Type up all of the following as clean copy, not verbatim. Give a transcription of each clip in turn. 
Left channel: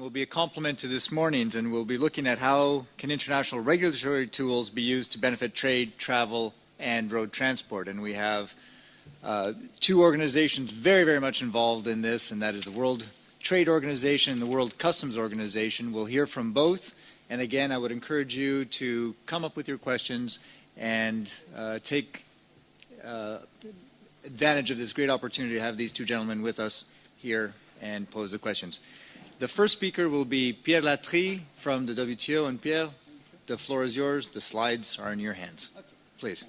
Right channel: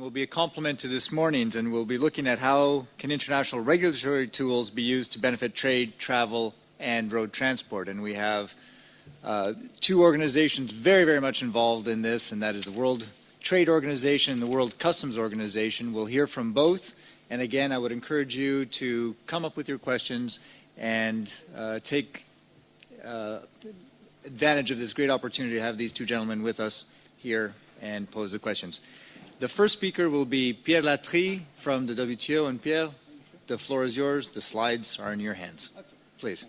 Will be a complement to this morning's, and we'll be looking at how can international regulatory tools be used to benefit trade, travel, and road transport. And we have two organizations very, very much involved in this, and that is the World Trade Organization and the World Customs Organization. We'll hear from both. And again, I would encourage you to come up with your questions and take advantage of this great opportunity to have these two gentlemen with us here and pose the questions. The first speaker will be Pierre Latrille from the WTO. And Pierre, the floor is yours. The slides are in your hands. Please.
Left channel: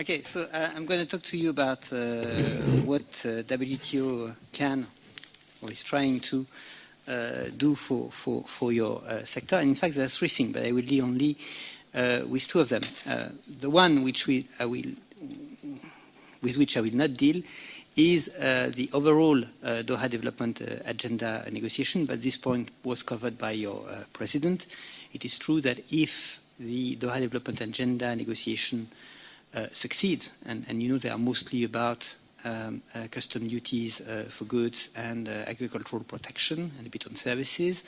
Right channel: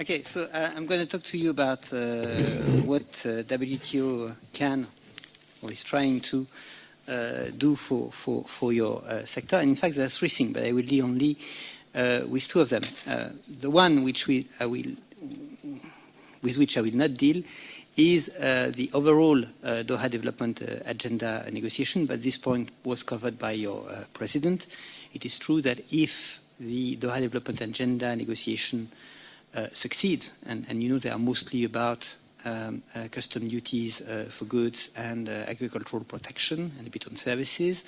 Okay, so I'm going to talk to you about what WTO can or is trying to do for your sector. And in fact, there are three things, but I will deal only with two of them. The one with which I will not deal is the overall Doha Development Agenda negotiation, but this point was covered by your president. It is true that if the Doha Development Agenda negotiation succeed, and you know they are mostly about custom duties for goods and agricultural protection and a bit on services,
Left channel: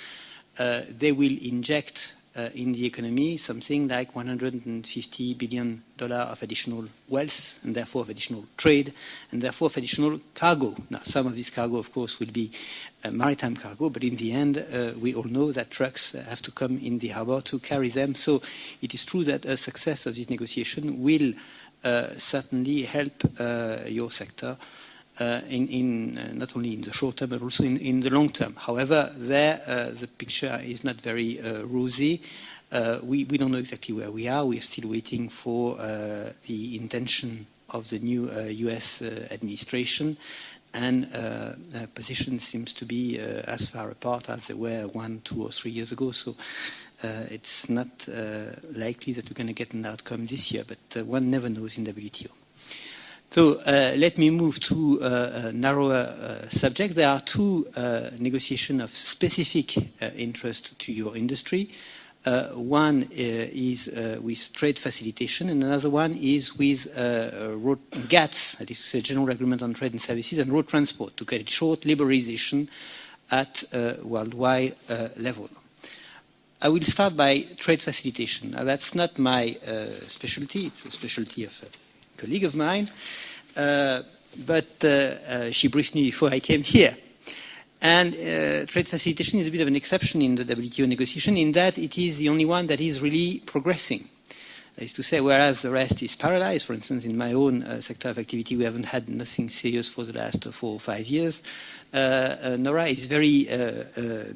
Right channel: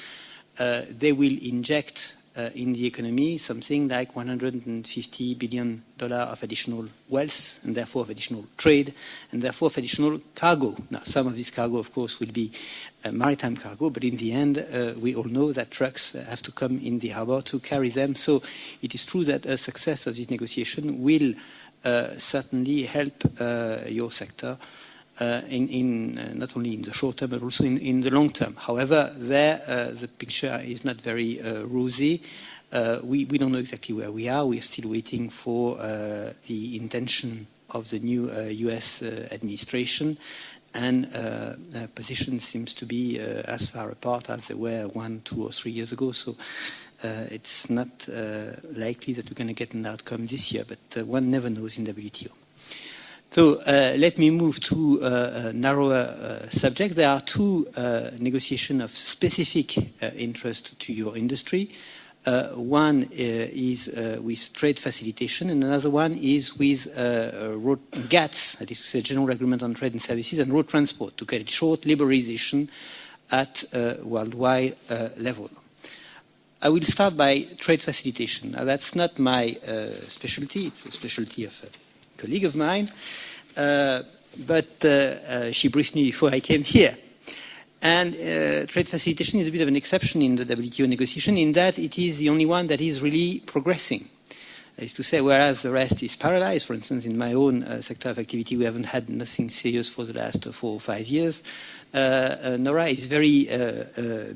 they will inject in the economy something like $150 billion of additional wealth, and therefore of additional trade, and therefore of additional cargo. Now, some of this cargo, of course, will be maritime cargo, but in the end, we all know that trucks have to come in the harbor to carry them. So it is true that a success of this negotiation will certainly help your sector in not only in the short term, but also in the long term. However, the picture is not very rosy. We don't know exactly where we are. We are still waiting for the intention of the new US administration, and position seems to be as far apart as they were 1, 2, or 3 years ago. So it's not likely that we're going to get an outcome this year, but one never knows in WTO. So let me move to a narrower subject. There are two negotiations of specific interest to your industry. One is with trade facilitation, and another one is with road GATS, that is to say General Agreement on Trade and Services, and road transport, to get it short, liberalization at worldwide level. I will start by trade facilitation. Now, that's not my specialty. It's a specialty of a colleague of mine, but she briefed me before I came here. And trade facilitation is a bit of an exception in the WTO negotiation in that it is the only one that is really progressing. That is to say, whereas the rest is paralyzed, for instance, in my own sector of activity, we haven't had nothing serious for the last 4 or 5 years. NORA is very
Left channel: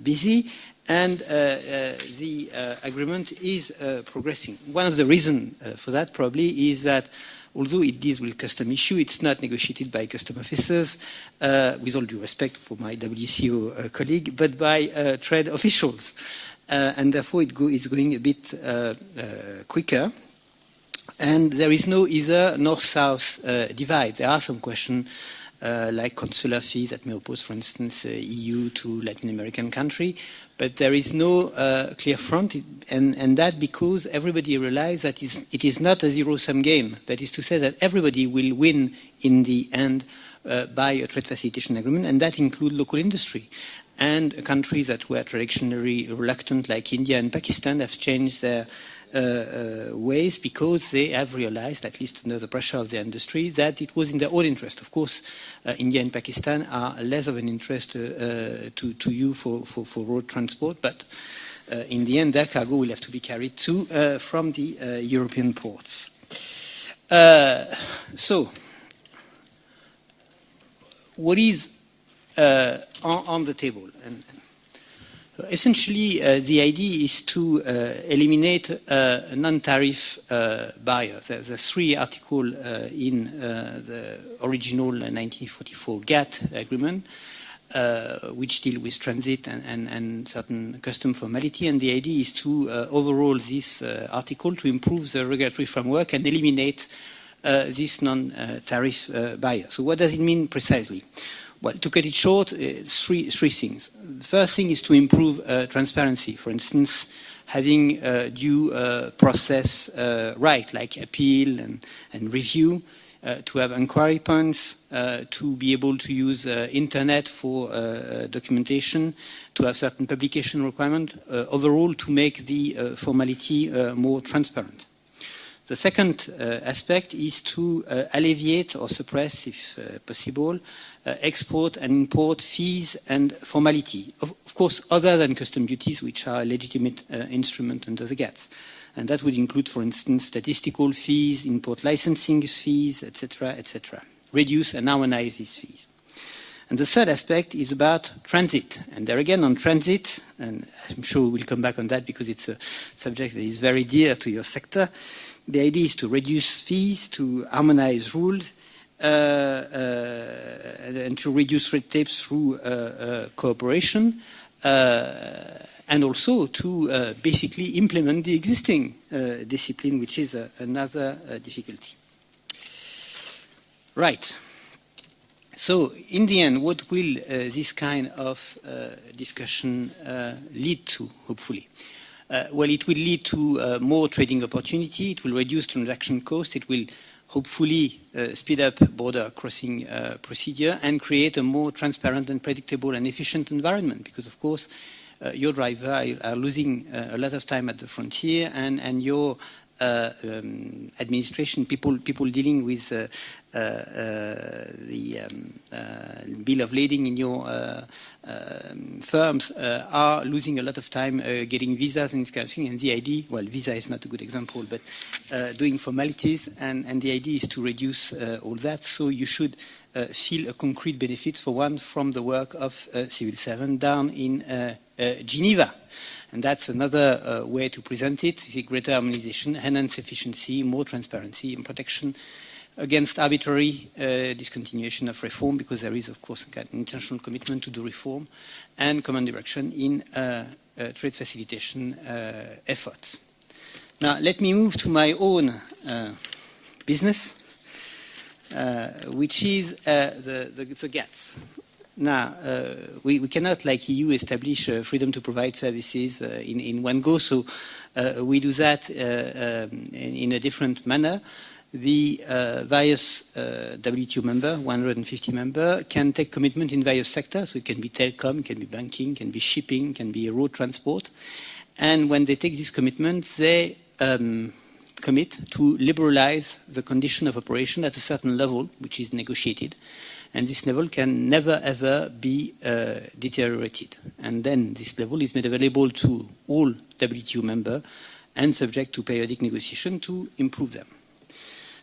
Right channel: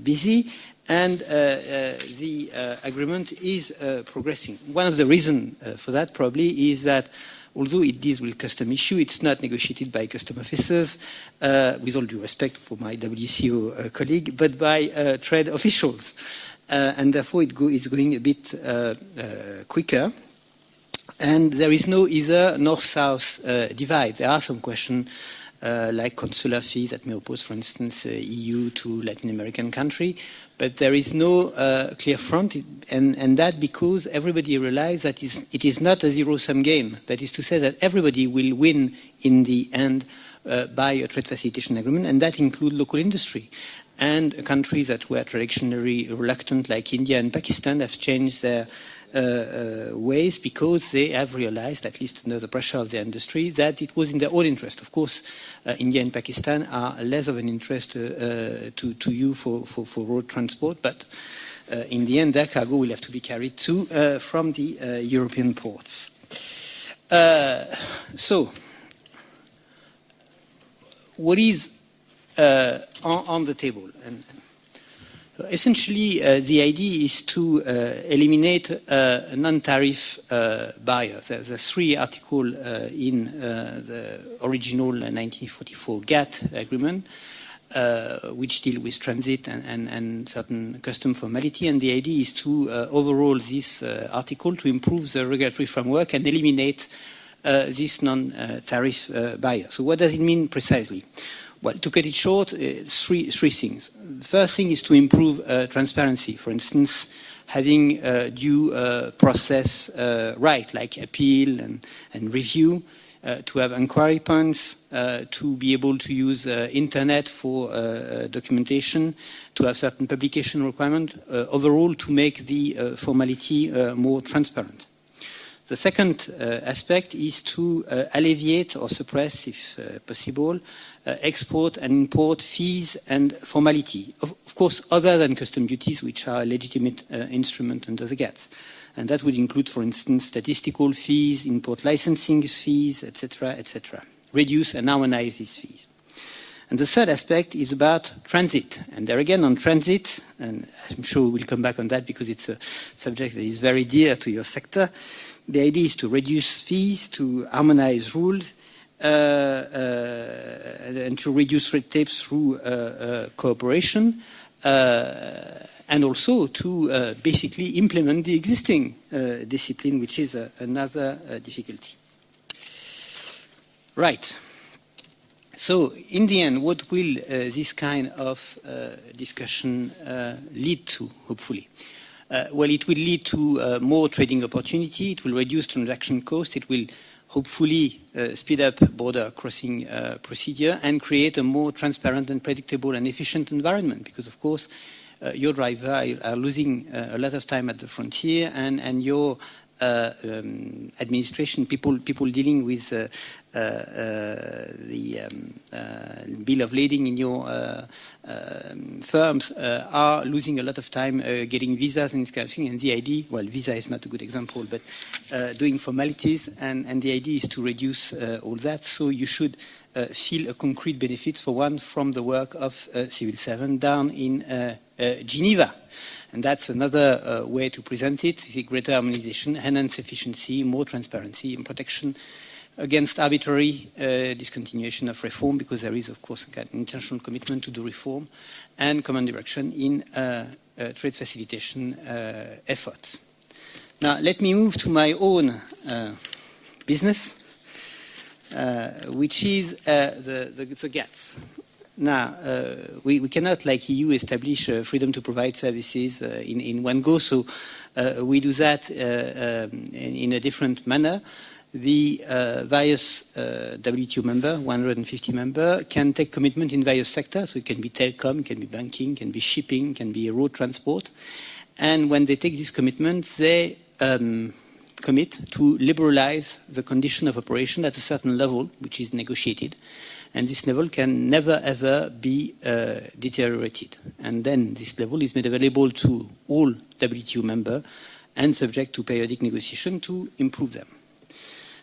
busy, and the agreement is progressing. One of the reasons for that probably is that although it deals with custom issue, it's not negotiated by custom officers, with all due respect for my WCO colleague, but by trade officials. And therefore it's going a bit quicker. And there is no either north-south divide. There are some questions like consular fees that may oppose, for instance, EU to Latin American country. But there is no clear front, and that because everybody realizes that it is not a zero-sum game. That is to say that everybody will win in the end by a trade facilitation agreement, and that includes local industry. And countries that were traditionally reluctant, like India and Pakistan, have changed their ways because they have realized, at least under the pressure of the industry, that it was in their own interest. Of course, India and Pakistan are less of an interest to you for road transport, but in the end, their cargo will have to be carried too from the European ports. So, what is on the table? And essentially, the idea is to eliminate non-tariff barriers. There's 3 articles in the original 1944 GATT agreement, which deal with transit and certain custom formality. And the idea is to overhaul this article to improve the regulatory framework and eliminate this non-tariff barrier. So what does it mean precisely? Well, to cut it short, three things. The first thing is to improve transparency. For instance, having due process right, like appeal and review, to have inquiry points, to be able to use internet for documentation, to have certain publication requirement, overall to make the formality more transparent. The second aspect is to alleviate or suppress, if possible, export and import fees and formality. Of course, other than custom duties, which are a legitimate instrument under the GATS. And that would include, for instance, statistical fees, import licensing fees, etc., etc. Reduce and harmonize these fees. And the third aspect is about transit. And there again, on transit, and I'm sure we'll come back on that because it's a subject that is very dear to your sector, the idea is to reduce fees, to harmonize rules, and to reduce red tape through cooperation, and also to basically implement the existing discipline, which is another difficulty. Right. So, in the end, what will this kind of discussion lead to, hopefully? Well, it will lead to more trading opportunity, it will reduce transaction cost, it will hopefully speed up border crossing procedure and create a more transparent and predictable and efficient environment because, of course, your drivers are losing a lot of time at the frontier and your administration, people dealing with the bill of lading in your firms are losing a lot of time getting visas and this kind of thing. And the idea, well, visa is not a good example, but doing formalities, and the idea is to reduce all that. So you should feel a concrete benefit for one from the work of civil servant down in Geneva. And that's another way to present it, is a greater harmonization, enhanced efficiency, more transparency and protection against arbitrary discontinuation of reform, because there is, of course, an intentional commitment to do reform, and common direction in trade facilitation efforts. Now, let me move to my own business, which is the GATS. Now, we cannot, like EU, establish freedom to provide services in one go, so we do that in a different manner. The various WTO member, 150 member, can take commitment in various sectors. So it can be telecom, can be banking, can be shipping, can be road transport. And when they take this commitment, they commit to liberalize the condition of operation at a certain level, which is negotiated. And this level can never, ever be deteriorated. And then this level is made available to all WTO members and subject to periodic negotiation to improve them.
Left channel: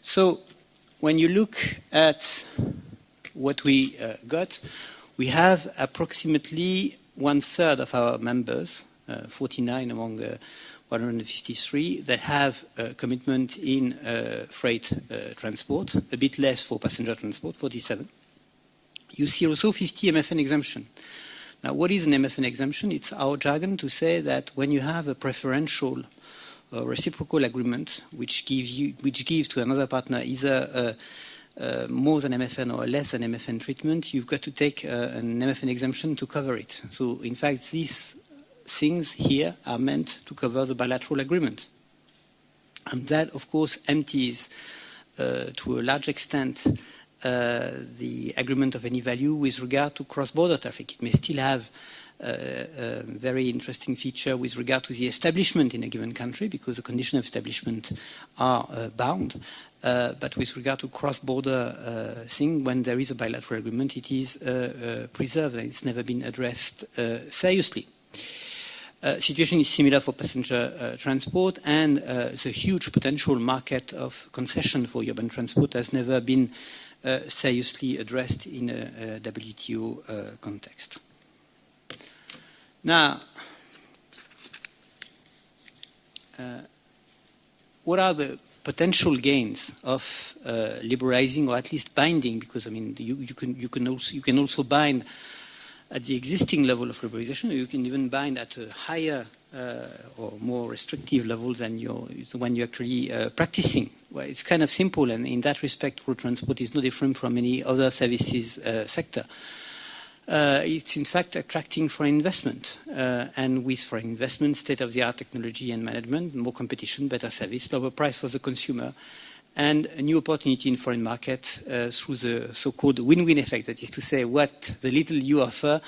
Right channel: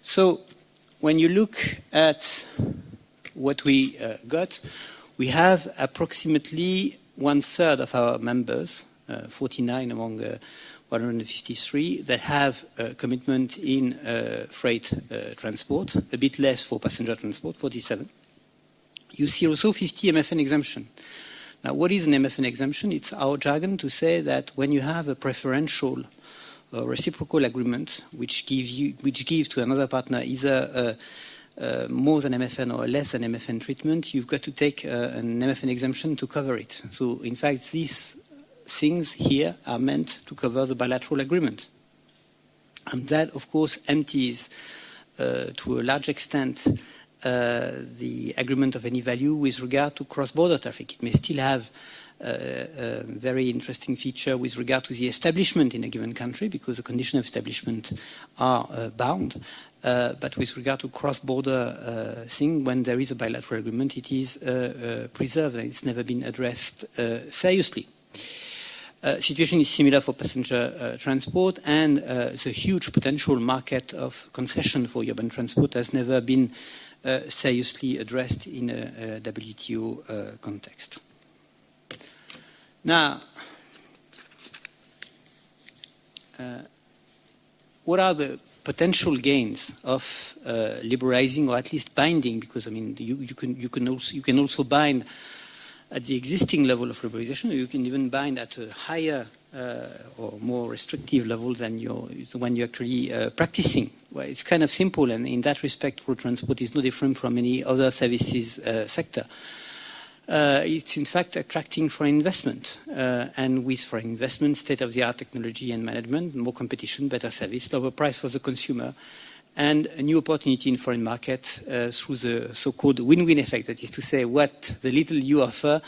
So when you look at what we got, we have approximately 1/3 of our members, 49 among 153, that have a commitment in freight transport, a bit less for passenger transport, 47. You see also 50 MFN exemption. Now, what is an MFN exemption? It's our jargon to say that when you have a preferential or reciprocal agreement which gives to another partner either more than MFN or less than MFN treatment, you've got to take an MFN exemption to cover it. So, in fact, these things here are meant to cover the bilateral agreement. And that, of course, empties to a large extent the agreement of any value with regard to cross-border traffic. It may still have a very interesting feature with regard to the establishment in a given country, because the conditions of establishment are bound. But with regard to cross-border thing, when there is a bilateral agreement, it is preserved and it's never been addressed seriously. Situation is similar for passenger transport, and the huge potential market of concession for urban transport has never been seriously addressed in a WTO context. Now, what are the potential gains of liberalizing, or at least binding? Because I mean, you can also bind at the existing level of liberalization, or you can even bind at a higher or more restrictive level than the one you're actually practicing. Well, it's kind of simple, and in that respect, road transport is no different from any other services sector. It's in fact attracting foreign investment, and with foreign investment, state-of-the-art technology and management, more competition, better service, lower price for the consumer, and a new opportunity in foreign markets through the so-called win-win effect. That is to say, what the little you offer,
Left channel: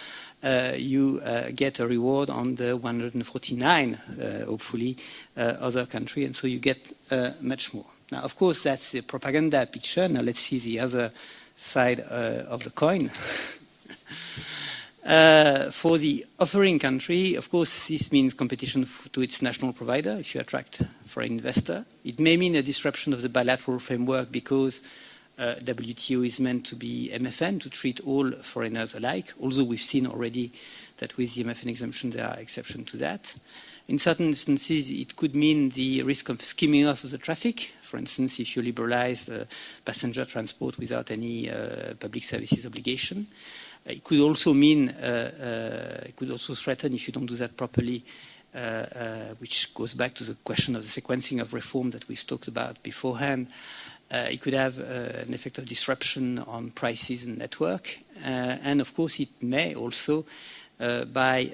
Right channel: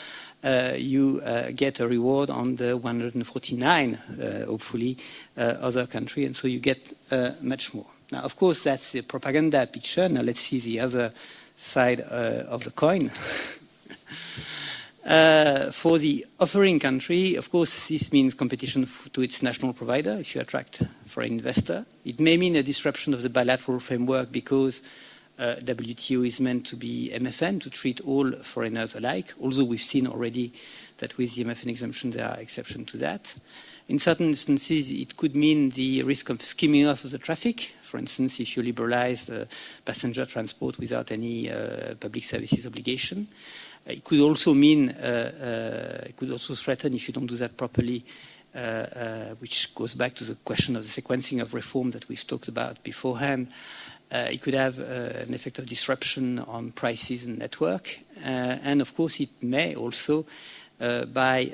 you get a reward on the 149, hopefully, other country, and so you get much more. Now, of course, that's a propaganda picture. Now, let's see the other side of the coin. For the offering country, of course, this means competition to its national provider if you attract foreign investor. It may mean a disruption of the bilateral framework because WTO is meant to be MFN, to treat all foreigners alike, although we've seen already that with the MFN exemption there are exceptions to that. In certain instances, it could mean the risk of skimming off of the traffic. For instance, if you liberalize passenger transport without any public services obligation. It could also mean, it could also threaten, if you don't do that properly, which goes back to the question of the sequencing of reform that we've talked about beforehand. It could have an effect of disruption on prices and network. And of course, it may also, by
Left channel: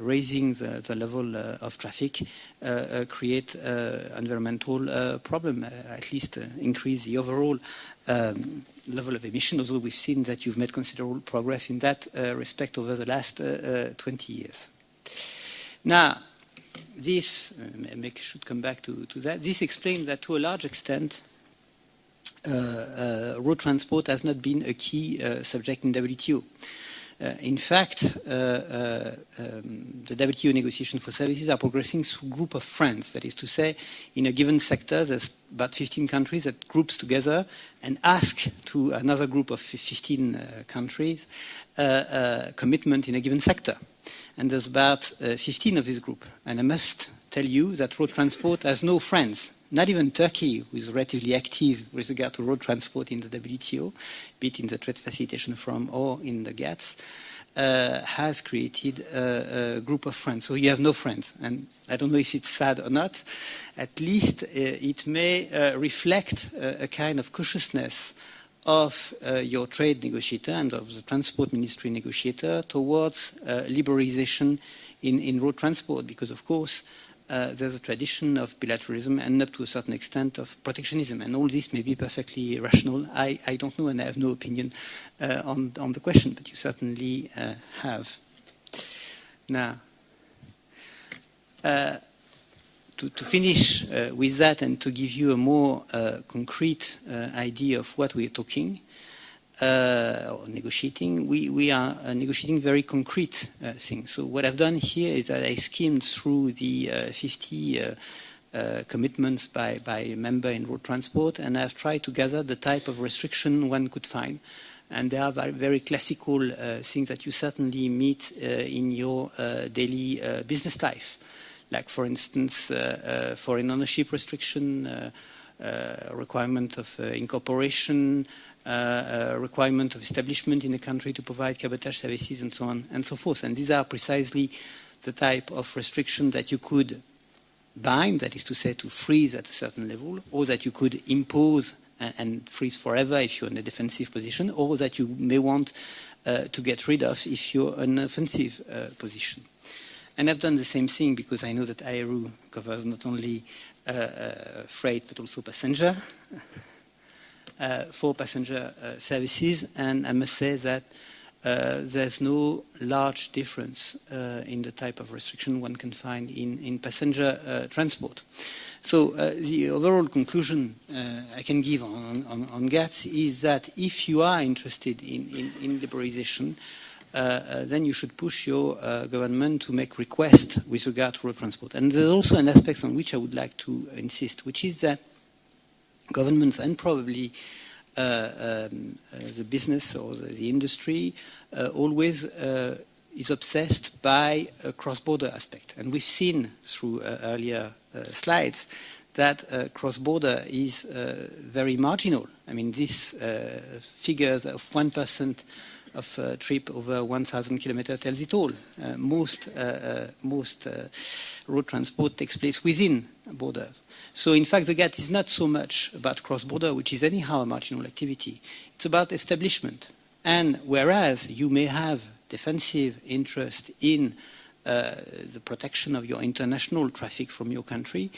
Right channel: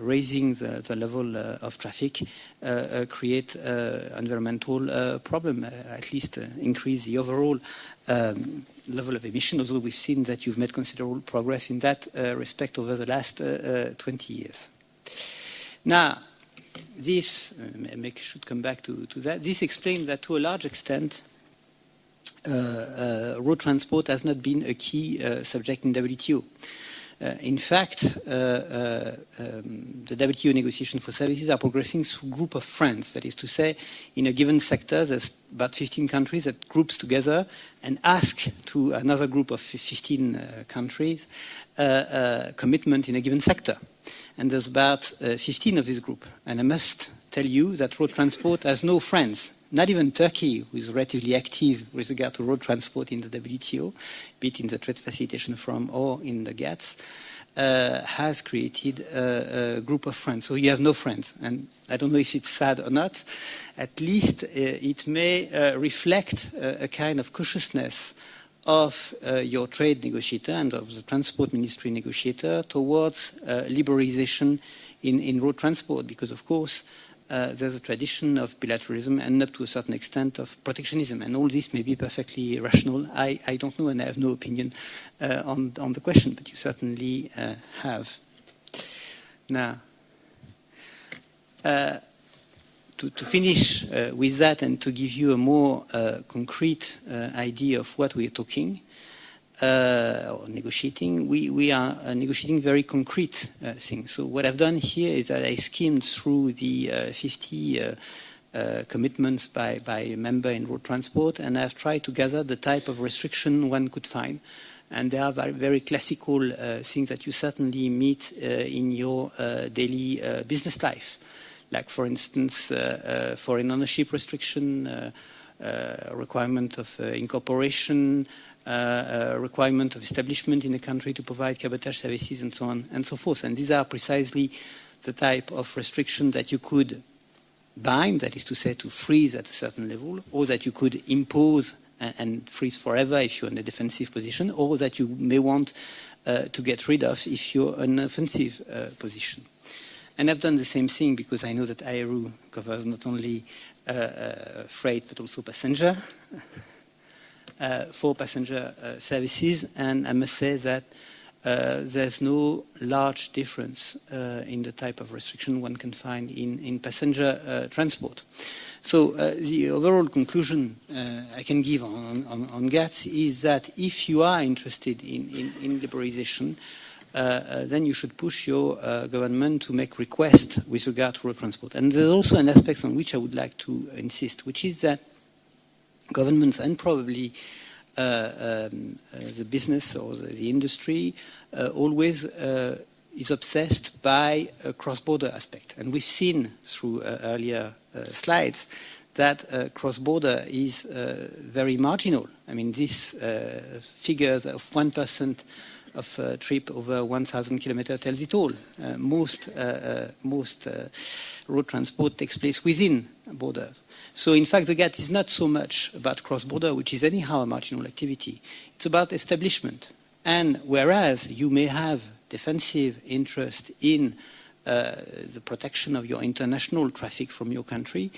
raising the level of traffic, create environmental problem, at least increase the overall level of emission, although we've seen that you've made considerable progress in that respect over the last 20 years. Now, this, should come back to that, this explains that to a large extent, road transport has not been a key subject in WTO. In fact, the WTO negotiation for services are progressing through a group of friends. That is to say, in a given sector, there's about 15 countries that groups together and ask to another group of 15 countries commitment in a given sector. And there's about 15 of this group. And I must tell you that road transport has no friends. Not even Turkey, who is relatively active with regard to road transport in the WTO, be it in the Trade Facilitation Forum or in the GATS, has created a group of friends. So you have no friends. And I don't know if it's sad or not. At least it may reflect a kind of cautiousness of your trade negotiator and of the transport ministry negotiator towards liberalization in road transport, because, of course, there's a tradition of bilateralism and up to a certain extent of protectionism. And all this may be perfectly rational. I don't know, and I have no opinion on the question, but you certainly have. Now, to finish with that and to give you a more concrete idea of what we are talking or negotiating, we are negotiating very concrete things. So what I've done here is that I skimmed through the 50 commitments by a member in road transport, and I've tried to gather the type of restriction one could find. And there are very classical things that you certainly meet in your daily business life. Like, for instance, foreign ownership restriction, requirement of incorporation, requirement of establishment in a country to provide cabotage services, and so on and so forth. And these are precisely the type of restriction that you could bind, that is to say, to freeze at a certain level, or that you could impose and freeze forever if you're in a defensive position, or that you may want to get rid of if you're in an offensive position. And I've done the same thing because I know that IRU covers not only freight but also passenger, for passenger services. And I must say that there's no large difference in the type of restriction one can find in passenger transport. So the overall conclusion I can give on GATS is that if you are interested in liberalization, then you should push your government to make requests with regard to road transport. And there's also an aspect on which I would like to insist, which is that governments and probably the business or the industry always is obsessed by a cross-border aspect. And we've seen through earlier slides that cross-border is very marginal. I mean, this figures of 1% of a trip over 1,000 kilometers tells it all. Most road transport takes place within borders. So, in fact, the GATT is not so much about cross-border, which is anyhow a marginal activity. It's about establishment. And whereas you may have defensive interest in the protection of your international traffic from your country,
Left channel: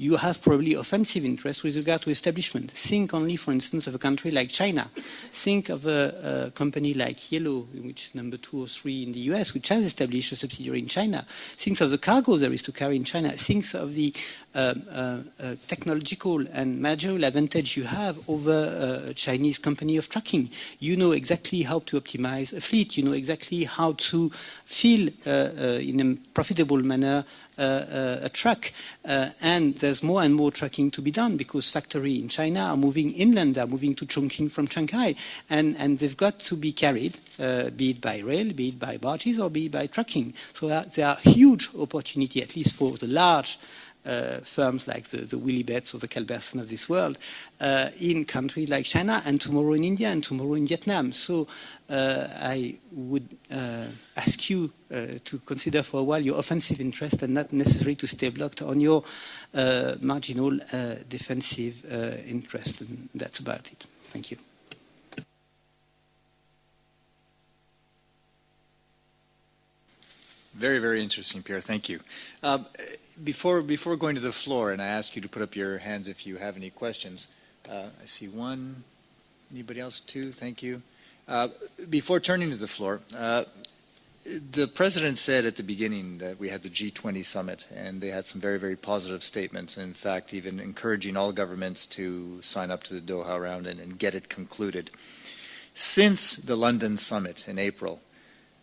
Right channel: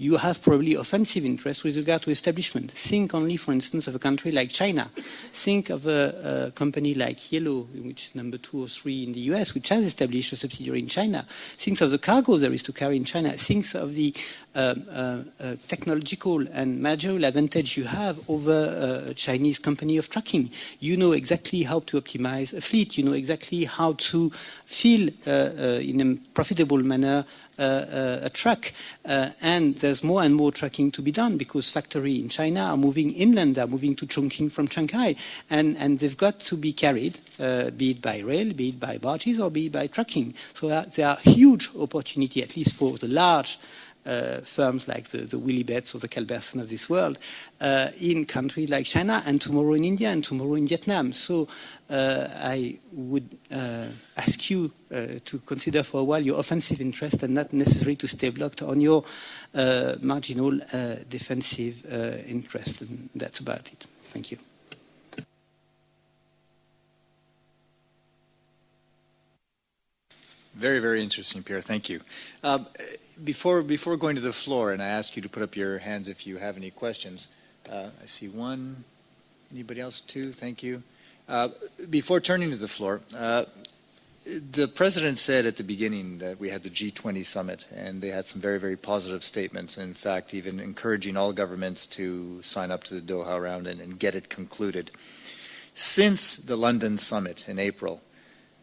you have probably offensive interest with regard to establishment. Think only, for instance, of a country like China. Think of a company like Yellow, which is number 2 or 3 in the US, which has established a subsidiary in China. Think of the cargo there is to carry in China. Think of the technological and managerial advantage you have over a Chinese company of trucking. You know exactly how to optimize a fleet. You know exactly how to fill in a profitable manner a truck, and there's more and more trucking to be done because factories in China are moving inland, they're moving to Chongqing from Shanghai, and they've got to be carried, be it by rail, be it by barges, or be it by trucking. So there are huge opportunity, at least for the large firms like the Willybets or the Calberson of this world, in countries like China, and tomorrow in India, and tomorrow in Vietnam. So I would ask you to consider for a while your offensive interest and not necessarily to stay blocked on your marginal defensive interest. And that's about it. Thank you. Very, very interesting, Pierre. Thank you. Before going to the floor, and I ask you to put up your hands if you have any questions. I see one. Anybody else? Two. Thank you. Before turning to the floor, the President said at the beginning that we had the G20 summit, and they had some very, very positive statements, and in fact, even encouraging all governments to sign up to the Doha round and get it concluded. Since the London summit in April,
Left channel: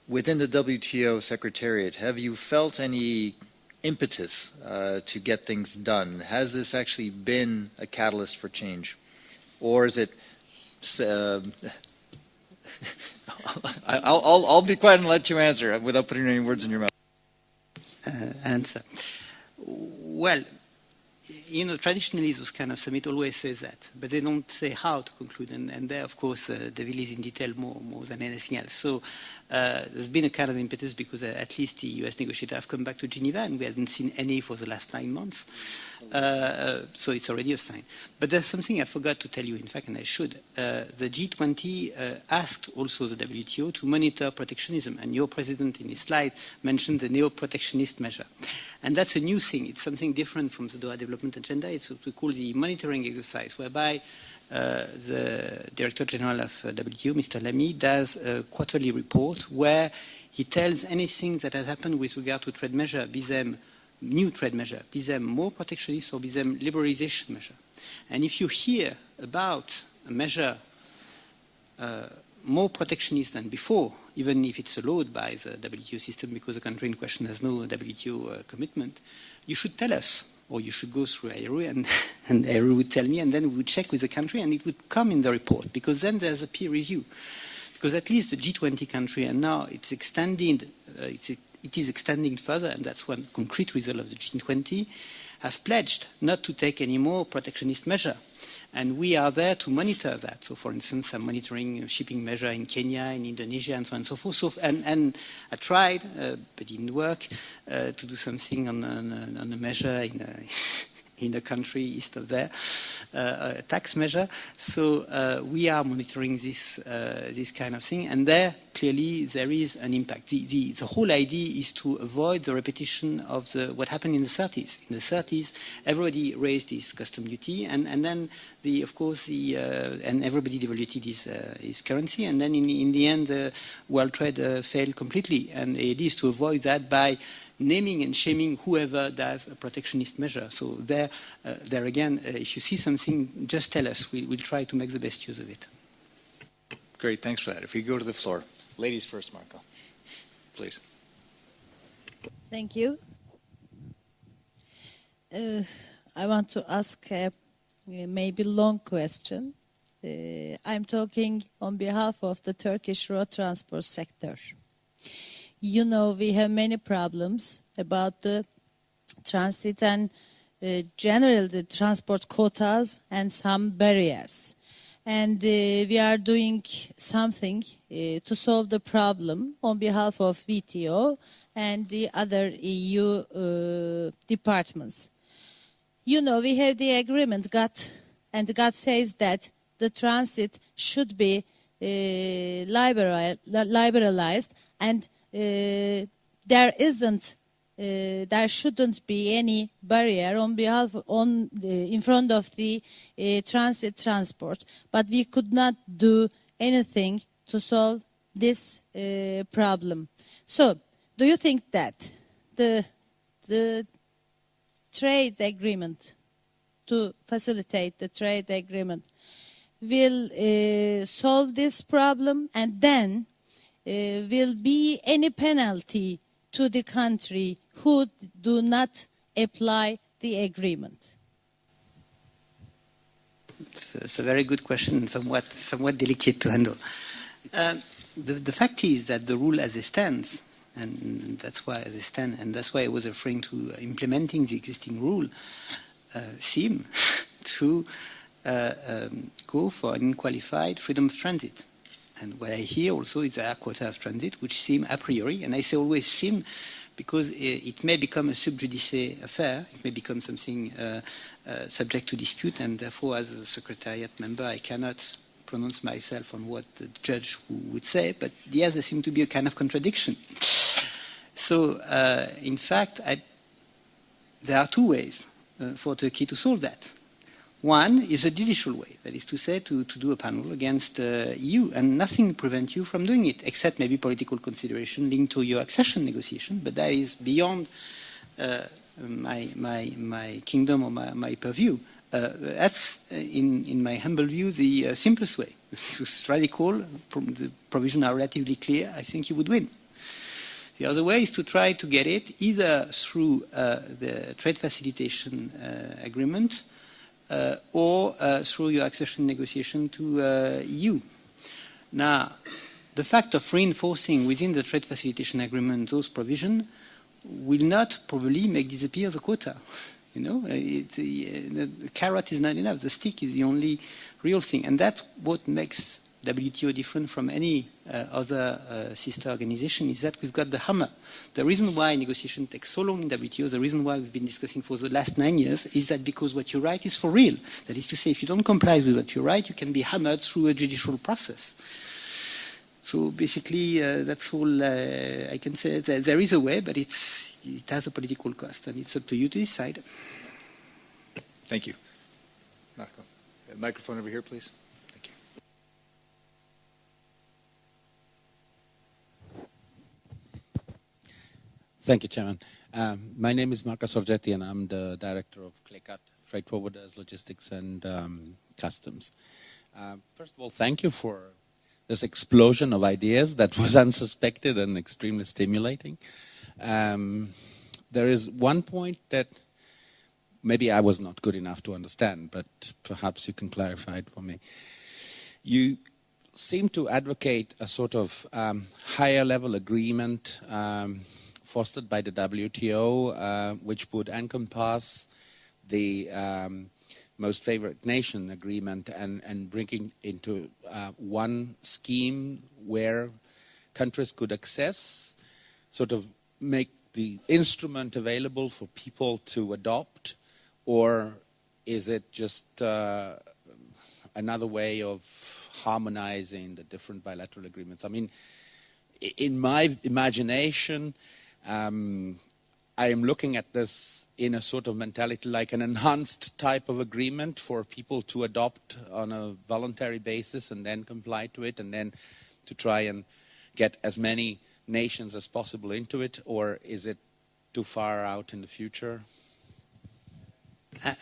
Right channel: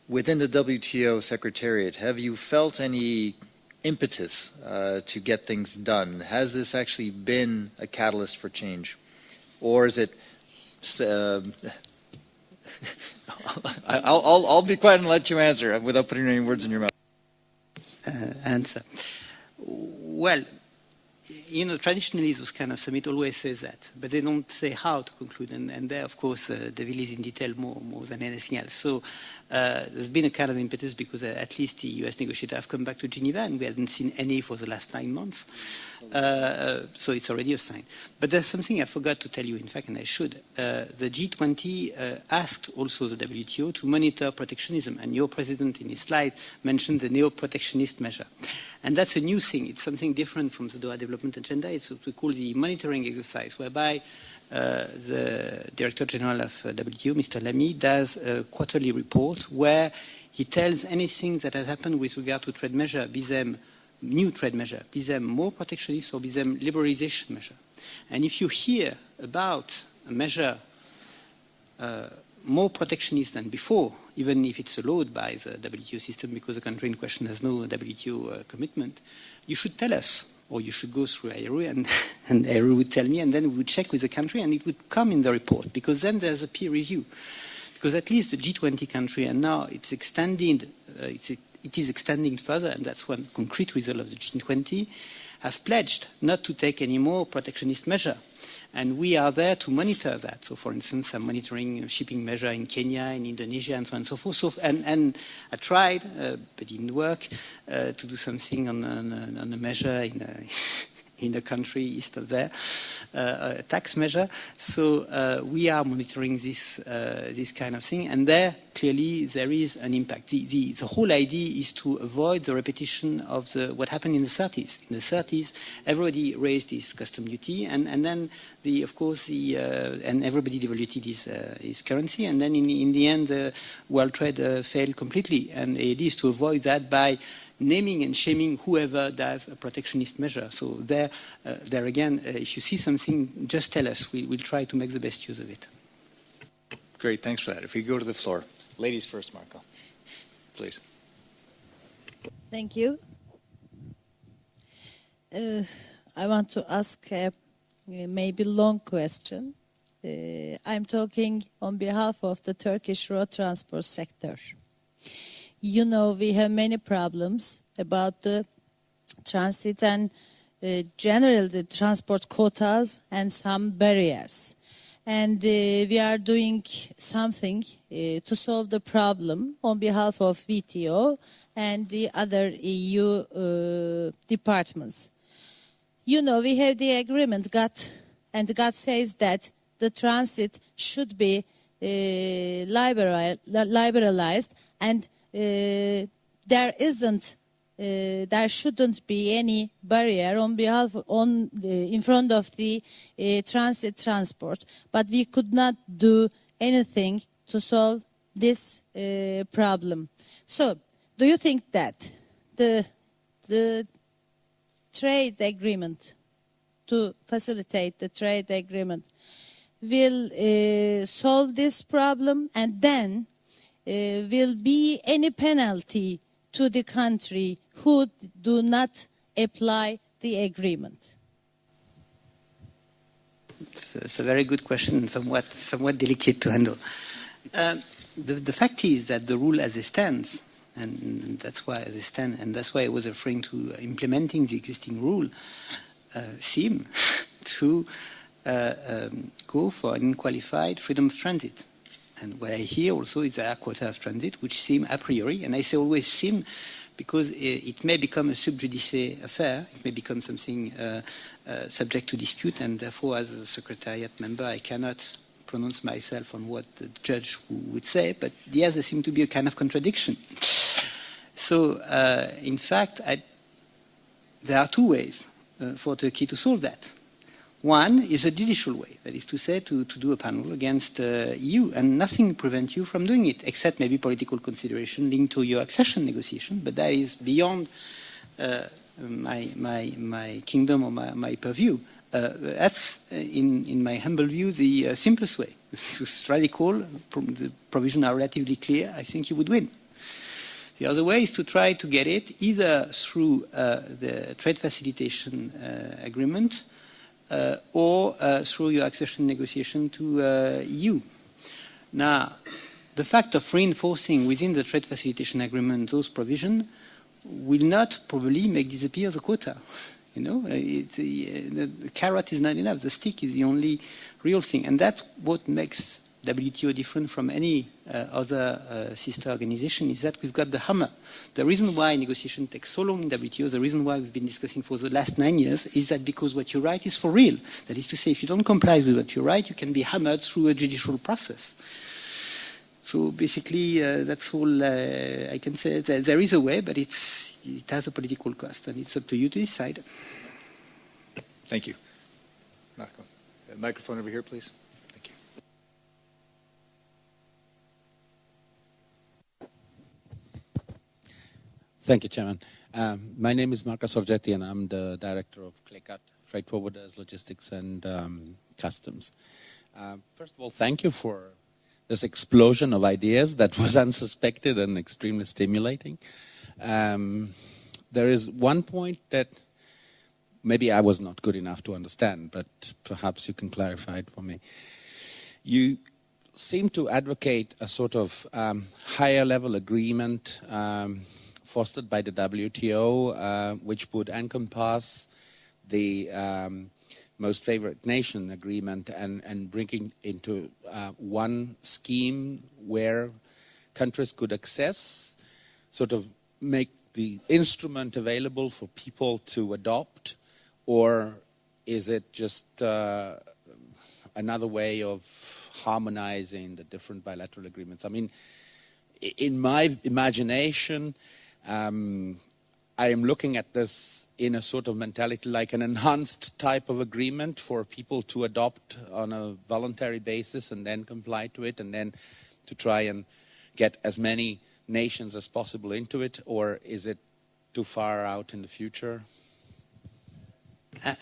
within the WTO Secretariat, have you felt any impetus to get things done? Has this actually been a catalyst for change? Or is it... I'll be quiet and let you answer without putting any words in your mouth. Answer. Well, you know, traditionally those kind of summit always says that, but they don't say how to conclude, and there, of course, the devil is in detail more than anything else. So there's been a kind of impetus because at least the US negotiators have come back to Geneva, and we haven't seen any for the last 9 months. So it's already a sign. But there's something I forgot to tell you, in fact, and I should. The G20 asked also the WTO to monitor protectionism, and your president in his slide mentioned the neo-protectionist measure. And that's a new thing. It's something different from the Doha Development Agenda. It's what we call the monitoring exercise, whereby the Director General of WTO, Mr. Lacny, does a quarterly report where he tells anything that has happened with regard to trade measure, be them new trade measure, be them more protectionist or be them liberalization measure. And if you hear about a measure more protectionist than before, even if it's allowed by the WTO system because the country in question has no WTO commitment, you should tell us, or you should go through AERU, and AERU would tell me, and then we would check with the country, and it would come in the report, because then there's a peer review. Because at least the G20 country, and now it's extended, it is extending further, and that's one concrete result of the G20, have pledged not to take any more protectionist measure. And we are there to monitor that. So, for instance, I'm monitoring shipping measure in Kenya, in Indonesia, and so on and so forth. So, and I tried, but it didn't work, to do something on a measure in a country east of there, a tax measure. So we are monitoring this kind of thing, and there clearly there is an impact. The whole idea is to avoid the repetition of what happened in the 30s. In the 30s, everybody raised his custom duty, and then and everybody devalued his currency, and then in the end, world trade failed completely. And the idea is to avoid that by naming and shaming whoever does a protectionist measure. So there again, if you see something, just tell us. We'll try to make the best use of it. Great, thanks for that. If we go to the floor. Ladies first, Marco. Please. Thank you. I want to ask a maybe long question. I'm talking on behalf of the Turkish road transport sector. You know, we have many problems about the transit and generally the transport quotas and some barriers. And we are doing something to solve the problem on behalf of WTO and the other EU departments. You know, we have the agreement, and God says that the transit should be liberalized, and there shouldn't be any barrier in front of the transit transport. But we could not do anything to solve this problem. So, do you think that the trade agreement, to facilitate the trade agreement, will solve this problem, and then will be any penalty to the country who do not apply the agreement? It's a very good question and somewhat delicate to handle. The fact is that the rule as it stands, and that's why I was referring to implementing the existing rule, seem to go for an unqualified freedom of transit. And what I hear also is there are quota of transit, which seem a priori, and I say always seem because it may become a sub judice affair, it may become something subject to dispute, and therefore as a Secretariat member I cannot pronounce myself on what the judge would say, but yes, there seems to be a kind of contradiction. So, in fact, there are two ways for Turkey to solve that. One is a judicial way, that is to say, to do a panel against you, and nothing prevents you from doing it, except maybe political consideration linked to your accession negotiation, but that is beyond my kingdom or my purview. That's, in my humble view, the simplest way. If it was radical, the provisions are relatively clear, I think you would win. The other way is to try to get it either through the trade facilitation agreement or through your accession negotiation to EU. Now, the fact of reinforcing within the trade facilitation agreement those provisions will not probably make disappear the quota. You know, the carrot is not enough. The stick is the only real thing. And that's what makes WTO different from any other sister organization, is that we've got the hammer. The reason why negotiation takes so long in WTO, the reason why we've been discussing for the last 9 years, is that because what you write is for real. That is to say, if you don't comply with what you write, you can be hammered through a judicial process. So basically, that's all I can say. There is a way, but it has a political cost, and it's up to you to decide. Thank you. Marco. Microphone over here, please. Thank you. Thank you, Chairman. My name is Marco Sorgetti, and I'm the director of CLECAT, Freight Forwarders, Logistics, and Customs. First of all, thank you for this explosion of ideas that was unsuspected and extremely stimulating. There is one point that maybe I was not good enough to understand, but perhaps you can clarify it for me. You seem to advocate a sort of higher level agreement fostered by the WTO, which would encompass the most favored nation agreement and bringing into one scheme where countries could access, sort of make the instrument available for people to adopt, or is it just another way of harmonizing the different bilateral agreements? I mean, in my imagination, I am looking at this in a sort of mentality like an enhanced type of agreement for people to adopt on a voluntary basis and then comply to it, and then to try and get as many nations as possible into it, or is it too far out in the future?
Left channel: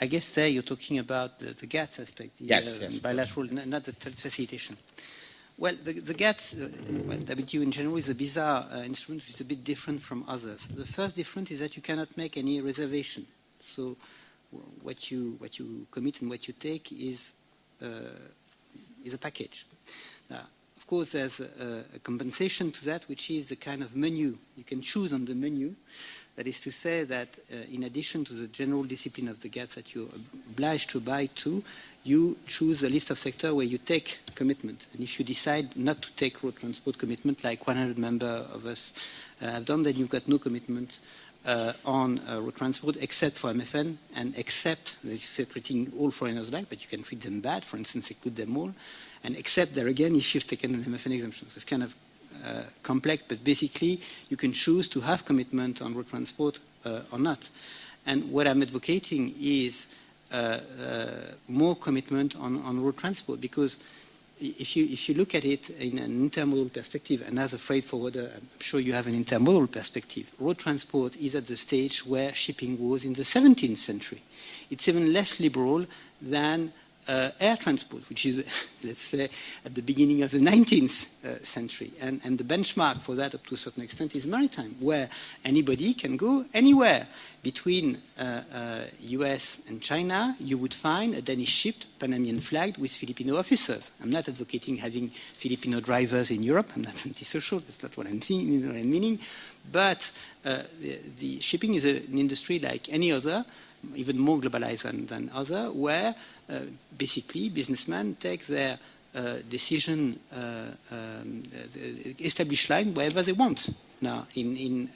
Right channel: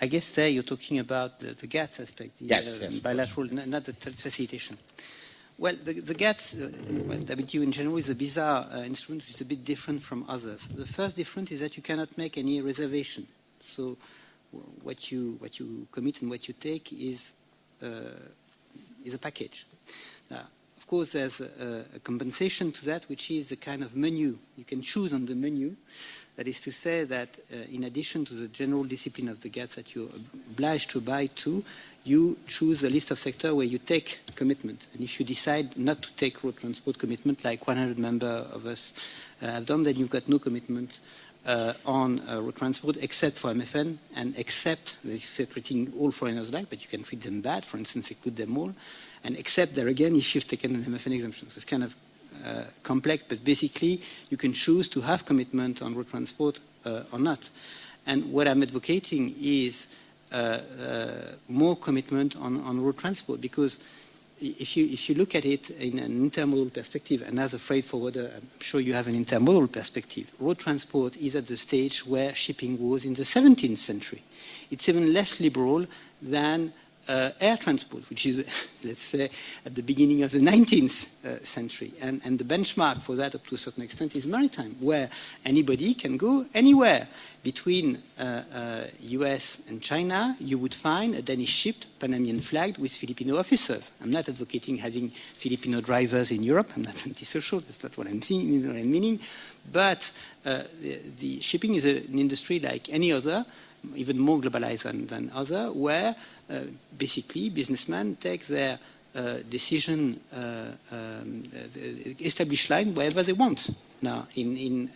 I guess there you're talking about the GATT aspect, the yes, bilateral, not the facilitation. Well, the GATT, WTO in general, is a bizarre instrument which is a bit different from others. The first difference is that you cannot make any reservation. So what you commit and what you take is a package. Of course, there's a compensation to that, which is the kind of menu. You can choose on the menu. That is to say that in addition to the general discipline of the GATT that you're obliged to abide to, you choose a list of sectors where you take commitment. And if you decide not to take road transport commitment, like 100 members of us have done, then you've got no commitment on road transport, except for MFN, and except, they say, treating all foreigners alike, but you can treat them bad, for instance, include them all, and except there again if you've taken an MFN exemption. So it's kind of complex, but basically you can choose to have commitment on road transport or not. And what I'm advocating is more commitment on road transport, because if you look at it in an intermodal perspective, and as a freight forwarder, I'm sure you have an intermodal perspective, road transport is at the stage where shipping was in the 17th century. It's even less liberal than air transport, which is, let's say, at the beginning of the 19th century. And the benchmark for that, up to a certain extent, is maritime, where anybody can go anywhere. Between US and China, you would find a Danish ship, Panamanian flagged, with Filipino officers. I'm not advocating having Filipino drivers in Europe. I'm not antisocial. That's not what I'm saying, what I'm meaning. But the shipping is an industry like any other, even more globalized than other, where basically businessmen take their decision established line wherever they want. Now, in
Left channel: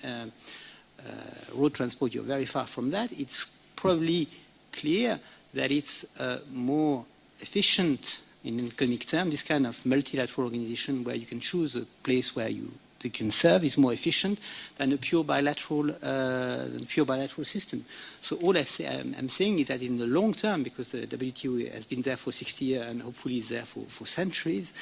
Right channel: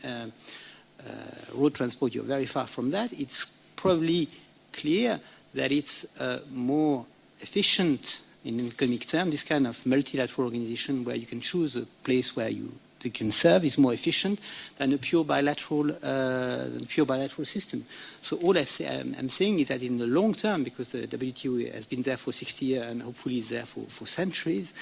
road transport, you're very far from that. It's probably clear that it's more efficient in economic terms, this kind of multilateral organization where you can choose a place where you can serve is more efficient than a pure bilateral system. So all I'm saying is that in the long term, because the WTO has been there for 60 years and hopefully is there for centuries,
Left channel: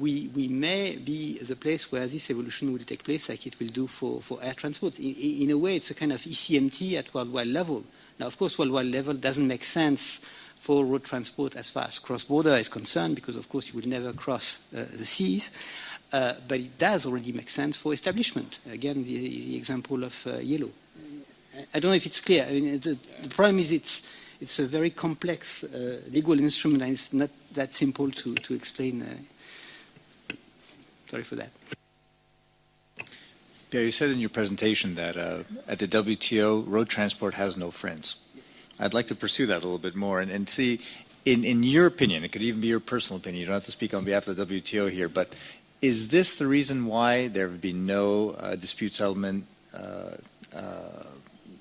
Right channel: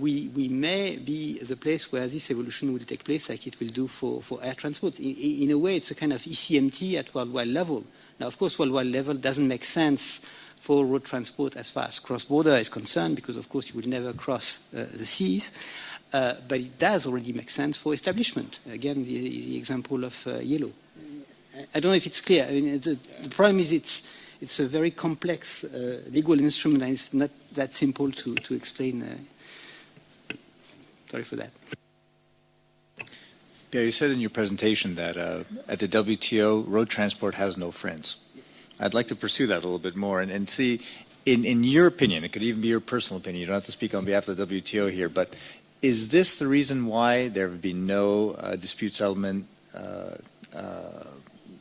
we may be the place where this evolution will take place, like it will do for air transport. In a way, it's a kind of ECMT at worldwide level. Now, of course, worldwide level doesn't make sense for road transport as far as cross-border is concerned, because, of course, you will never cross the seas. But it does already make sense for establishment. Again, the example of yellow. I don't know if it's clear. I mean, the problem is it's a very complex legal instrument, and it's not that simple to explain. Sorry for that. Pierre, you said in your presentation that at the WTO, road transport has no friends. I'd like to pursue that a little bit more and see, in your opinion, it could even be your personal opinion, you don't have to speak on behalf of the WTO here, but is this the reason why there have been no dispute settlement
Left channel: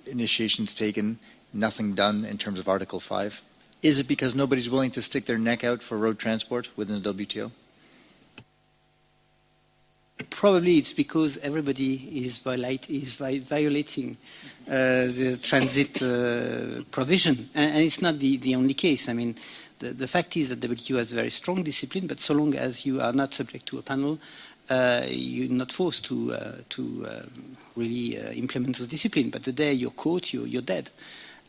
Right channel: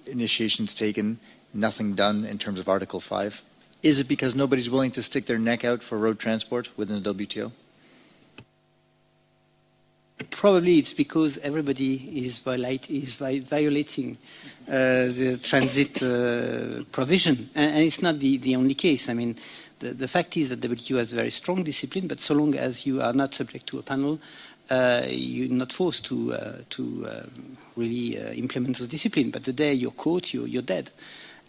initiations taken, nothing done in terms of Article 5? Is it because nobody's willing to stick their neck out for road transport within the WTO? Probably it's because everybody is violating the transit provision. And it's not the only case. I mean, the fact is that the WTO has very strong discipline, but so long as you are not subject to a panel, you're not forced to really implement the discipline. But the day you're caught, you're dead.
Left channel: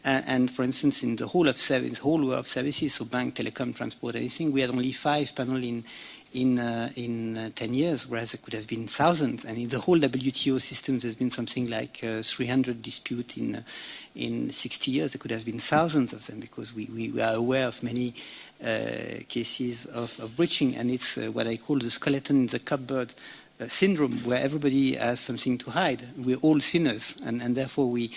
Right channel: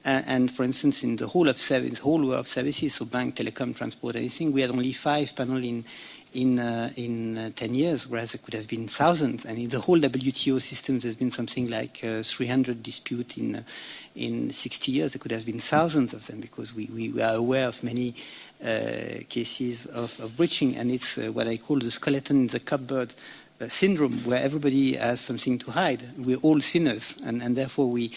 And for instance, in the whole world of services, so bank, telecom, transport, anything, we had only 5 panels in 10 years, whereas there could have been thousands. And in the whole WTO system, there's been something like 300 disputes in 60 years. There could have been thousands of them, because we are aware of many cases of breaching. And it's what I call the skeleton in the cupboard syndrome, where everybody has something to hide. We're all sinners, and therefore we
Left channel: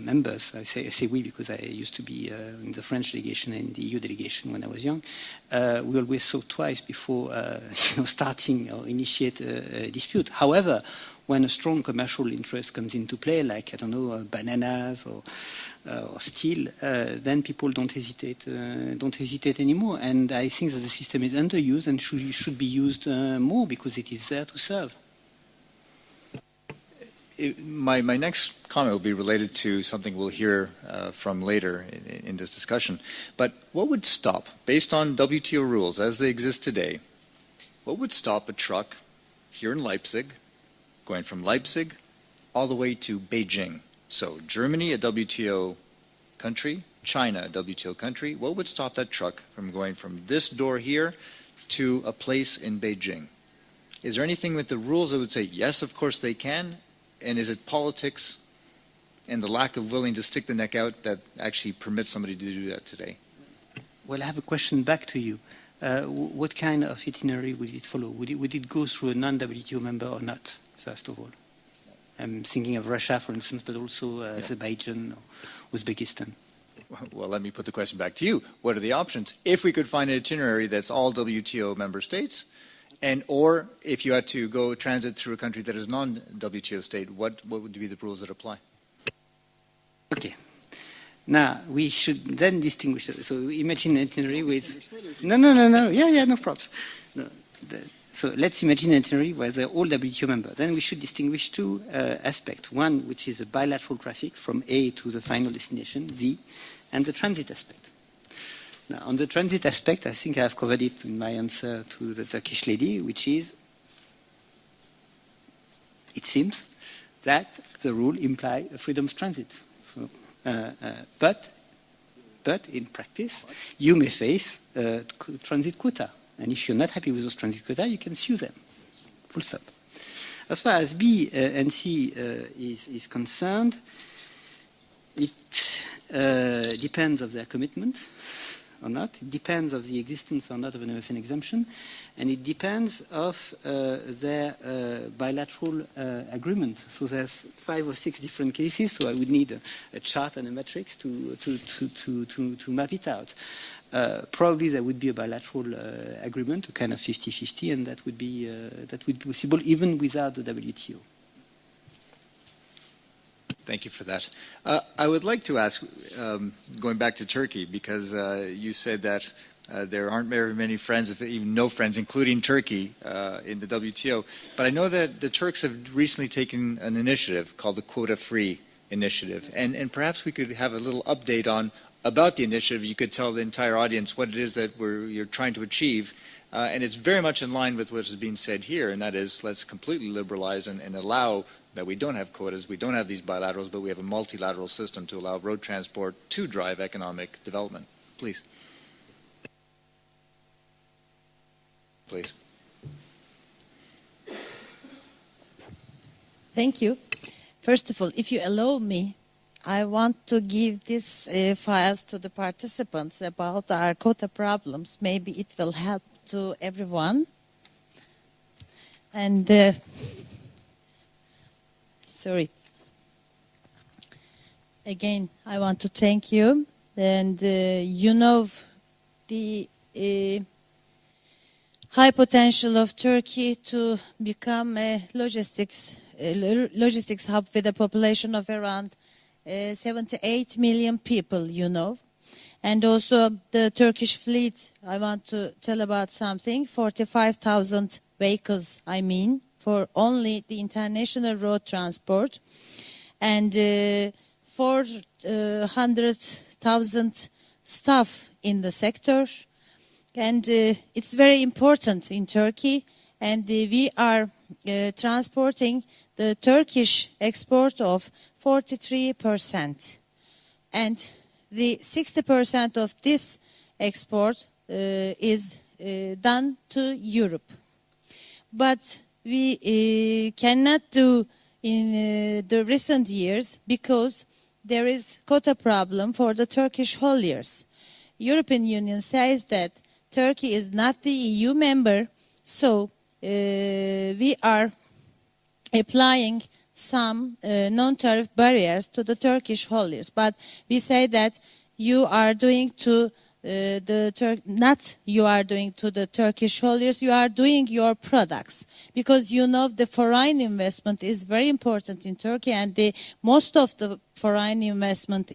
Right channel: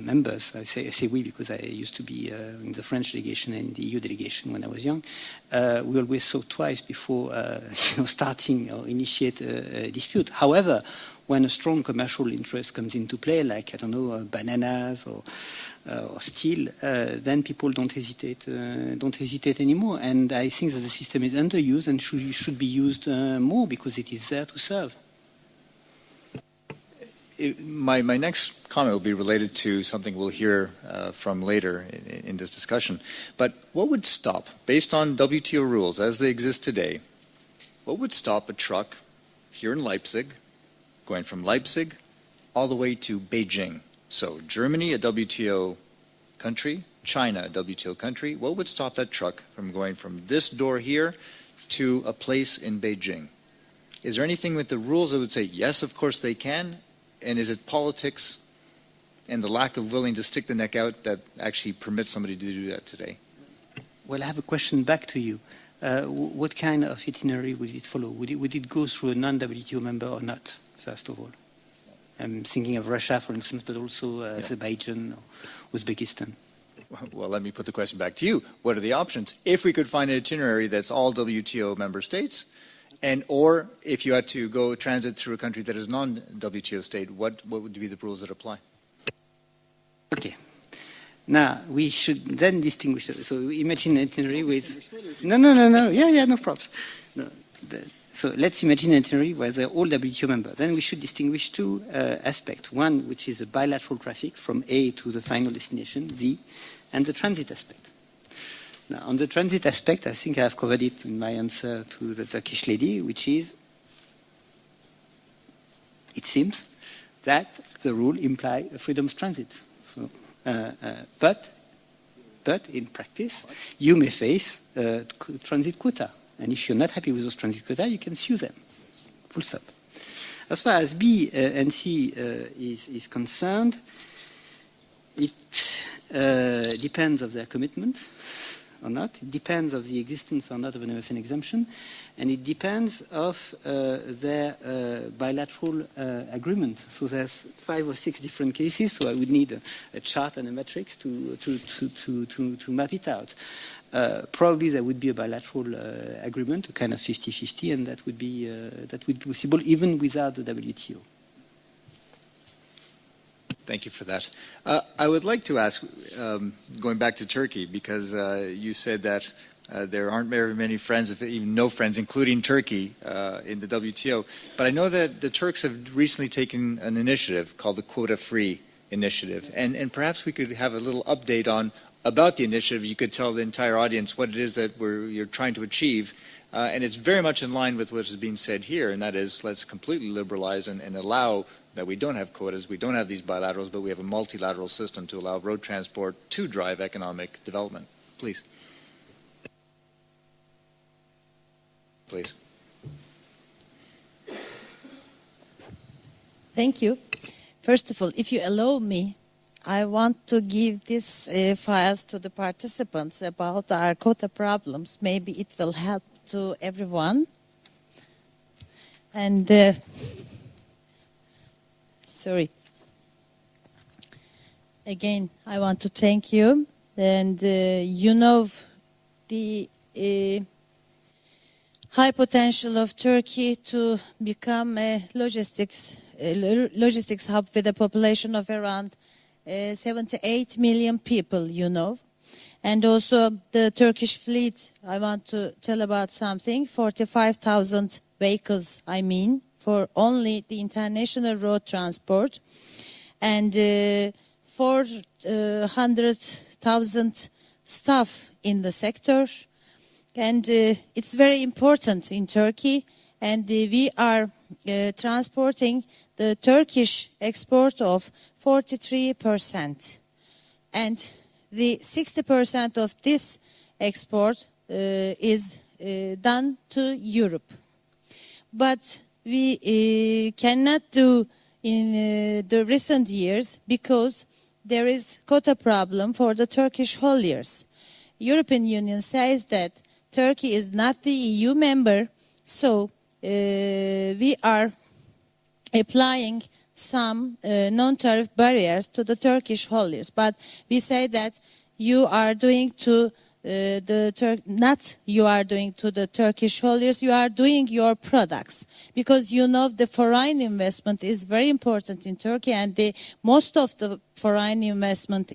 members, I say we because I used to be in the French delegation and the EU delegation when I was young, we always thought twice before starting or initiate a dispute. However, when a strong commercial interest comes into play, like, I don't know, bananas or steel, then people don't hesitate anymore. And I think that the system is underused and should be used more, because it is there to serve. My next comment will be related to something we'll hear from later in this discussion. But what would stop, based on WTO rules as they exist today, what would stop a truck here in Leipzig, going from Leipzig all the way to Beijing? So Germany, a WTO country, China, a WTO country. What would stop that truck from going from this door here to a place in Beijing? Is there anything with the rules that would say, yes, of course they can? And is it politics and the lack of willing to stick the neck out that actually permits somebody to do that today? Well, I have a question back to you. What kind of itinerary would it follow? Would it go through a non-WTO member or not, first of all? I'm thinking of Russia, for instance, but also Azerbaijan or Uzbekistan. Well, let me put the question back to you. What are the options? If we could find an itinerary that's all WTO member states, or if you had to go transit through a country that is non-WTO state, what would be the rules that apply? Okay. Now, we should then distinguish. So imagine an itinerary with... No. Yeah, no problems. No, so let's imagine an itinerary where they're all WTO members. Then we should distinguish two aspects. One, which is the bilateral traffic from A to the final destination, V, and the transit aspect. Now, on the transit aspect, I think I have covered it in my answer to the Turkish lady, which is, it seems, that the rule implies freedom of transit. So, but in practice, you may face transit quota. And if you're not happy with those transit quota, you can sue them. Full stop. As far as B and C is concerned, it depends on their commitment or not. It depends on the existence or not of an MFN exemption. And it depends of their bilateral agreement. So there's 5 or 6 different cases, so I would need a chart and a matrix to map it out. Probably there would be a bilateral agreement, a kind of 50-50, and that would be possible even without the WTO. Thank you for that. I would like to ask, going back to Turkey, because you said that there aren't very many friends, if even no friends, including Turkey, in the WTO. But I know that the Turks have recently taken an initiative called the Quota-Free Initiative, and perhaps we could have a little update about the initiative. You could tell the entire audience what it is that you're trying to achieve. And it's very much in line with what is being said here, and that is let's completely liberalize and allow that we don't have quotas, we don't have these bilaterals, but we have a multilateral system to allow road transport to drive economic development. Please. Please. Thank you. First of all, if you allow me, I want to give this files to the participants about our quota problems. Maybe it will help to everyone. And sorry. Again, I want to thank you. And you know the high potential of Turkey to become a logistics hub with a population of around 78 million people, you know. And also the Turkish fleet, I want to tell about something, 45,000 vehicles, for only the international road transport. And 400,000 staff in the sector. And it's very important in Turkey. And we are transporting the Turkish export of 43%. And the 60% of this export is done to Europe. But we cannot do in the recent years because there is quota problem for the Turkish hauliers. European Union says that Turkey is not the EU member, so we are applying some non-tariff barriers to the Turkish hauliers. But we say that you are doing to not you are doing to the Turkish hauliers, you are doing your products. Because you know the foreign investment is very important in Turkey, and most of the foreign investment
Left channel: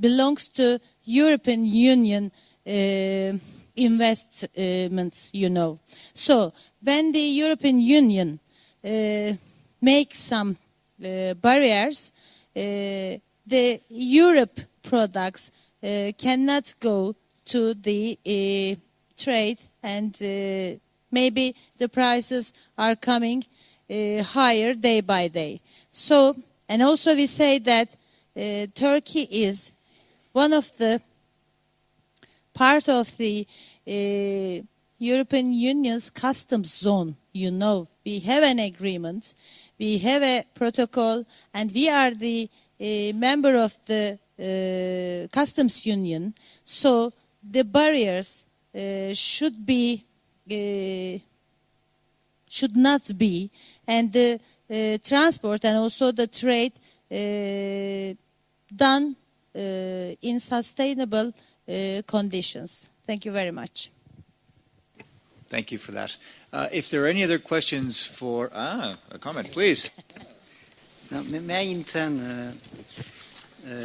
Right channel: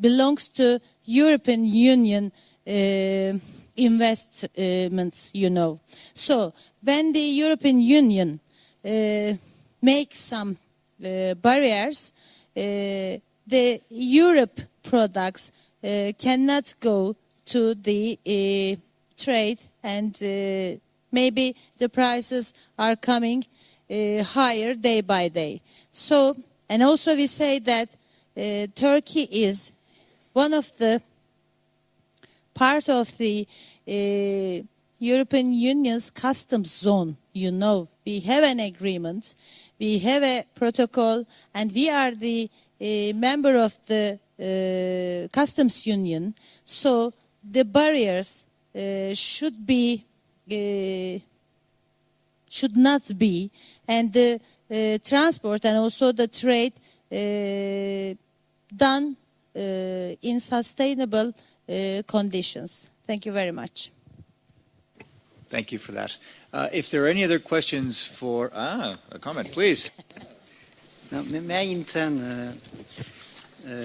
belongs to European Union investments, you know. So when the European Union makes some barriers, the Europe products cannot go to the trade, and maybe the prices are coming higher day by day. So, and also we say that Turkey is one of the part of the European Union's customs zone. You know, we have an agreement, we have a protocol, and we are the member of the customs union. So the barriers should not be, and the transport and also the trade done in sustainable conditions. Thank you very much. Thank you for that. If there are any other questions for... a comment, please. Now, may I in turn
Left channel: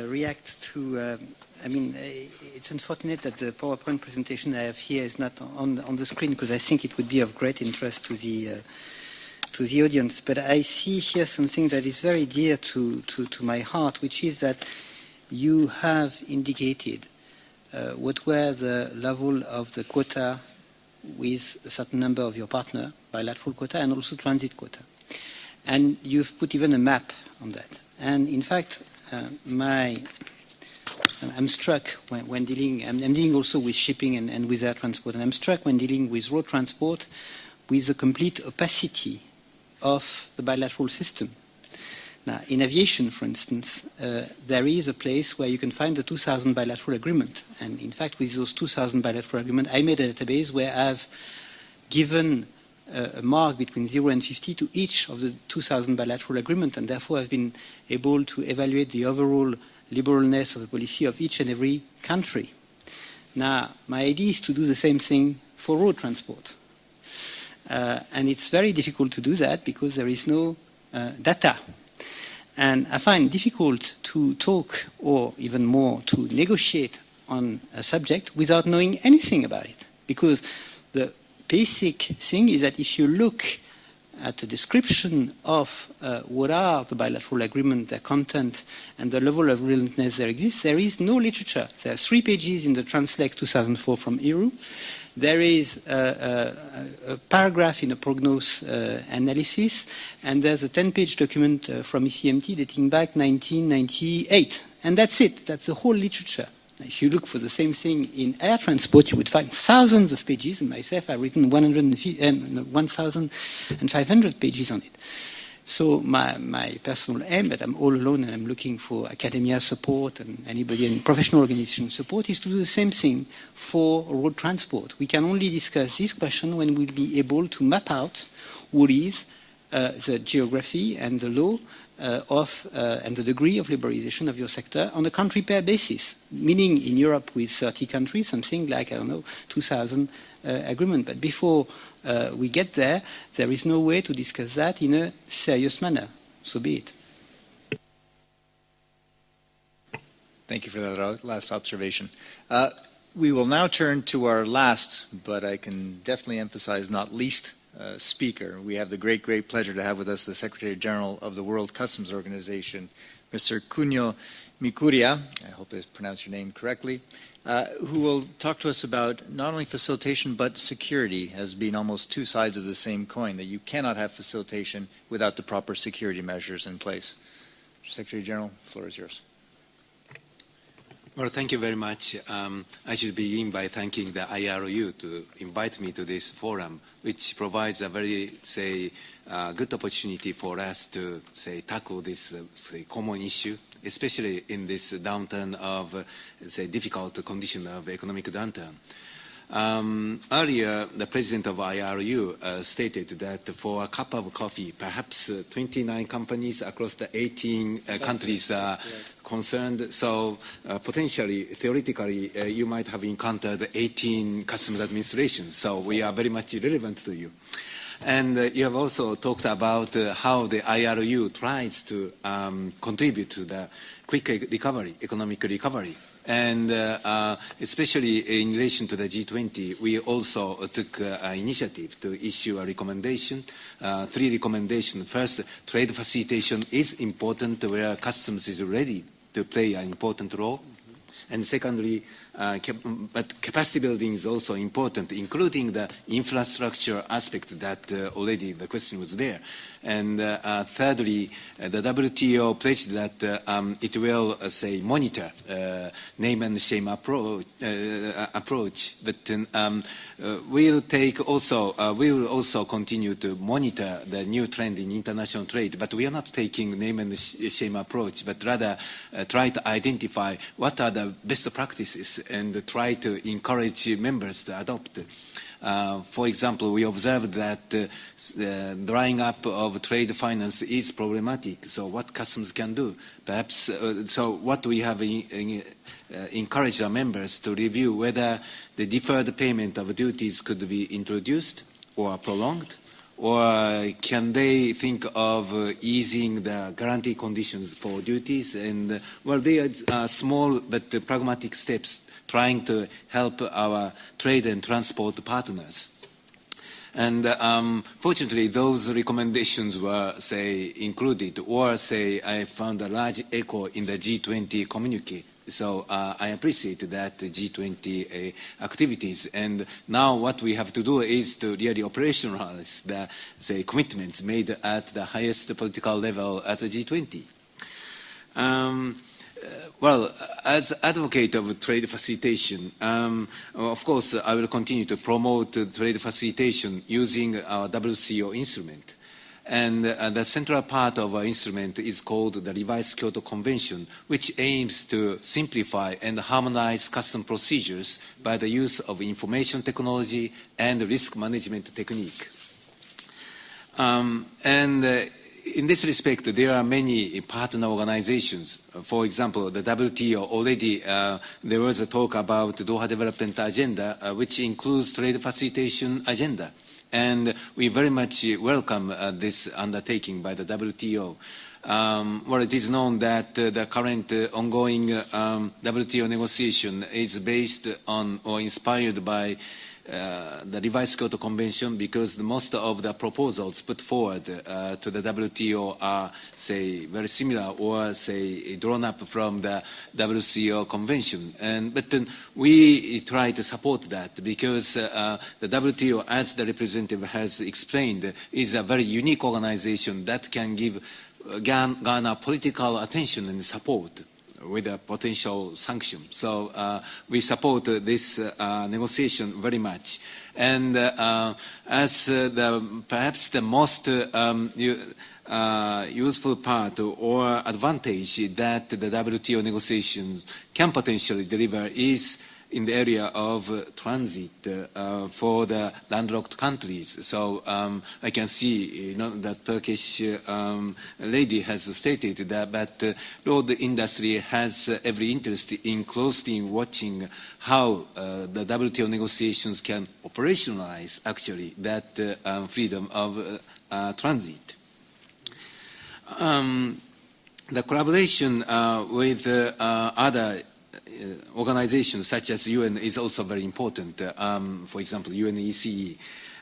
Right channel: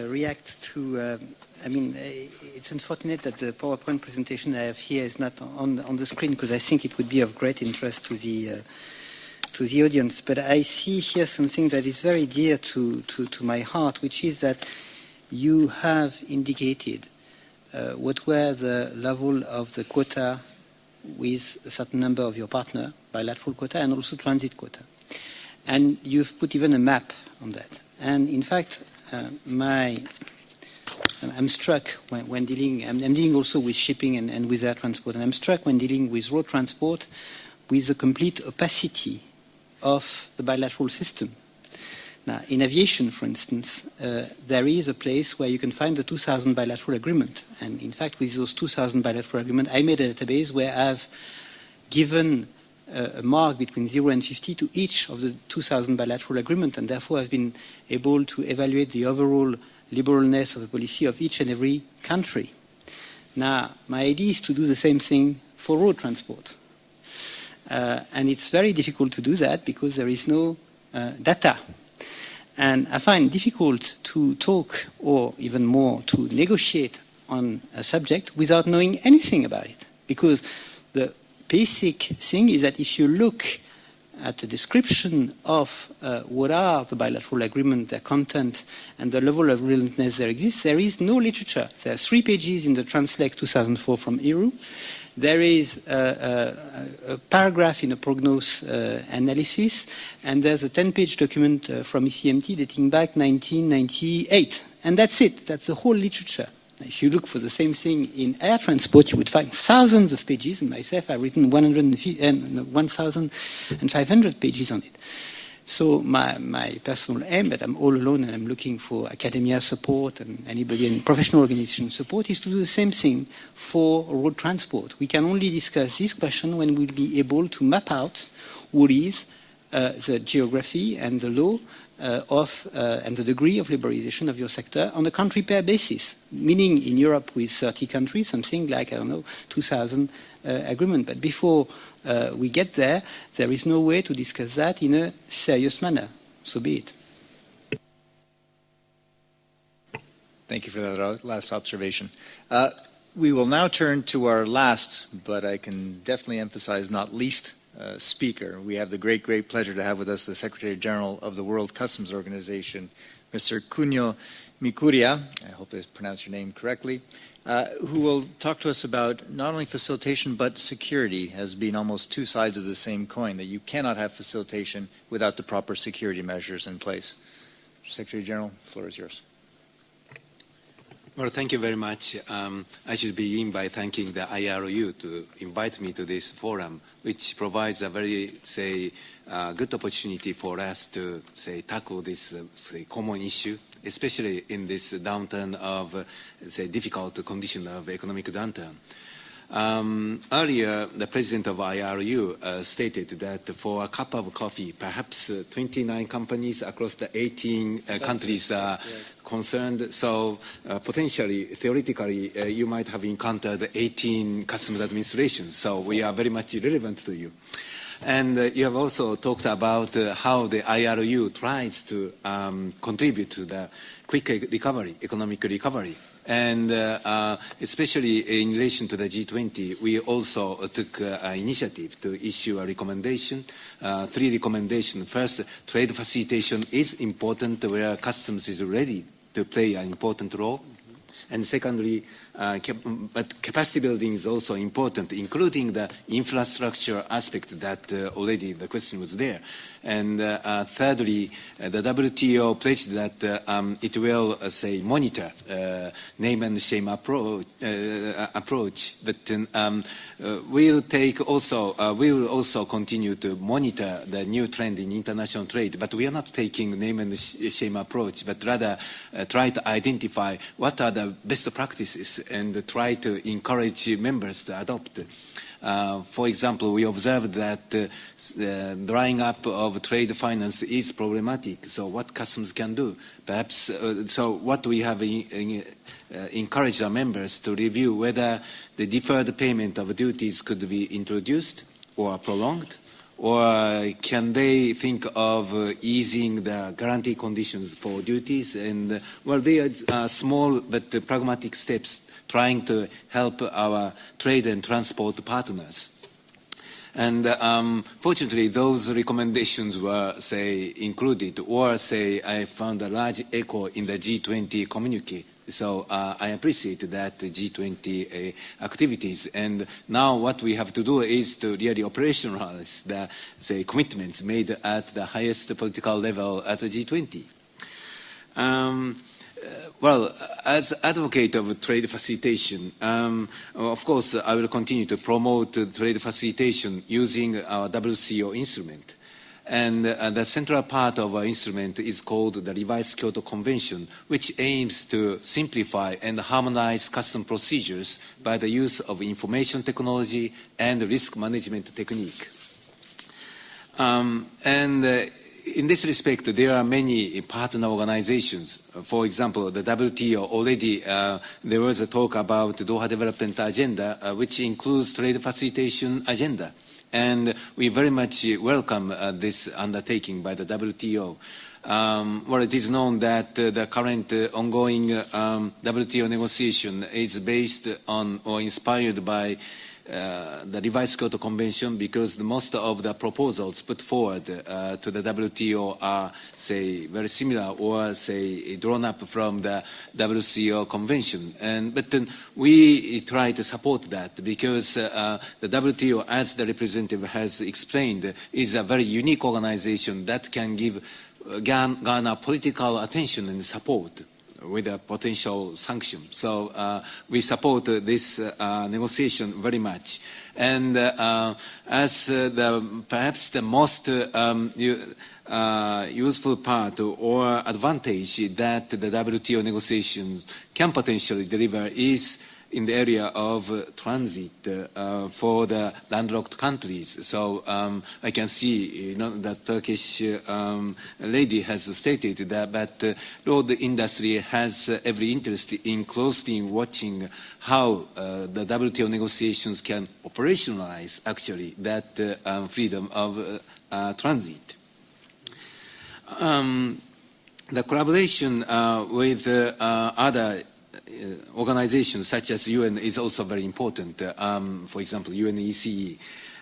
react to... it's unfortunate that the PowerPoint presentation I have here is not on the screen, because I think it would be of great interest to the audience. But I see here something that is very dear to my heart, which is that you have indicated what were the level of the quota with a certain number of your partner, bilateral quota and also transit quota. And you've put even a map on that. And in fact, I'm struck when dealing, I'm dealing also with shipping and with air transport, and I'm struck when dealing with road transport with the complete opacity of the bilateral system. Now, in aviation, for instance, there is a place where you can find the 2000 bilateral agreement. And in fact, with those 2000 bilateral agreement, I made a database where I've given a mark between 0 and 50 to each of the 2000 bilateral agreement, and therefore I've been able to evaluate the overall liberalness of the policy of each and every country. Now, my idea is to do the same thing for road transport. And it's very difficult to do that because there is no data. And I find it difficult to talk, or even more, to negotiate on a subject without knowing anything about it. Because the basic thing is that if you look at the description of what are the bilateral agreement, their content, and the level of relentlessness there exists, there is no literature. There are 3 pages in the Translate 2004 from ERU. There is a paragraph in a prognose analysis, and there's a 10-page document from ECMT dating back 1998. And that's it. That's the whole literature. If you look for the same thing in air transport, you would find thousands of pages, and myself I've written 1,500 pages on it. So my personal aim, that I'm all alone and I'm looking for academia support and anybody in professional organization support, is to do the same thing for road transport. We can only discuss this question when we'll be able to map out what is the geography and the law and the degree of liberalization of your sector on a country-pair basis, meaning in Europe with 30 countries, something like, 2,000 agreement. But before we get there, there is no way to discuss that in a serious manner. So be it. Thank you for that last observation. We will now turn to our last, but I can definitely emphasize not least, speaker. We have the great pleasure to have with us the Secretary General of the World Customs Organization, Mr. Kunio Mikuriya, I hope I pronounced your name correctly, who will talk to us about not only facilitation but security as being almost 2 sides of the same coin, that you cannot have facilitation without the proper security measures in place. Secretary General, the floor is yours. Well, thank you very much. I should begin by thanking the IRU to invite me to this forum, which provides a very, good opportunity for us to, tackle this, common issue, especially in this downturn of, difficult condition of economic downturn. Earlier, the president of IRU stated that for a cup of coffee, perhaps 29 companies across the 18 countries are concerned. So potentially, theoretically, you might have encountered 18 customs administrations. So we are very much relevant to you. And you have also talked about how the IRU tries to contribute to the quick recovery, economic recovery. And especially in relation to the G20, we also took an initiative to issue a recommendation, 3 recommendations. First, trade facilitation is important where customs is ready to play an important role. And secondly, but capacity building is also important, including the infrastructure aspects that already the question was there. And thirdly, the WTO pledged that it will, monitor name and shame approach. But we will also continue to monitor the new trend in international trade. But we are not taking name and shame approach, but rather try to identify what are the best practices and try to encourage members to adopt. For example, we observed that drying up of trade finance is problematic. So what customs can do? Perhaps, so what we have encouraged our members to review whether the deferred payment of duties could be introduced or prolonged, or can they think of easing the guarantee conditions for duties? And, well, they are small but pragmatic steps trying to help our trade and transport partners. And fortunately, those recommendations were, say, included, or, say, I found a large echo in the G20 communique. So I appreciate that G20 activities. And now what we have to do is to really operationalize the, say, commitments made at the highest political level at the G20. Well, as advocate of trade facilitation, of course, I will continue to promote trade facilitation using our WCO instrument. And the central part of our instrument is called the Revised Kyoto Convention, which aims to simplify and harmonize custom procedures by the use of information technology and risk management technique. In this respect, there are many partner organizations. For example, the WTO already, there was a talk about the Doha Development Agenda, which includes trade facilitation agenda. And we very much welcome this undertaking by the WTO. Well, it is known that the current ongoing WTO negotiation is based on or inspired by the Revised Kyoto Convention, because most of the proposals put forward to the WTO are, say, very similar or, say, drawn up from the WCO Convention. But then we try to support that because the WTO, as the representative has explained, is a very unique organization that can garner political attention and support with a potential sanction. So we support this negotiation very much. And as perhaps the most useful part or advantage that the WTO negotiations can potentially deliver is in the area of transit for the landlocked countries. So I can see, the Turkish lady has stated that, but road industry has every interest in closely watching how the WTO negotiations can operationalize, actually, that freedom of transit. The collaboration with other organizations such as UN is also very important, for example, UNECE.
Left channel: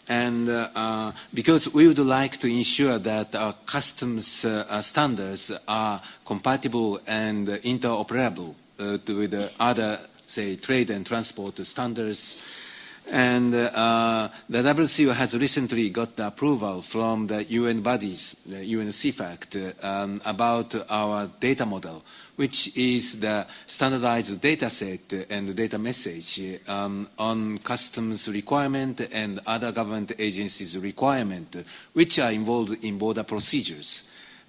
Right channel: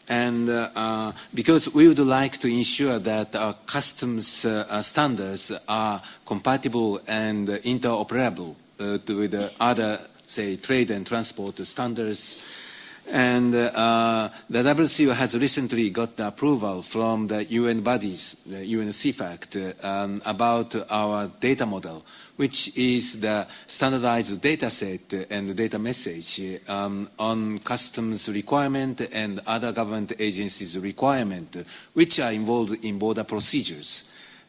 And because we would like to ensure that our customs standards are compatible and interoperable with other, say, trade and transport standards. And the WCO has recently got the approval from the UN bodies, the UN CFACT, about our data model, which is the standardized data set and data message on customs requirement and other government agencies' requirement, which are involved in border procedures.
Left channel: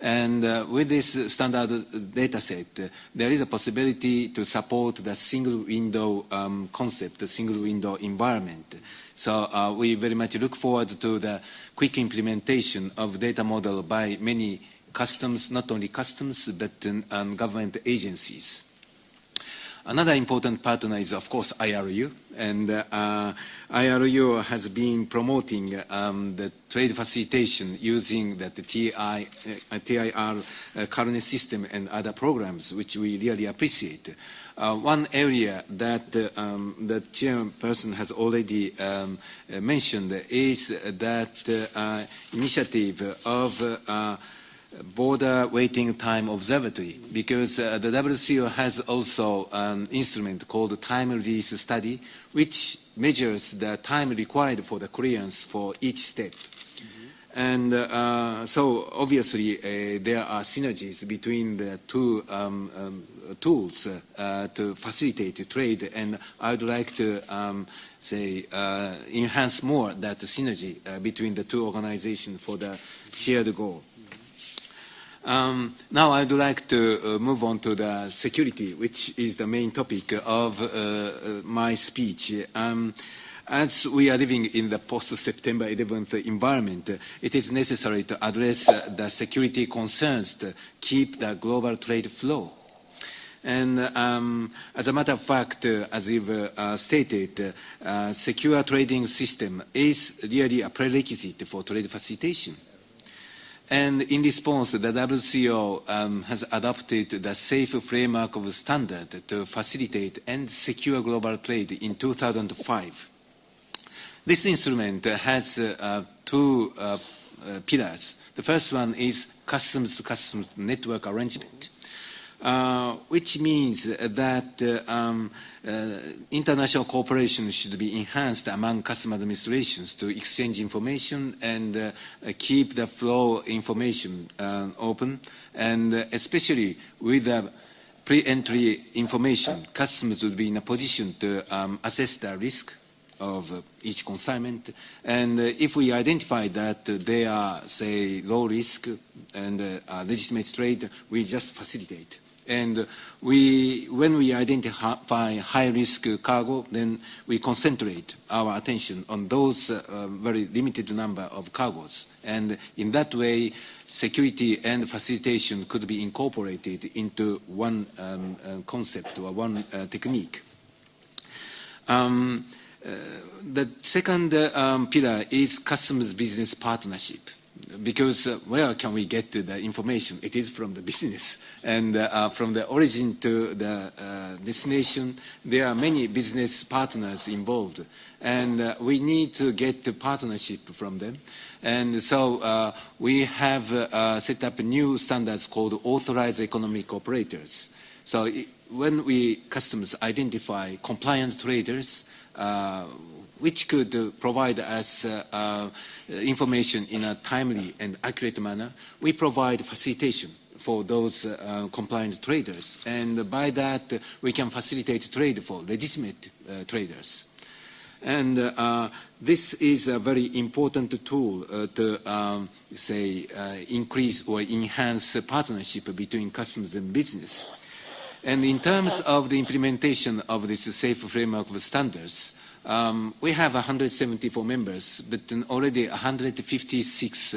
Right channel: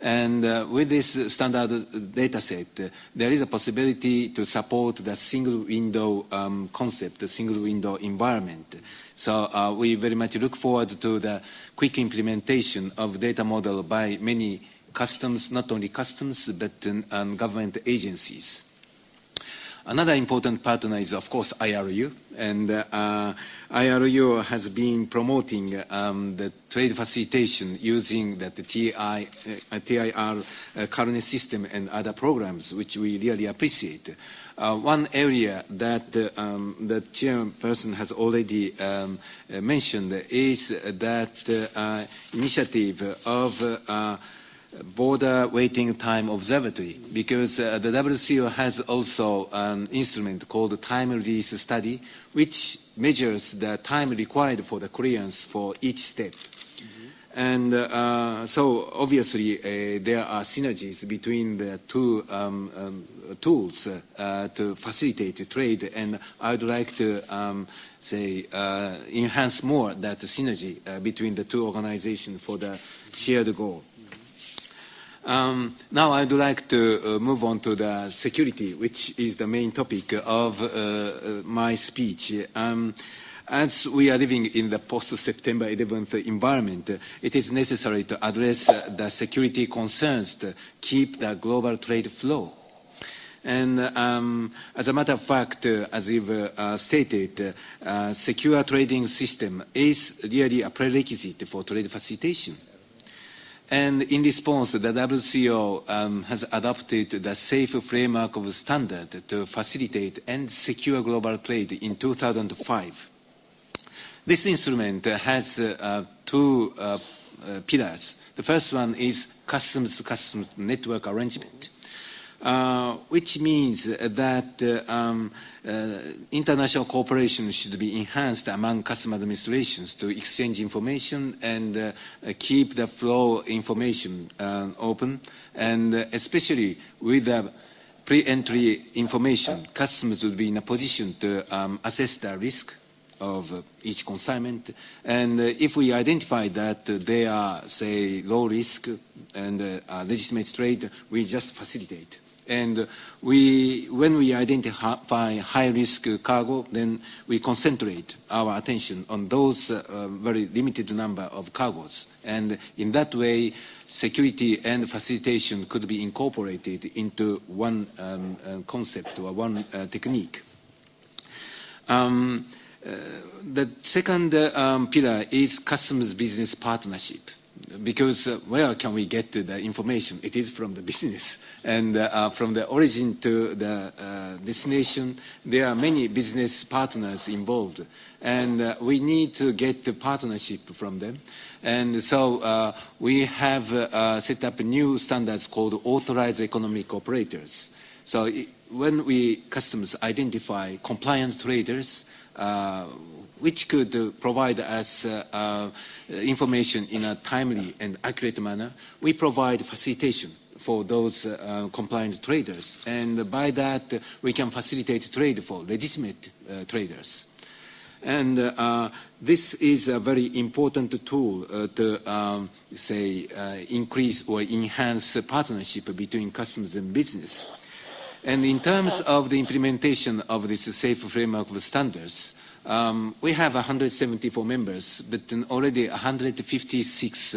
And with this standard data set, there is a possibility to support the single window concept, the single window environment. So we very much look forward to the quick implementation of data model by many customs, not only customs, but government agencies. Another important partner is, of course, IRU. And IRU has been promoting the trade facilitation using the TIR currency system and other programs, which we really appreciate. One area that the chairperson has already mentioned is that initiative of border waiting time observatory, because the WCO has also an instrument called time release study, which measures the time required for the clearance for each step. And so obviously there are synergies between the two tools to facilitate trade, and I would like to enhance more that synergy between the two organizations for the shared goal. Now I'd like to move on to the security, which is the main topic of my speech. As we are living in the post-September 11th environment, it is necessary to address the security concerns to keep the global trade flow. And as a matter of fact, as you've stated, secure trading system is really a prerequisite for trade facilitation. And in response, the WTO has adopted the safe framework of standard to facilitate and secure global trade in 2005. This instrument has two pillars. The first one is customs-to-customs network arrangement, which means that international cooperation should be enhanced among custom administrations to exchange information and keep the flow information open, and especially with the pre-entry information, customers will be in a position to assess the risk of each consignment, and if we identify that they are, say, low risk and legitimate trade, we just facilitate. And when we identify high-risk cargo, then we concentrate our attention on those very limited number of cargos. And in that way, security and facilitation could be incorporated into one concept or one technique. The second pillar is customs business partnership. Because where can we get the information? It is from the business. And from the origin to the destination, there are many business partners involved. And we need to get the partnership from them. And so we have set up new standards called authorized economic operators. So when we customs identify compliant traders, which could provide us information in a timely and accurate manner, we provide facilitation for those compliant traders. And by that, we can facilitate trade for legitimate traders. And this is a very important tool to, increase or enhance partnership between customs and business. And in terms of the implementation of this safe framework of standards, we have 174 members, but already 156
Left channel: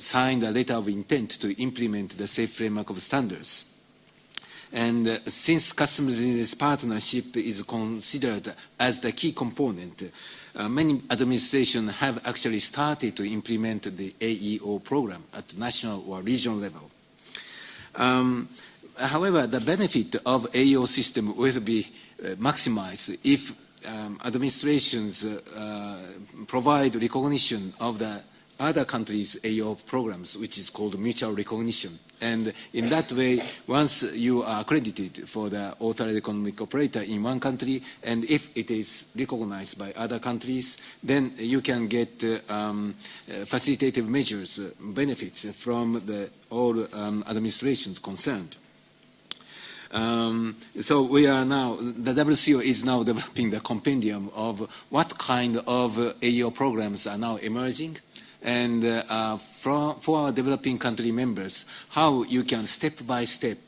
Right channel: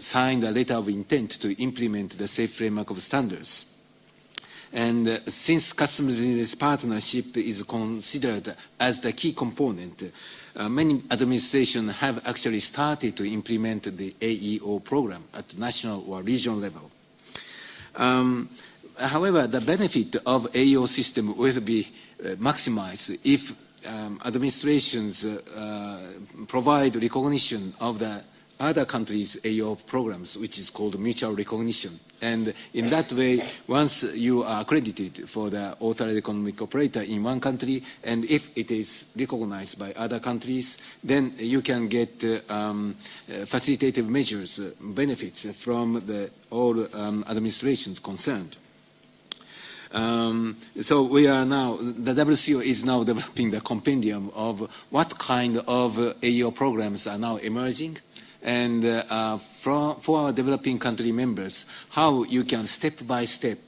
signed a letter of intent to implement the safe framework of standards. And since customs business partnership is considered as the key component, many administrations have actually started to implement the AEO program at national or regional level. However, the benefit of AEO system will be maximized if administrations provide recognition of the other countries' AEO programs, which is called mutual recognition. And in that way, once you are accredited for the authorized economic operator in one country, and if it is recognized by other countries, then you can get facilitative measures, benefits from all administrations concerned. So we are now, the WCO is now developing the compendium of what kind of AEO programs are now emerging, and for our developing country members, how you can step by step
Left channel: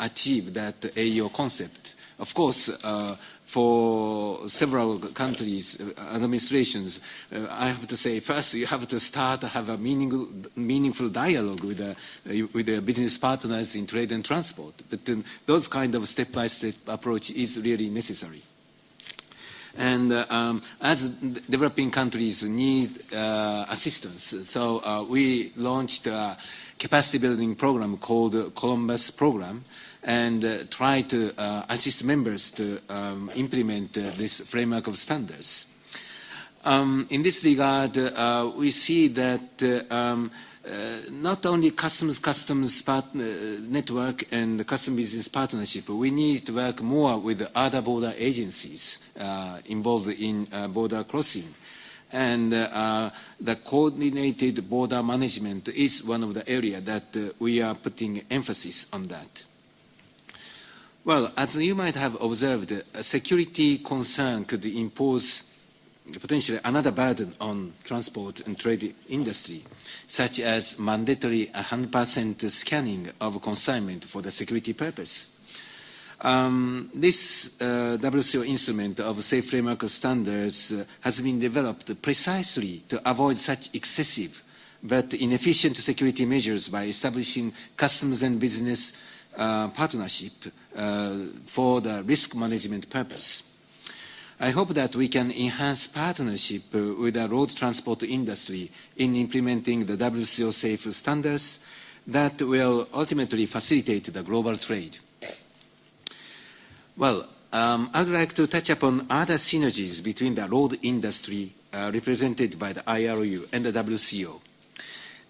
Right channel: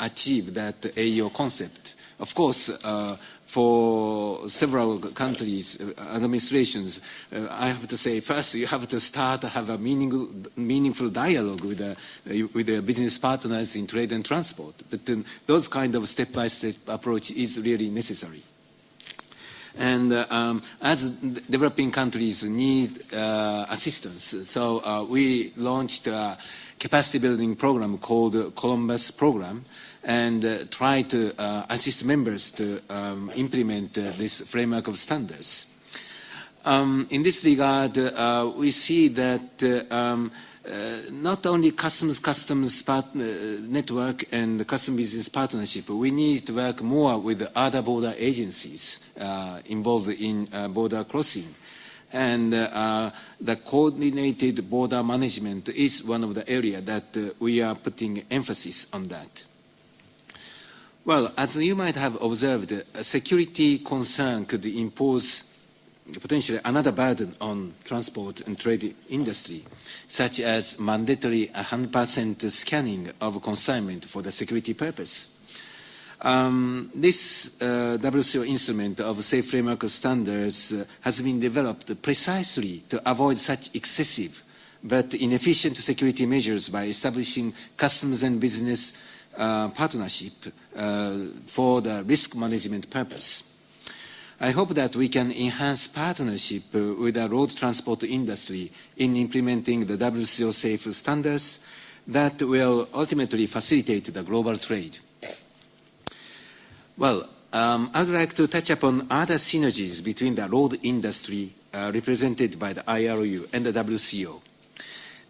achieve that AEO concept. Of course, for several countries, administrations, I have to say, first you have to start to have a meaningful dialogue with the business partners in trade and transport. But then those kind of step-by-step approach is really necessary. And as developing countries need assistance, so we launched a capacity building program called Columbus Program, and try to assist members to implement this framework of standards. In this regard, we see that not only customs network and custom business partnership, we need to work more with other border agencies involved in border crossing. And the coordinated border management is one of the areas that we are putting emphasis on that. Well, as you might have observed, a security concern could impose potentially another burden on transport and trade industry, such as mandatory 100% scanning of consignment for the security purpose. This WCO instrument of safe framework standards has been developed precisely to avoid such excessive but inefficient security measures by establishing customs and business partnership for the risk management purpose. I hope that we can enhance partnership with the road transport industry in implementing the WCO safe standards that will ultimately facilitate the global trade. Well, I'd like to touch upon other synergies between the road industry represented by the IRU and the WCO.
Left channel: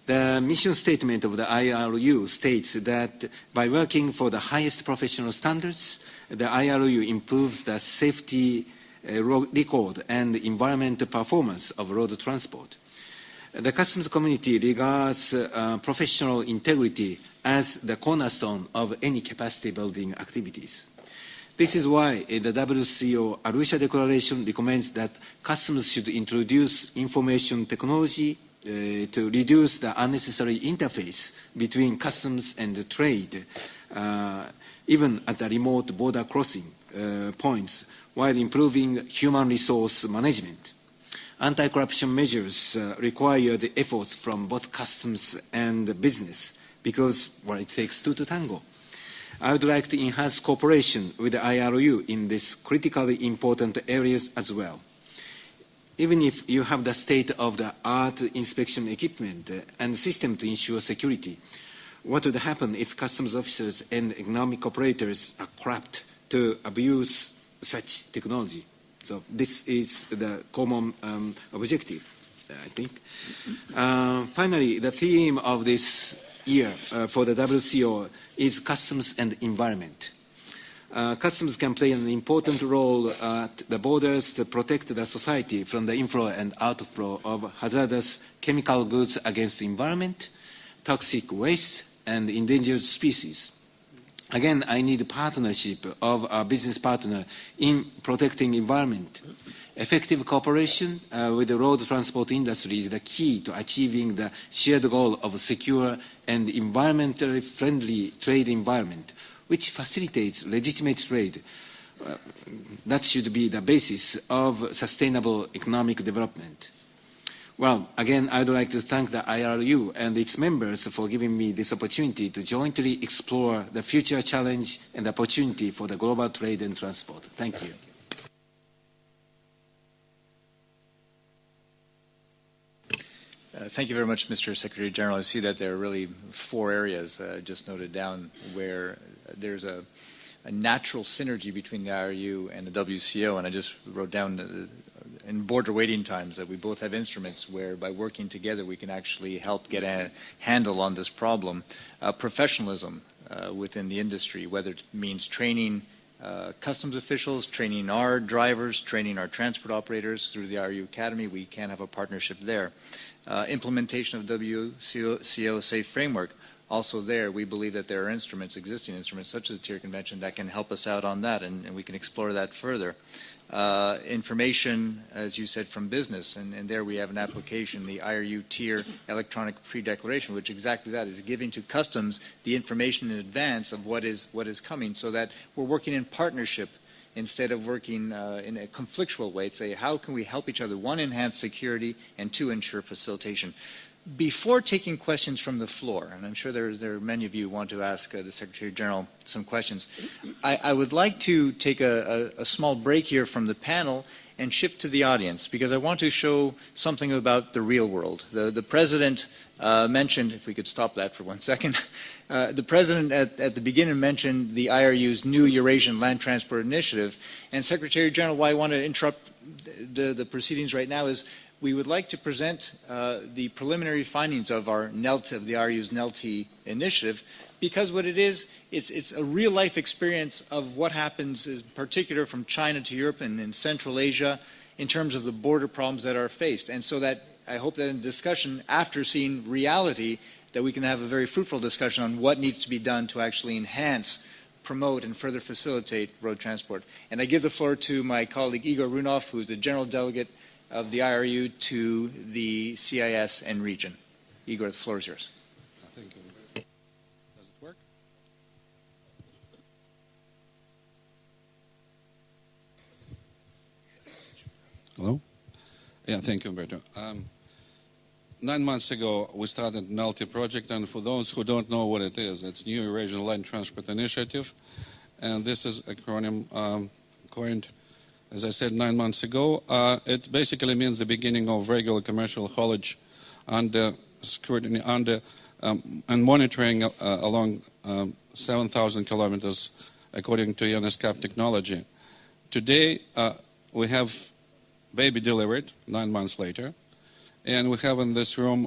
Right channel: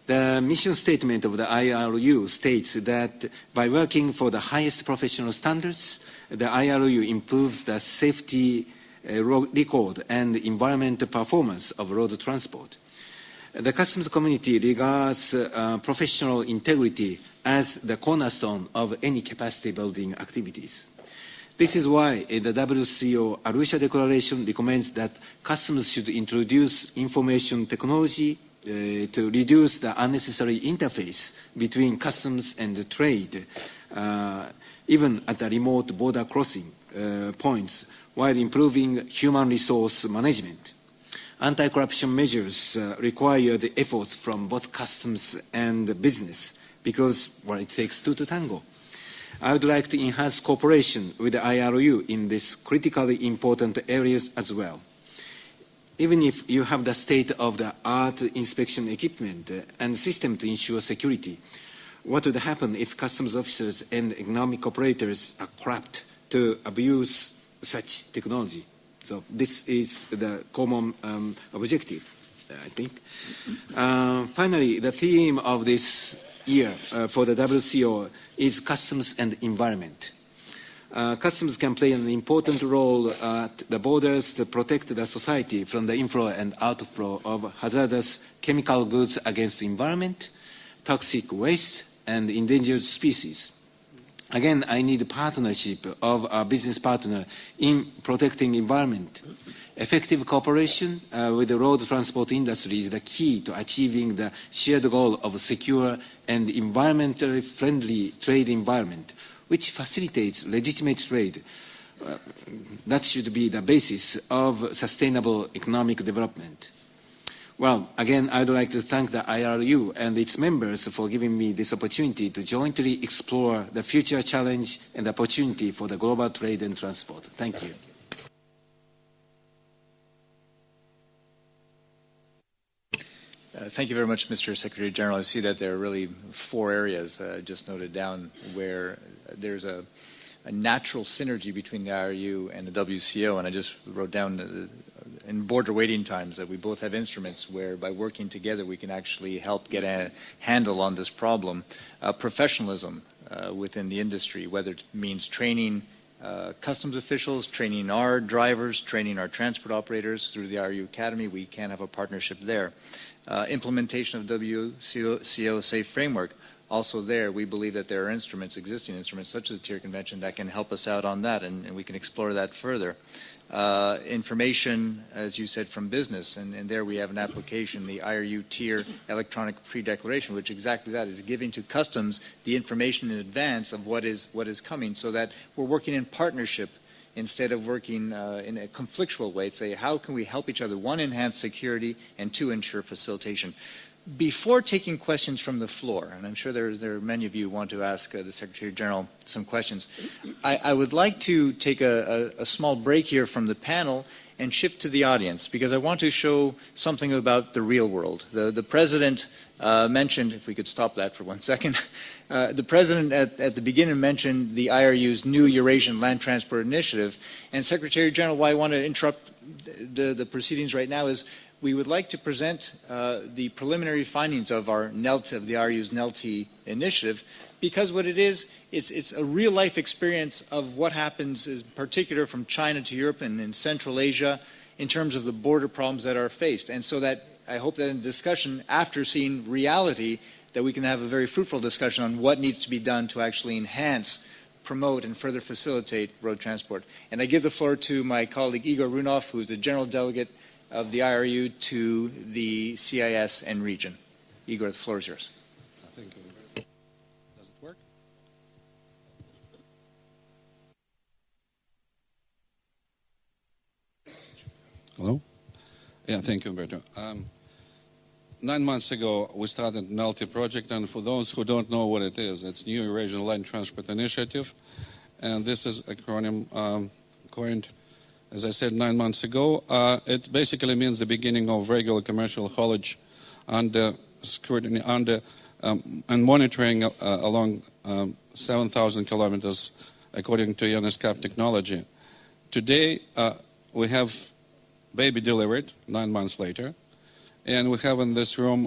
The mission statement of the IRU states that by working for the highest professional standards, the IRU improves the safety record and environmental performance of road transport. The customs community regards professional integrity as the cornerstone of any capacity building activities. This is why the WCO Arusha Declaration recommends that customs should introduce information technology to reduce the unnecessary interface between customs and trade, even at the remote border crossing points, while improving human resource management. Anti-corruption measures require the efforts from both customs and business because, well, it takes two to tango. I would like to enhance cooperation with the IRU in these critically important areas as well. Even if you have the state-of-the-art inspection equipment and system to ensure security, what would happen if customs officers and economic operators are corrupt to abuse such technology? So this is the common objective, I think. Finally, the theme of this year for the WCO is customs and environment. Customs can play an important role at the borders to protect the society from the inflow and outflow of hazardous chemical goods against the environment, toxic waste, and endangered species. Again, I need a partnership of our business partner in protecting environment. Effective cooperation with the road transport industry is the key to achieving the shared goal of a secure and environmentally friendly trade environment, which facilitates legitimate trade. That should be the basis of sustainable economic development. Well, again, I would like to thank the IRU and its members for giving me this opportunity to jointly explore the future challenge and opportunity for the global trade and transport. Thank you. Thank you very much, Mr. Secretary General. I see that there are really 4 areas just noted down where there's a natural synergy between the IRU and the WCO, and I just wrote down in border waiting times that we both have instruments where by working together we can actually help get a handle on this problem. Professionalism within the industry, whether it means training customs officials, training our drivers, training our transport operators through the IRU Academy, we can have a partnership there. Implementation of WCO Safe Framework, also there we believe that there are instruments, existing instruments such as the Tier Convention that can help us out on that, and we can explore that further. Information, as you said, from business, and there we have an application, the IRU Tier Electronic Pre-Declaration, which exactly that is giving to customs the information in advance of what is coming, so that we're working in partnership instead of working in a conflictual way to say how can we help each other, 1, enhance security, and 2, ensure facilitation. Before taking questions from the floor, and I'm sure there are many of you who want to ask the Secretary General some questions, I would like to take a small break here from the panel and shift to the audience, because I want to show something about the real world. The President mentioned, if we could stop that for 1 second, the President at the beginning mentioned the IRU's new Eurasian Land Transport Initiative, and Secretary General, why I want to interrupt the proceedings right now is we would like to present the preliminary findings of our NELT, of the IRU's NELT initiative, because what it is, it's a real-life experience of what happens, in particular from China to Europe and in Central Asia, in terms of the border problems that are faced. And so that I hope that in discussion, after seeing reality, that we can have a very fruitful discussion on what needs to be done to actually enhance, promote, and further facilitate road transport. And I give the floor to my colleague Igor Runov, who is the General Delegate of the IRU to the CIS and region. Igor, the floor is yours. Thank you. Does it work? Hello? Yeah, thank you, Umberto. 9 months ago, we started NALTI project, and for those who don't know what it is, it's New Eurasian Land Transport Initiative, and this is acronym coined, as I said, 9 months ago. It basically means the beginning of regular commercial haulage under scrutiny, and monitoring along 7,000 kilometers according to UNESCAP technology. Today, we have baby delivered 9 months later. And we have in this room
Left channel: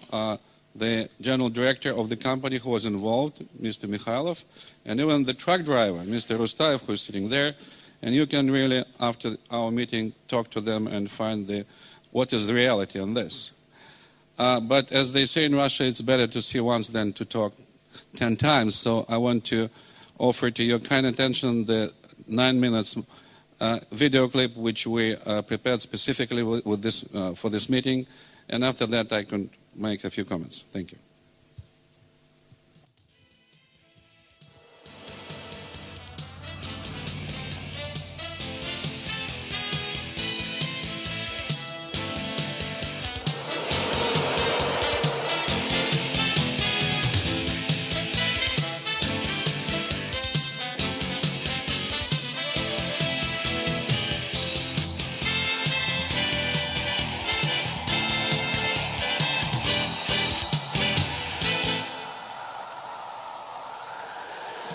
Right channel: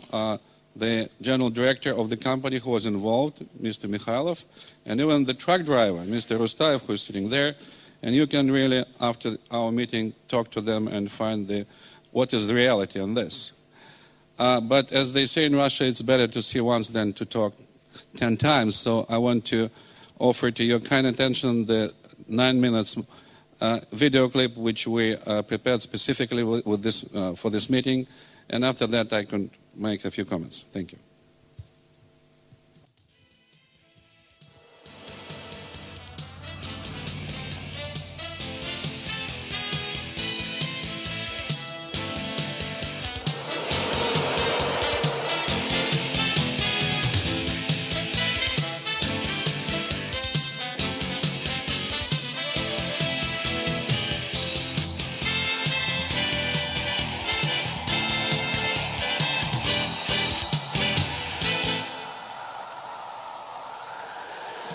the general director of the company who was involved, Mr. Mikhailov, and even the truck driver, Mr. Rustaev, who is sitting there. And you can really, after our meeting, talk to them and find what is the reality on this. But as they say in Russia, it's better to see once than to talk 10 times. So I want to offer to your kind attention the 9 minutes video clip which we prepared specifically with this, for this meeting. And after that, I can make a few comments. Thank you.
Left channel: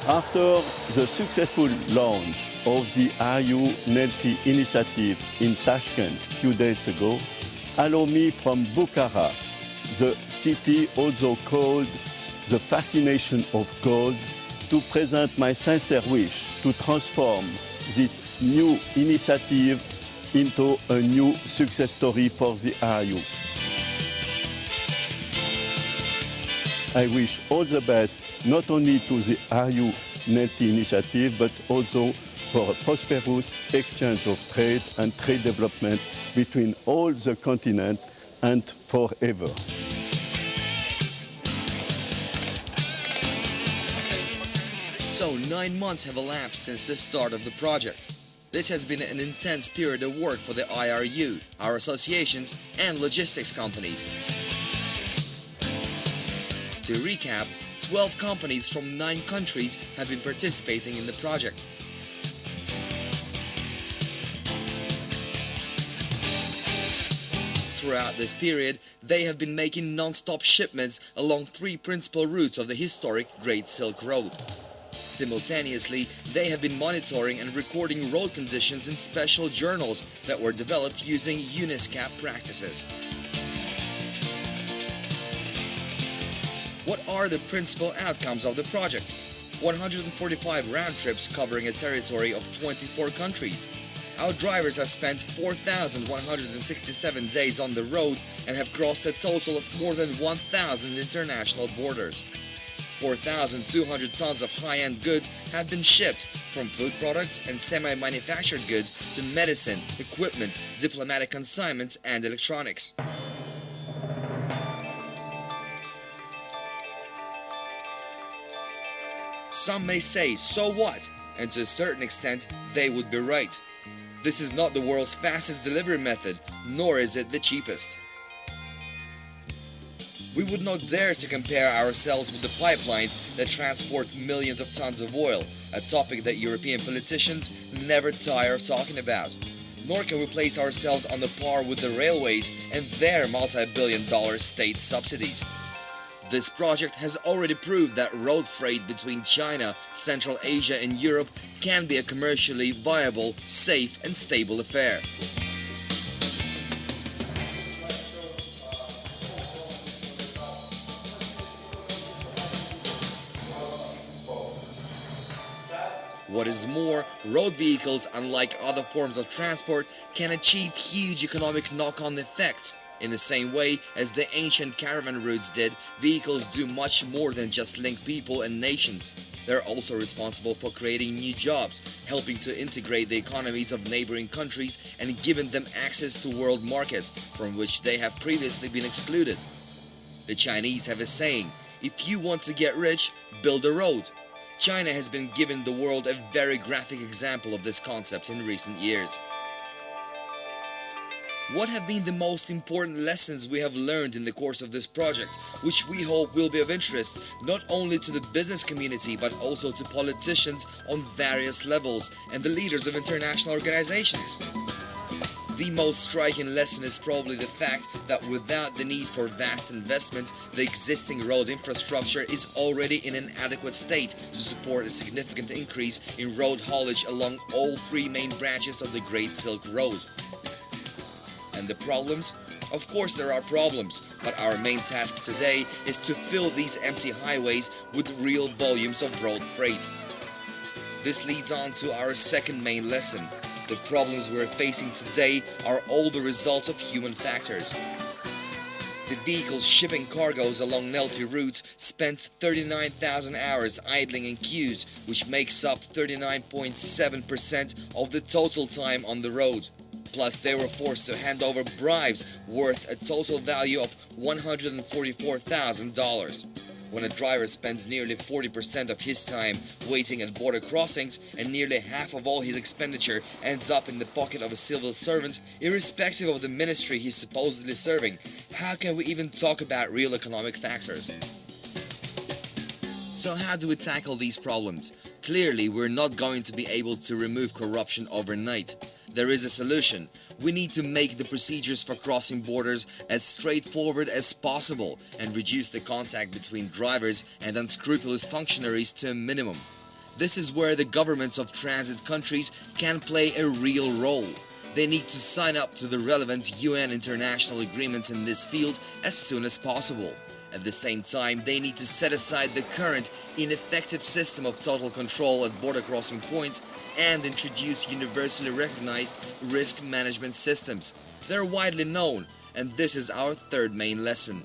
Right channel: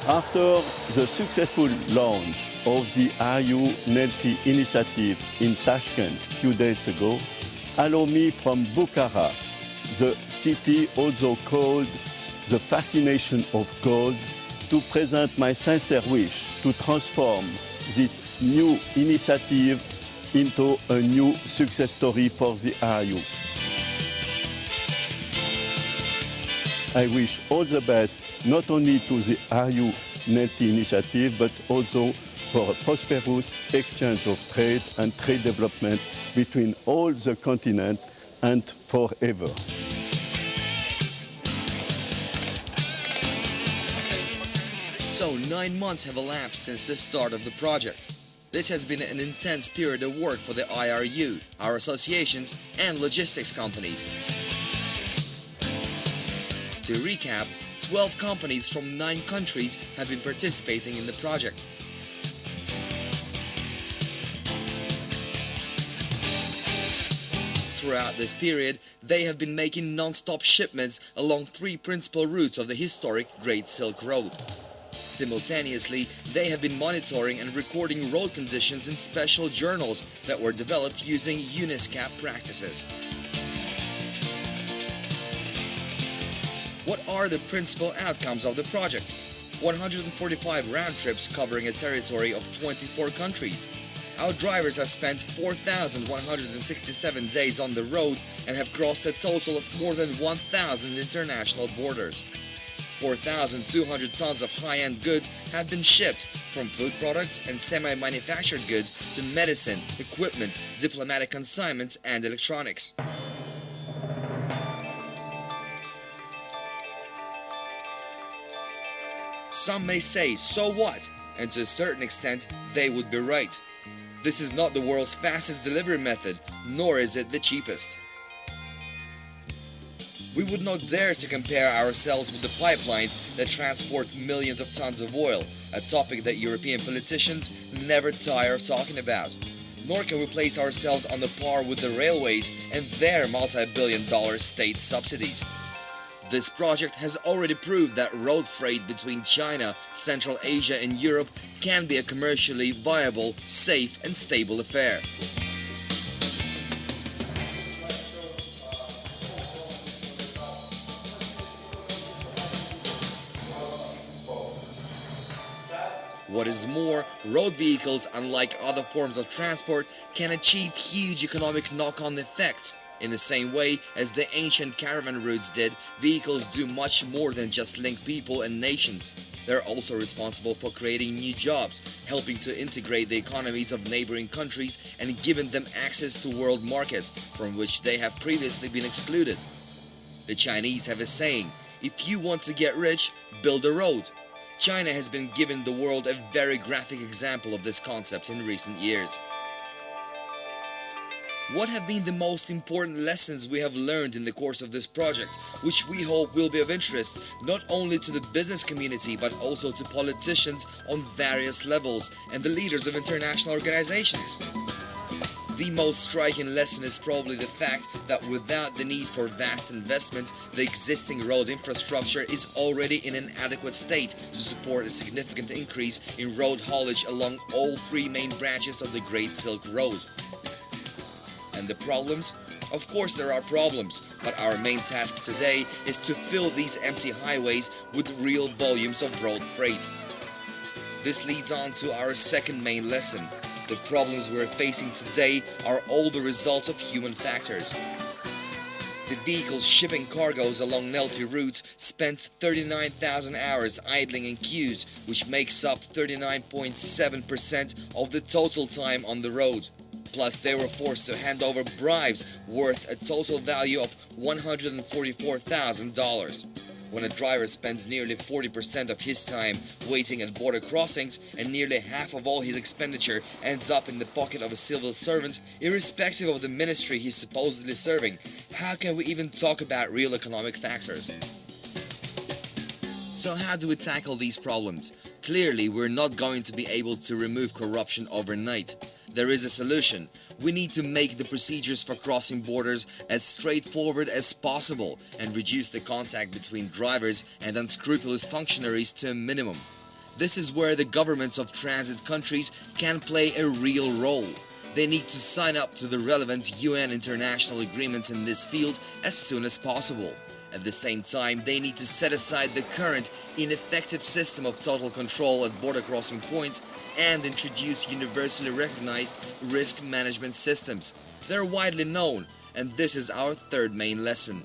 After the successful launch of the IRU NELTI initiative in Tashkent a few days ago, allow me from Bukhara, the city also called the fascination of gold, to present my sincere wish to transform this new initiative into a new success story for the IRU. I wish all the best, not only to the IRU NELTI initiative, but also for a prosperous exchange of trade and trade development between all the continent and forever. So 9 months have elapsed since the start of the project. This has been an intense period of work for the IRU, our associations and logistics companies. To recap, 12 companies from 9 countries have been participating in the project. Throughout this period, they have been making non-stop shipments along 3 principal routes of the historic Great Silk Road. Simultaneously, they have been monitoring and recording road conditions in special journals that were developed using UNESCAP practices. What are the principal outcomes of the project? 145 round trips covering a territory of 24 countries. Our drivers have spent 4,167 days on the road and have crossed a total of more than 1,000 international borders. 4,200 tons of high-end goods have been shipped, from food products and semi-manufactured goods to medicine, equipment, diplomatic consignments and electronics. Some may say, so what? And to a certain extent, they would be right. This is not the world's fastest delivery method, nor is it the cheapest. We would not dare to compare ourselves with the pipelines that transport millions of tons of oil, a topic that European politicians never tire of talking about. Nor can we place ourselves on the par with the railways and their multi-billion-dollar state subsidies. This project has already proved that road freight between China, Central Asia and Europe can be a commercially viable, safe and stable affair. What is more, road vehicles, unlike other forms of transport, can achieve huge economic knock-on effects. In the same way as the ancient caravan routes did, vehicles do much more than just link people and nations. They're also responsible for creating new jobs, helping to integrate the economies of neighboring countries and giving them access to world markets from which they have previously been excluded. The Chinese have a saying, "If you want to get rich, build a road." China has been giving the world a very graphic example of this concept in recent years. What have been the most important lessons we have learned in the course of this project, which we hope will be of interest not only to the business community but also to politicians on various levels and the leaders of international organizations? The most striking lesson is probably the fact that without the need for vast investment, the existing road infrastructure is already in an adequate state to support a significant increase in road haulage along all three main branches of the Great Silk Road. And the problems? Of course there are problems, but our main task today is to fill these empty highways with real volumes of road freight. This leads on to our second main lesson. The problems we're facing today are all the result of human factors. The vehicles shipping cargoes along Nelty routes spent 39,000 hours idling in queues, which makes up 39.7% of the total time on the road. Plus, they were forced to hand over bribes worth a total value of $144,000. When a driver spends nearly 40% of his time waiting at border crossings and nearly half of all his expenditure ends up in the pocket of a civil servant, irrespective of the ministry he's supposedly serving, how can we even talk about real economic factors? So how do we tackle these problems? Clearly, we're not going to be able to remove corruption overnight. There is a solution. We need to make the procedures for crossing borders as straightforward as possible and reduce the contact between drivers and unscrupulous functionaries to a minimum. This is where the governments of transit countries can play a real role. They need to sign up to the relevant UN international agreements in this field as soon as possible. At the same time, they need to set aside the current ineffective system of total control at border crossing points and introduce universally recognized risk management systems. They're widely known, and this is our third main lesson.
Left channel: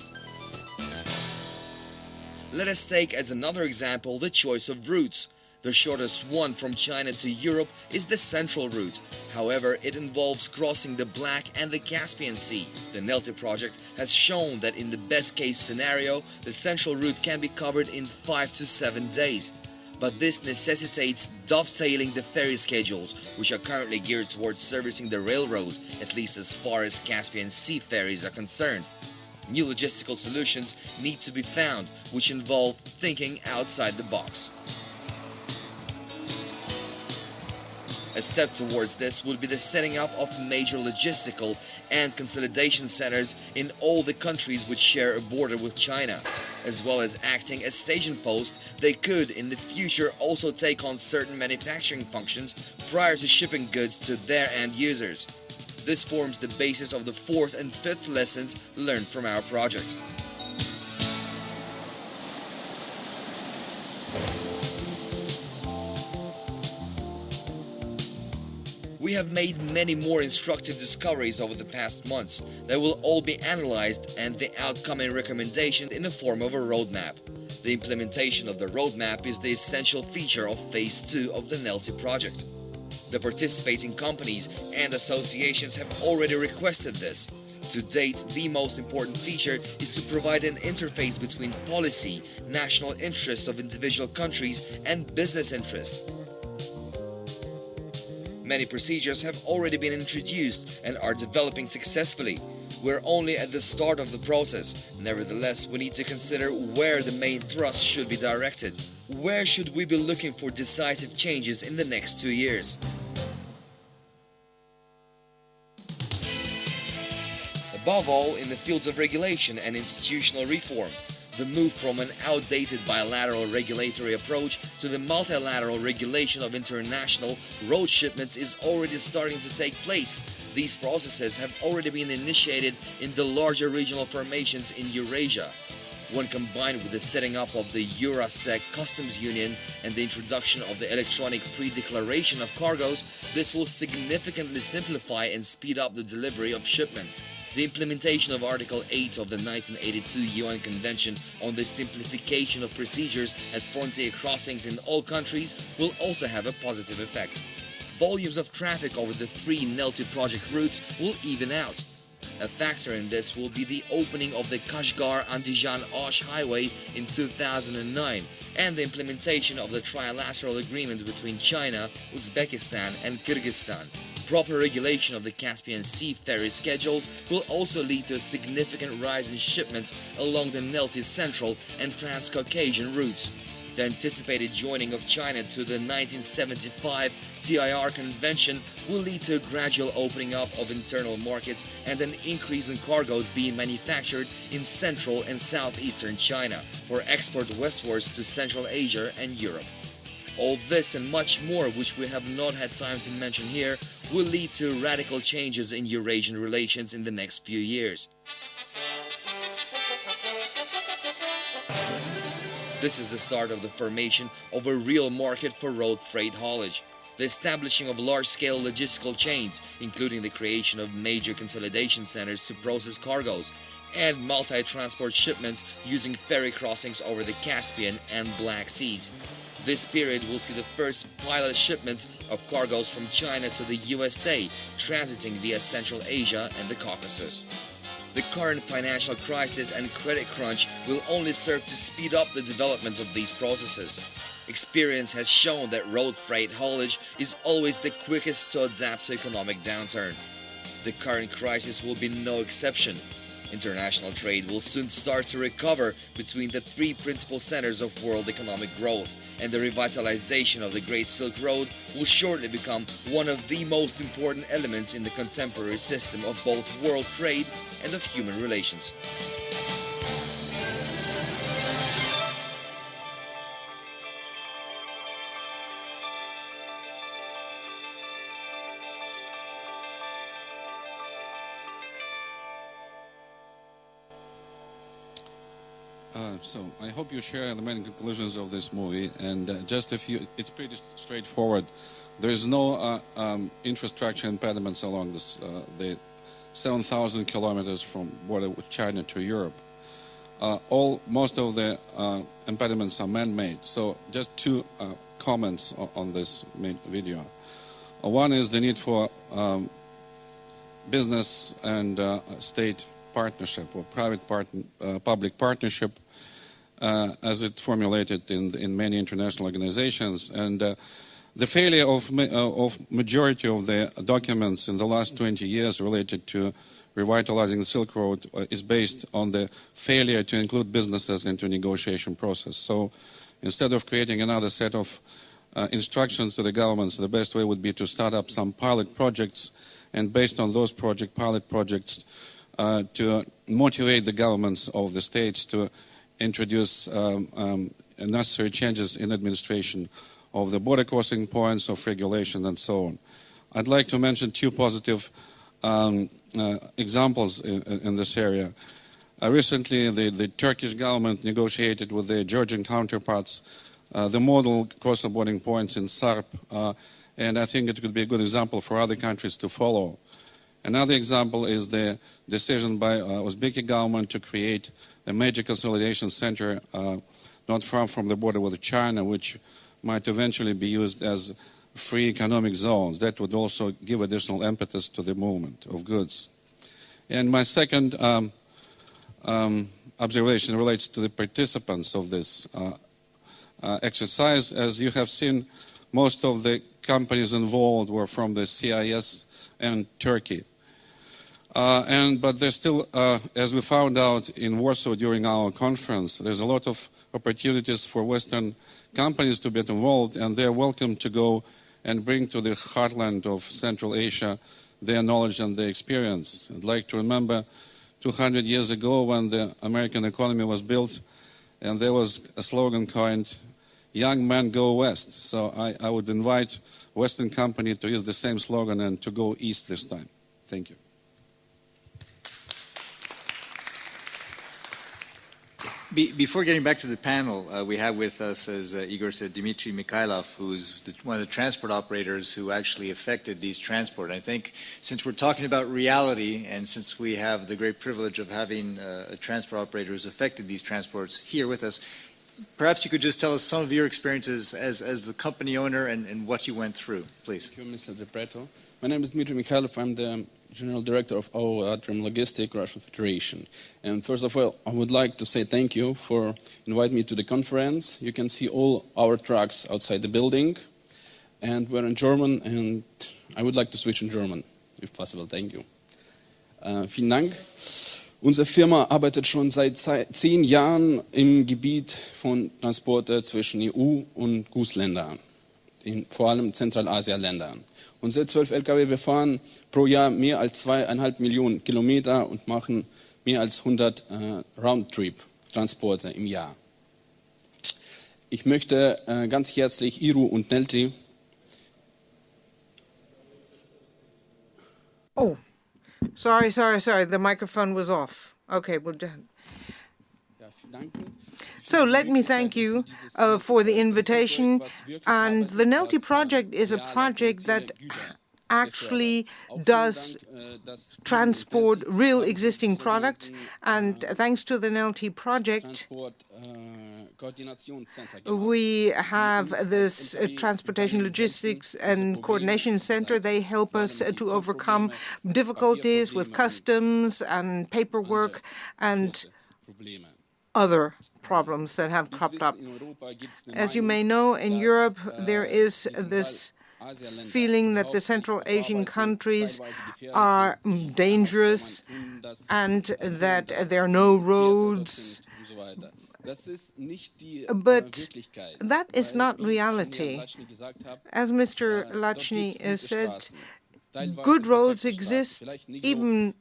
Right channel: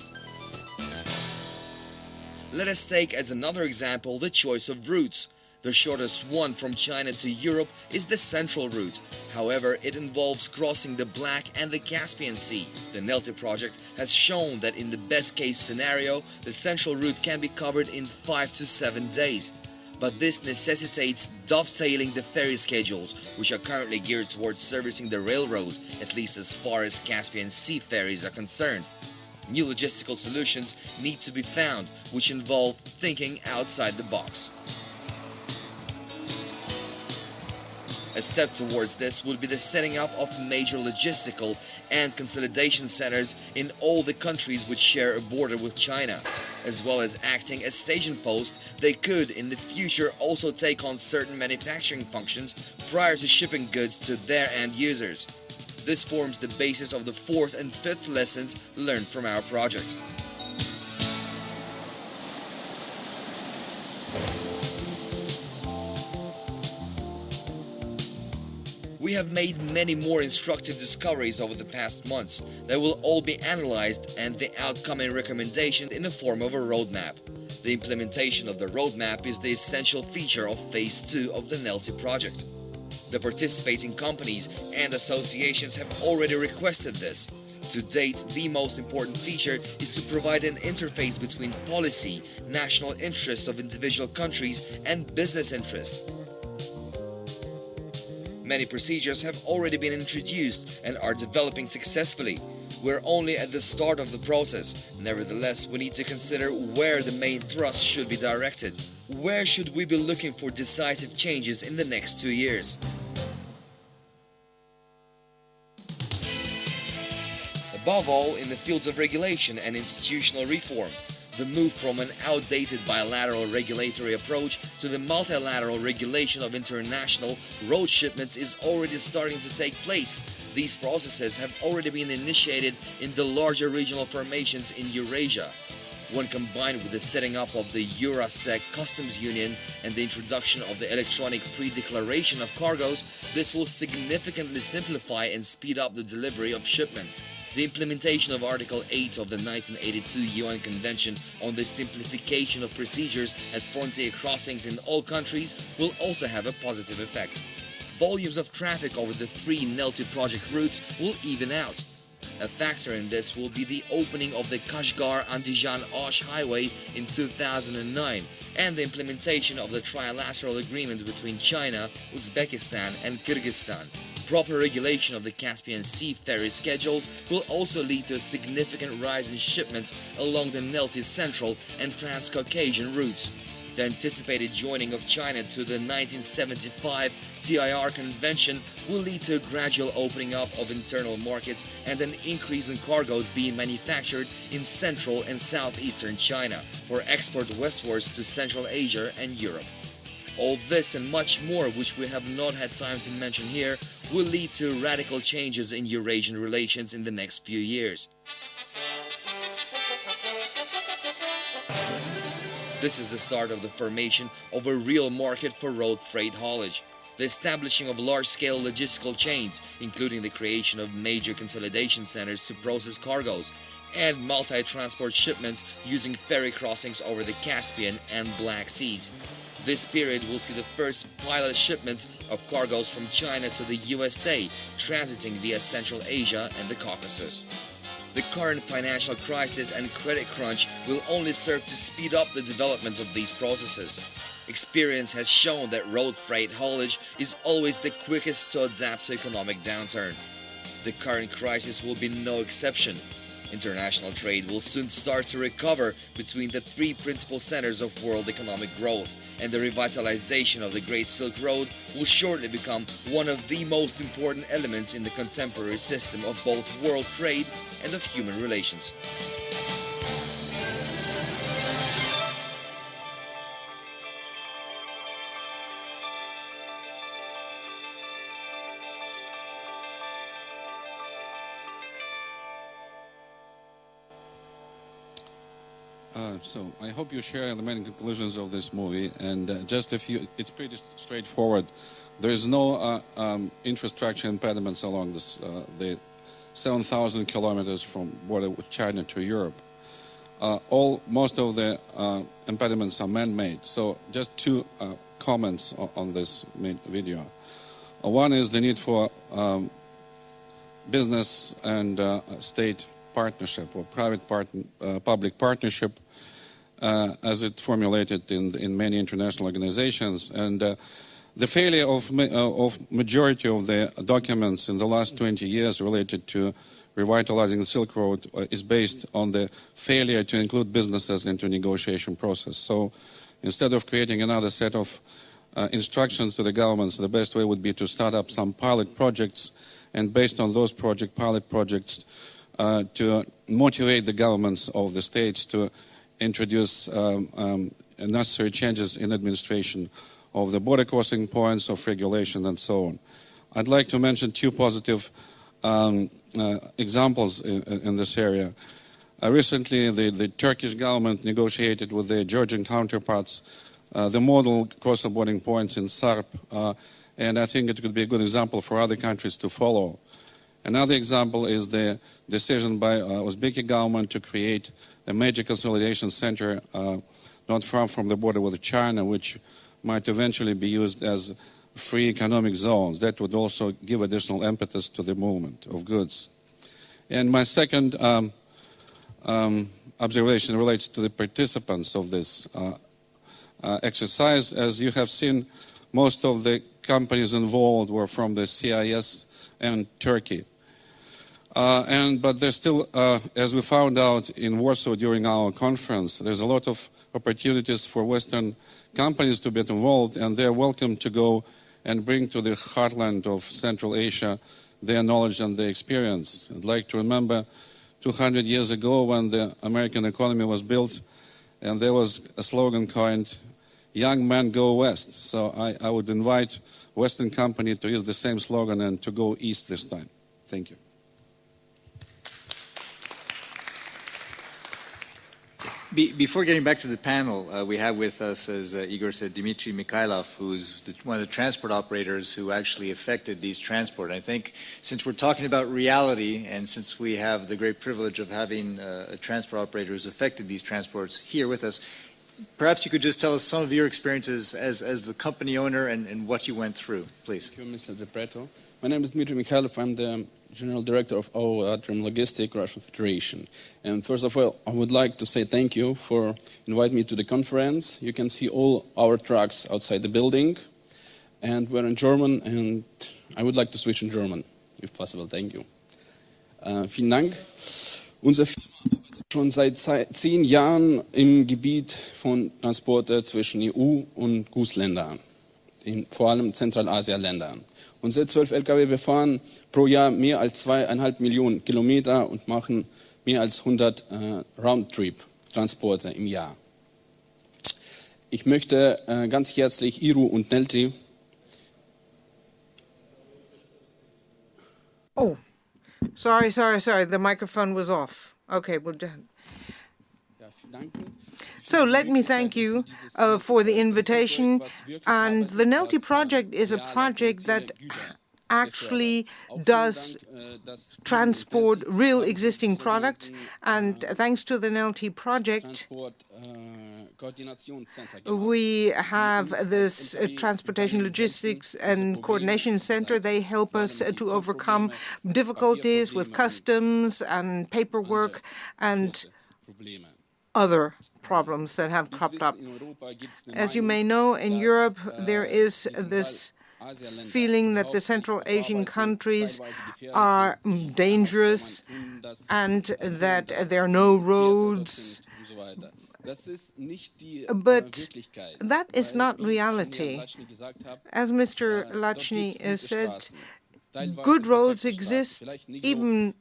Let us take as another example the choice of routes. The shortest one from China to Europe is the Central Route. However, it involves crossing the Black and the Caspian Sea. The Nelty project has shown that in the best case scenario, the Central Route can be covered in 5 to 7 days. But this necessitates dovetailing the ferry schedules, which are currently geared towards servicing the railroad, at least as far as Caspian Sea ferries are concerned. New logistical solutions need to be found, which involve thinking outside the box. A step towards this would be the setting up of major logistical and consolidation centers in all the countries which share a border with China. As well as acting as staging posts, they could in the future also take on certain manufacturing functions prior to shipping goods to their end users. This forms the basis of the fourth and fifth lessons learned from our project. We have made many more instructive discoveries over the past months that will all be analyzed and the outcome and recommendation in the form of a roadmap. The implementation of the roadmap is the essential feature of Phase 2 of the Nelty project. The participating companies and associations have already requested this. To date, the most important feature is to provide an interface between policy, national interests of individual countries, and business interests. Many procedures have already been introduced and are developing successfully. We're only at the start of the process. Nevertheless, we need to consider where the main thrust should be directed. Where should we be looking for decisive changes in the next 2 years? Above all, in the fields of regulation and institutional reform. The move from an outdated bilateral regulatory approach to the multilateral regulation of international road shipments is already starting to take place. These processes have already been initiated in the larger regional formations in Eurasia. When combined with the setting up of the Eurasec Customs Union and the introduction of the electronic pre-declaration of cargoes, this will significantly simplify and speed up the delivery of shipments. The implementation of Article 8 of the 1982 UN Convention on the simplification of procedures at frontier crossings in all countries will also have a positive effect. Volumes of traffic over the 3 NELTI project routes will even out. A factor in this will be the opening of the Kashgar-Andijan-Osh highway in 2009 and the implementation of the trilateral agreement between China, Uzbekistan and Kyrgyzstan. Proper regulation of the Caspian Sea ferry schedules will also lead to a significant rise in shipments along the NELTI Central and Transcaucasian routes. The anticipated joining of China to the 1975 TIR Convention will lead to a gradual opening up of internal markets and an increase in cargoes being manufactured in Central and Southeastern China for export westwards to Central Asia and Europe. All this and much more, which we have not had time to mention here, will lead to radical changes in Eurasian relations in the next few years. This is the start of the formation of a real market for road freight haulage, the establishing of large-scale logistical chains, including the creation of major consolidation centers to process cargoes, and multi-transport shipments using ferry crossings over the Caspian and Black Seas. This period will see the first pilot shipments of cargoes from China to the USA, transiting via Central Asia and the Caucasus. The current financial crisis and credit crunch will only serve to speed up the development of these processes. Experience has shown that road freight haulage is always the quickest to adapt to economic downturn. The current crisis will be no exception. International trade will soon start to recover between the 3 principal centers of world economic growth, and the revitalization of the Great Silk Road will shortly become one of the most important elements in the contemporary system of both world trade and of human relations. So I hope you share the main conclusions of this movie, and just a few. It's pretty straightforward. There is no infrastructure impediments along this the 7,000 kilometers from border with China to Europe. Most of the impediments are man-made. So just 2 comments on this video. One is the need for business and state partnership or public partnership, as it formulated in many international organizations, and the failure of majority of the documents in the last 20 years related to revitalizing the Silk Road is based on the failure to include businesses into negotiation process. So instead of creating another set of instructions to the governments, the best way would be to start up some pilot projects, and based on those pilot projects, to motivate the governments of the states to introduce necessary changes in administration of the border crossing points, of regulation, and so on. I'd like to mention 2 positive examples in this area. Recently, the Turkish government negotiated with their Georgian counterparts the model cross-border points in Sarp, and I think it could be a good example for other countries to follow. Another example is the decision by Uzbek government to create a major consolidation center not far from the border with China, which might eventually be used as free economic zones. That would also give additional impetus to the movement of goods. And my second observation relates to the participants of this exercise. As you have seen, most of the companies involved were from the CIS and Turkey. But there's still, as we found out in Warsaw during our conference, there's a lot of opportunities for Western companies to get involved, and they're welcome to go and bring to the heartland of Central Asia their knowledge and their experience. I'd like to remember 200 years ago when the American economy was built, and there was a slogan coined, "Young men go west." So I would invite Western company to use the same slogan and to go east this time. Thank you. Before getting back to the panel, we have with us, as Igor said, Dmitry Mikhailov, who's one of the transport operators who actually affected these transport. And I think since we're talking about reality, and since we have the great privilege of having a transport operator who's affected these transports here with us, perhaps you could just tell us some of your experiences as the company owner and what you went through, please. Thank you, Mr. Pretto. My name is Dmitry Mikhailov. I'm the General Director of our Atrium Logistic Russian Federation. And first of all, I would like to say thank you for inviting me to the conference. You can see all our trucks outside the building. And we're in German, and I would like to switch in German, if possible. Thank you. Vielen Dank. Unsere Firma arbeitet schon seit 10 Jahren im Gebiet von Transporte zwischen EU und GUS-Ländern, vor allem Zentralasien-Ländern. Unsere 12 Lkw, wir fahren pro Jahr mehr als 2,5 Millionen Kilometer und machen mehr als 100 Roundtrip-Transporte im Jahr. Ich möchte ganz herzlich Iru und Nelti. Oh, sorry. The microphone was off. Okay, well done. So let me thank you for the invitation. And the NELTI project is a project that actually does transport real existing products. And thanks to the NELTI project, we have this Transportation Logistics and Coordination Center. They help us to overcome difficulties with customs and paperwork and other problems that have cropped up. As you may know, in Europe, there is this feeling that the Central Asian countries are dangerous and that there are no roads. But that is not reality. As Mr. Lacny said, good roads exist, even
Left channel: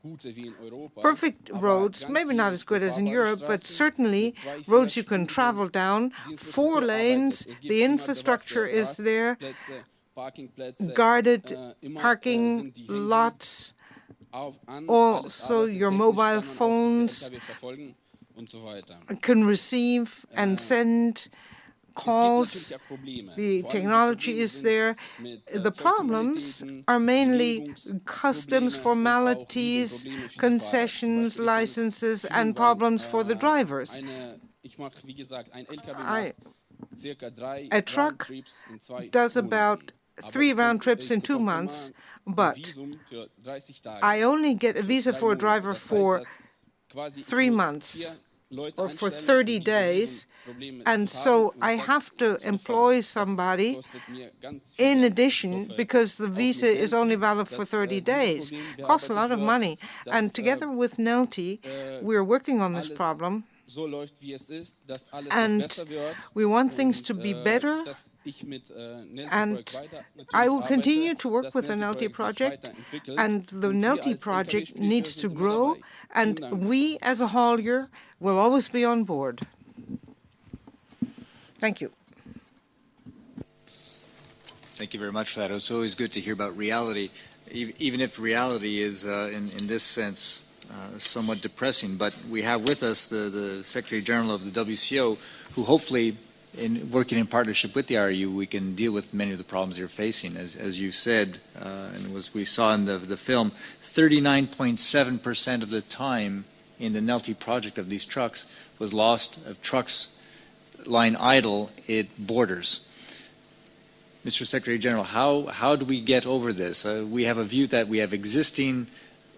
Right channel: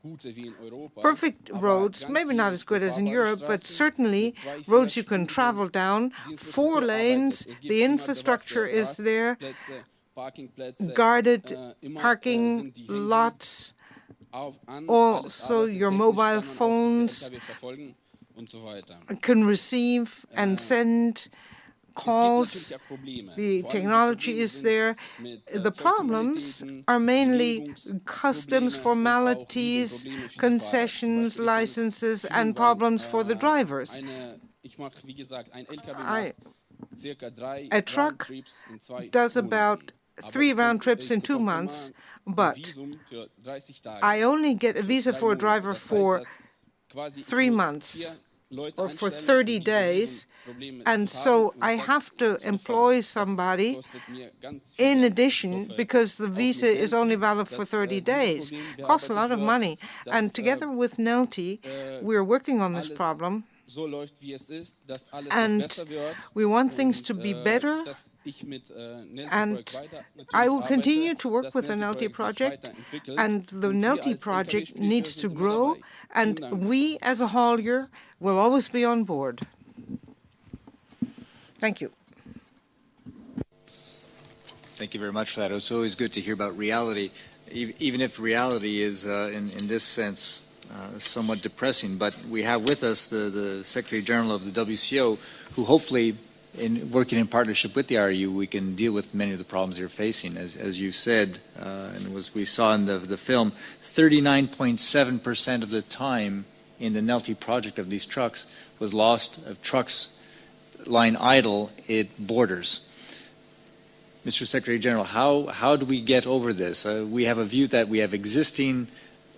perfect roads, maybe not as good as in Europe, but certainly roads you can travel down, 4 lanes, the infrastructure is there, guarded parking lots, also your mobile phones can receive and send calls, the technology is there. The problems are mainly customs formalities, concessions, licenses, and problems for the drivers. A truck does about 3 round trips in 2 months, but I only get a visa for a driver for 3 months or for 30 days, and so I have to employ somebody in addition because the visa is only valid for 30 days. It costs a lot of money, and together with NELTI, we're working on this problem. And we want things to be better, and I will continue to work with the NELTI project, and the NELTI project needs to grow, and we as a haulier will always be on board. Thank you. Thank you very much for that. It's always good to hear about reality, even if reality is, in this sense, somewhat depressing. But we have with us the Secretary General of the WCO, who hopefully, in working in partnership with the RU, we can deal with many of the problems they're facing. As you said, and as we saw in the film, 39.7% of the time in the NELTI project of these trucks was lost of trucks lying idle at borders. Mr. Secretary General, how do we get over this? We have a view that we have existing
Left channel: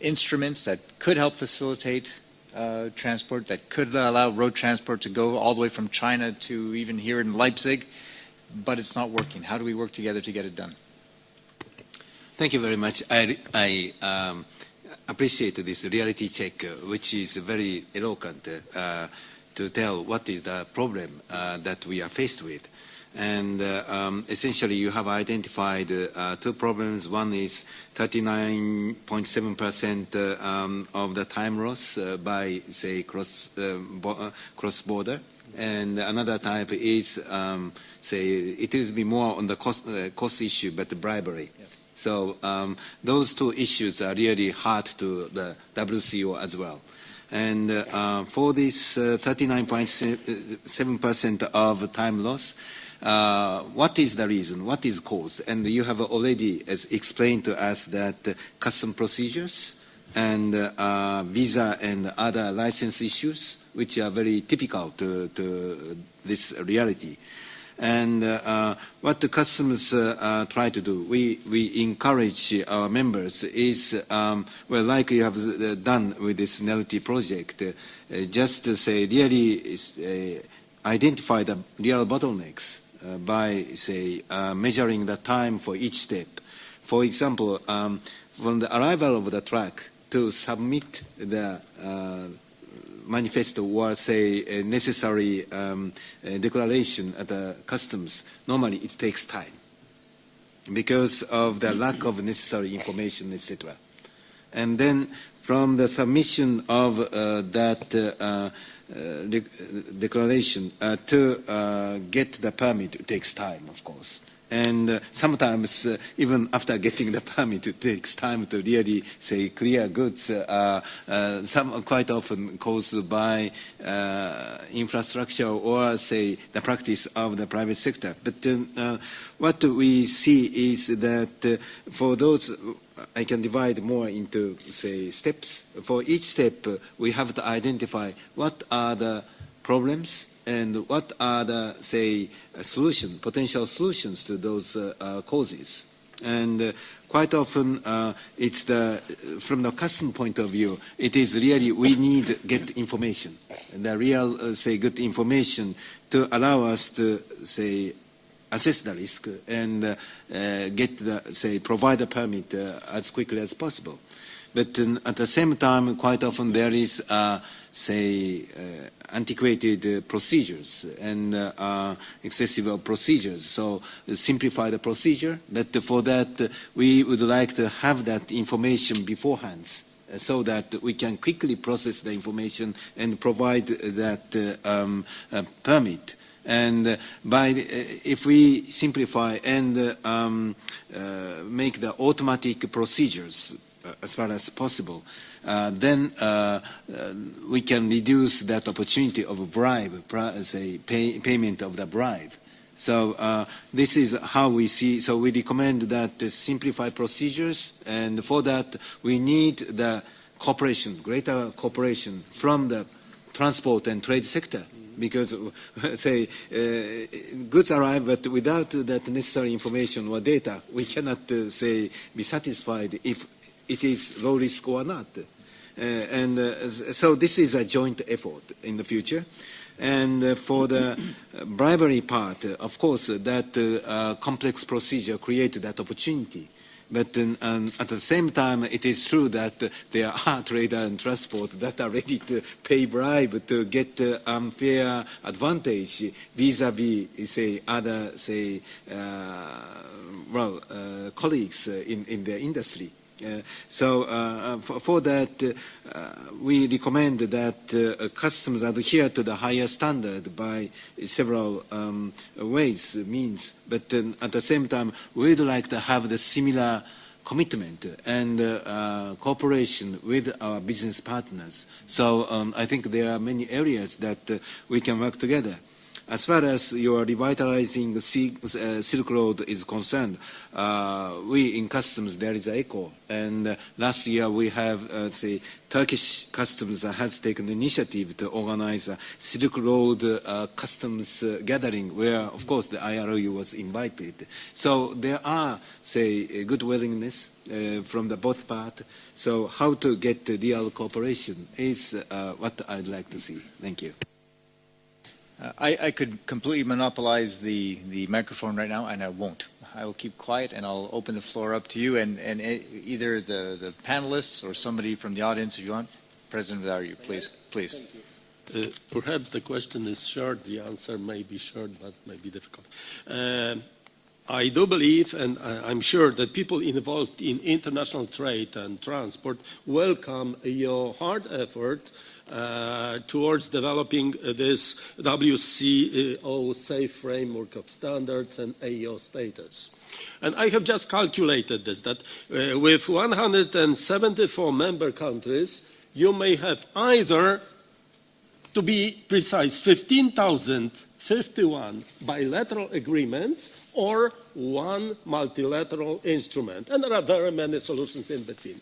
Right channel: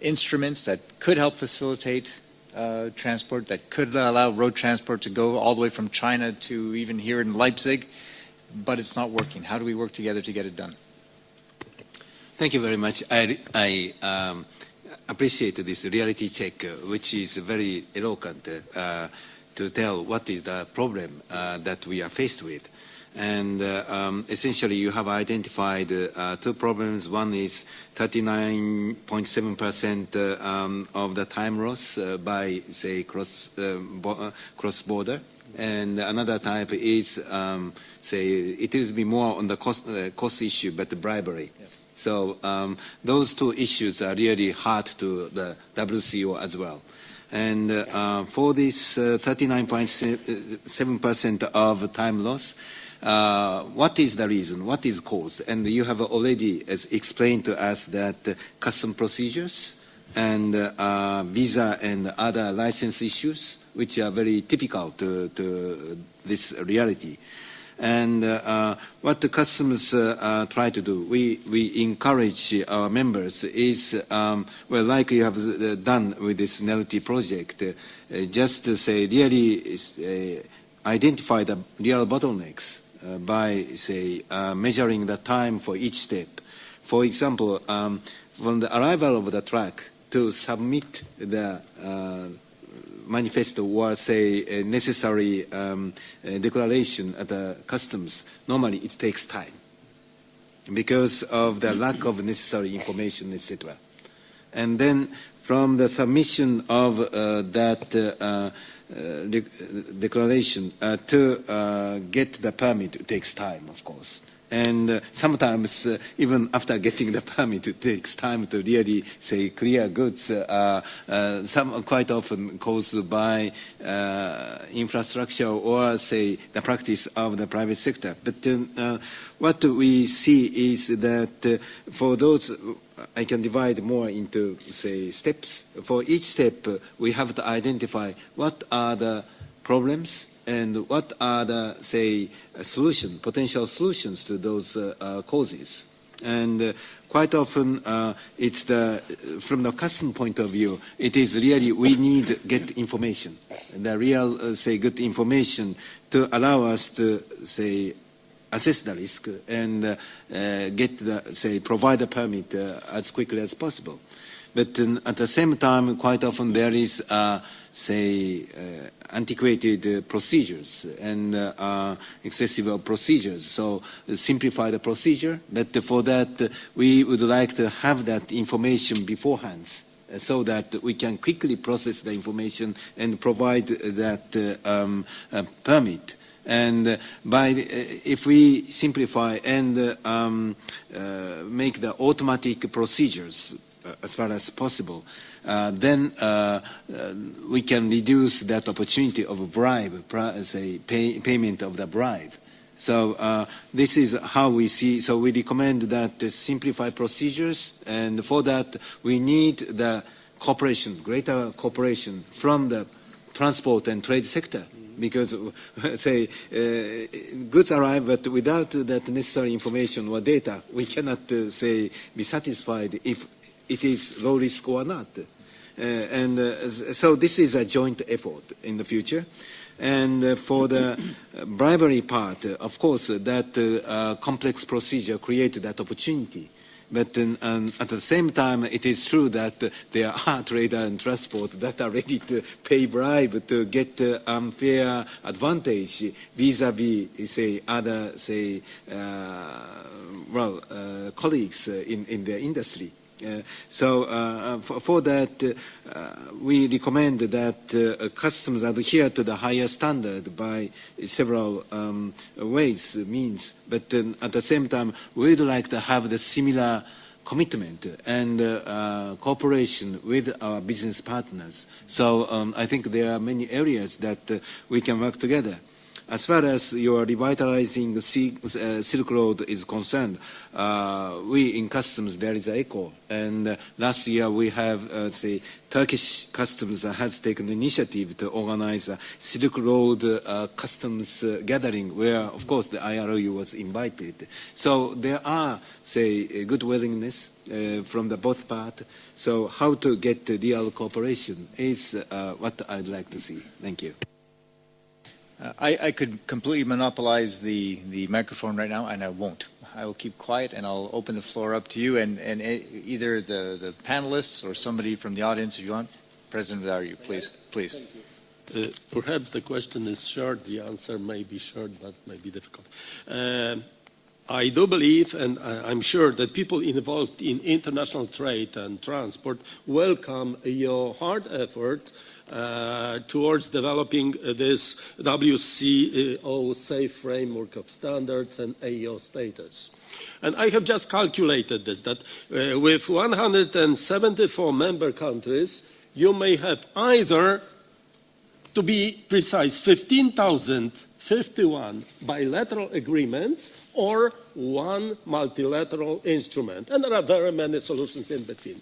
instruments that could help facilitate transport, that could allow road transport to go all the way from China to even here in Leipzig, but it's not working. How do we work together to get it done? Thank you very much. I appreciate this reality check, which is very eloquent to tell what is the problem that we are faced with. And essentially, you have identified 2 problems. One is 39.7% of the time loss by, say, cross-border. And another type is, say, it will be more on the cost issue, but the bribery. Yes. So those 2 issues are really hard to the WCO as well. And for this 39.7% of time loss, what is the reason? What is cause? And you have already explained to us that custom procedures and visa and other license issues, which are very typical to this reality. And what the customers try to do, we encourage our members is, well, like you have done with this NLT project, just to say really identify the real bottlenecks by, say, measuring the time for each step. For example, from the arrival of the truck to submit the manifesto or, say, a necessary declaration at the customs, normally it takes time because of the lack of necessary information, etc. And then from the submission of that declaration to get the permit, it takes time, of course. And sometimes, even after getting the permit, it takes time to really, say, clear goods. Some quite often caused by infrastructure or, say, the practice of the private sector. But what we see is that for those, I can divide more into, say, steps. For each step, we have to identify what are the problems and what are the, say, potential solutions to those causes. And quite often, it's from the customer point of view, it is really we need to get information, the real, say, good information to allow us to, say, assess the risk and get the, say, provide a permit as quickly as possible. But at the same time, quite often there is, say, antiquated procedures and excessive procedures. So simplify the procedure. But for that, we would like to have that information beforehand so that we can quickly process the information and provide that permit. And if we simplify and make the automatic procedures as far as possible, then we can reduce that opportunity of a bribe, say, payment of the bribe. So this is how we see. So we recommend that simplify procedures, and for that we need the cooperation, greater cooperation from the transport and trade sector. Because, say, goods arrive, but without that necessary information or data, we cannot, say, be satisfied if it is low risk or not. So this is a joint effort in the future. And for the bribery part, of course, that complex procedure created that opportunity. But at the same time, it is true that there are traders and transport that are ready to pay bribe to get unfair advantage vis-à-vis, say, other, say, colleagues in the industry. So for that, we recommend that customs adhere to the higher standard by several means. But at the same time, we'd like to have the similar commitment and cooperation with our business partners. So I think there are many areas that we can work together. As far as your revitalizing the Silk Road is concerned, we in customs, there is an echo. And last year we have, say, Turkish customs has taken the initiative to organize a Silk Road customs gathering where, of course, the IROU was invited. So there are, say, a good willingness from the both parts. So how to get the real cooperation is what I'd like to see. Thank you. I could completely monopolize the microphone right now, and I won't. I will keep quiet, and I'll open the floor up to you, and either the panelists or somebody from the audience, if you want. President Dario, please. Perhaps the question is short. The answer may be short, but may be difficult. I do believe, and I'm sure that people involved in international trade and transport welcome your hard effort towards developing this WCO safe framework of standards and AO status. And I have just calculated this, that with 174 member countries, you may have either, to be precise, 15,051 bilateral agreements or one multilateral instrument. And there are very many solutions in between.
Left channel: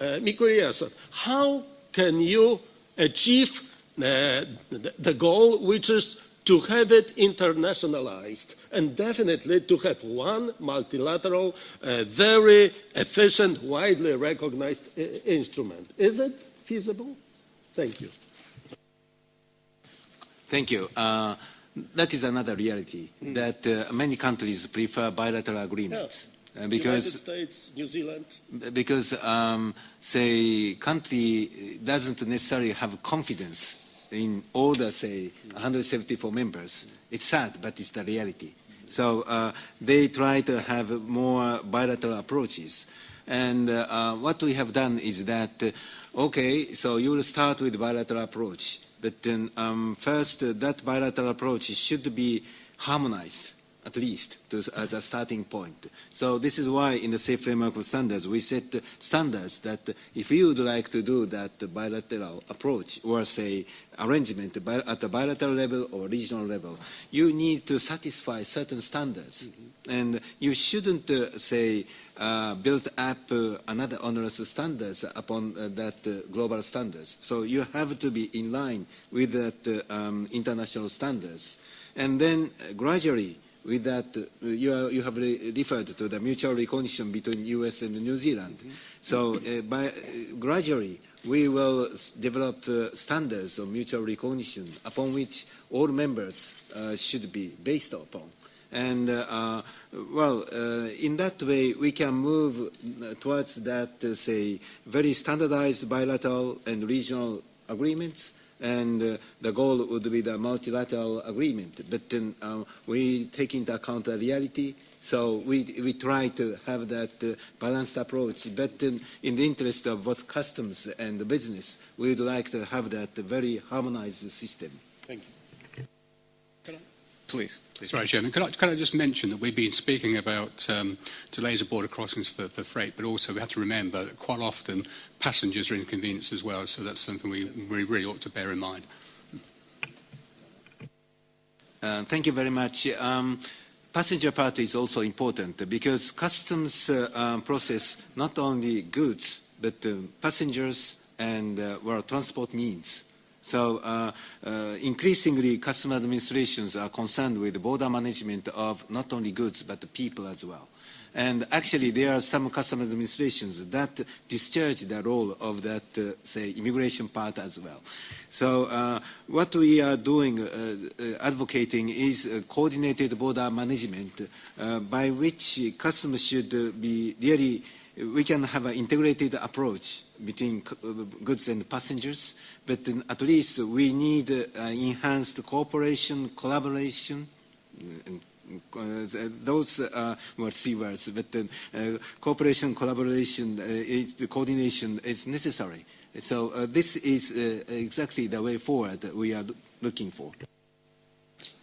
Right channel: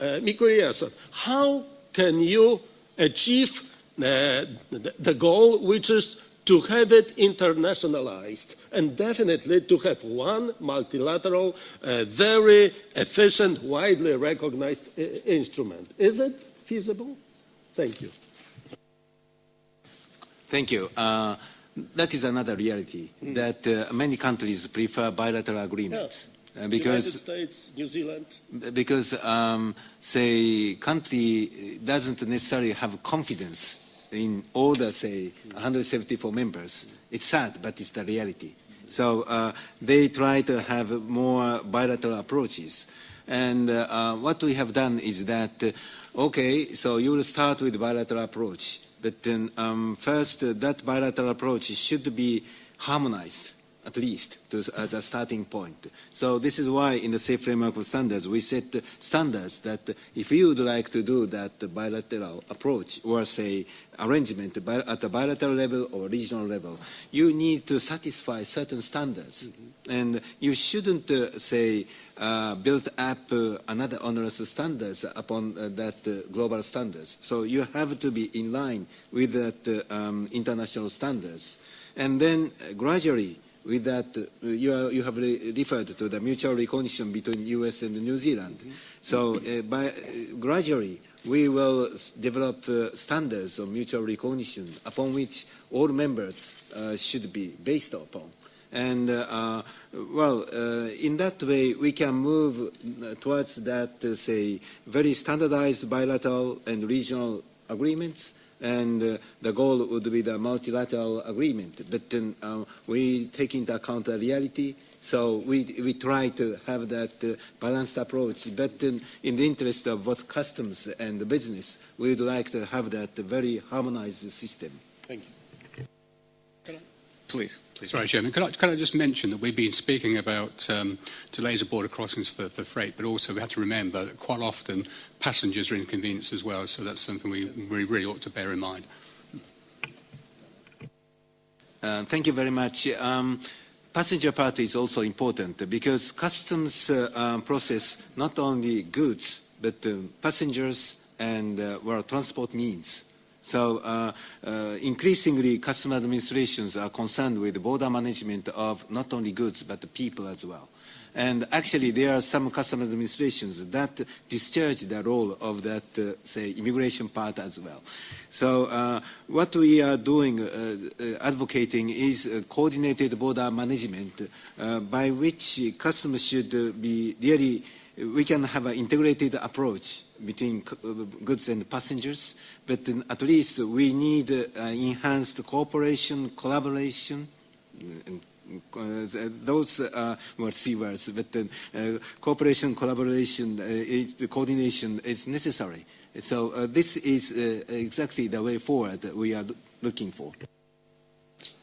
Mikuriya, how can you achieve the goal, which is to have it internationalized and definitely to have one multilateral, very efficient, widely recognized instrument? Is it feasible? Thank you. Thank you. That is another reality, that many countries prefer bilateral agreements. Because United States, New Zealand. Because, say, country doesn't necessarily have confidence in all the, say, 174 members. It's sad, but it's the reality. So they try to have more bilateral approaches. And what we have done is that, okay, so you will start with bilateral approach. But then first, that bilateral approach should be harmonized, at least, as a starting point. So this is why in the safe framework of standards, we set standards that if you would like to do that bilateral approach or, say, arrangement at a bilateral level or regional level, you need to satisfy certain standards. Mm-hmm. And you shouldn't, say, build up another onerous standards upon that global standards. So you have to be in line with that international standards. And then gradually, with that, you have referred to the mutual recognition between U.S. and New Zealand. Mm-hmm. So gradually, we will develop standards of mutual recognition upon which all members should be based upon. And, in that way, we can move towards that, say, very standardized bilateral and regional agreements. And the goal would be the multilateral agreement. But we take into account the reality, so we try to have that balanced approach. But in the interest of both customs and the business, we would like to have that very harmonized system. Thank you. Please. Sorry, Chairman. Can I just mention that we've been speaking about delays of border crossings for freight, but also we have to remember that quite often passengers are inconvenienced as well, so that's something we really ought to bear in mind. Thank you very much. Passenger part is also important because customs process not only goods, but passengers and transport means. So increasingly, customs administrations are concerned with the border management of not only goods, but the people as well. And actually, there are some customs administrations that discharge the role of that, say, immigration part as well. So what we are doing, advocating, is coordinated border management by which customs should be really, we can have an integrated approach between goods and passengers, but at least we need enhanced cooperation, collaboration, and those were C words, but cooperation, collaboration, coordination is necessary. So this is exactly the way forward that we are looking for.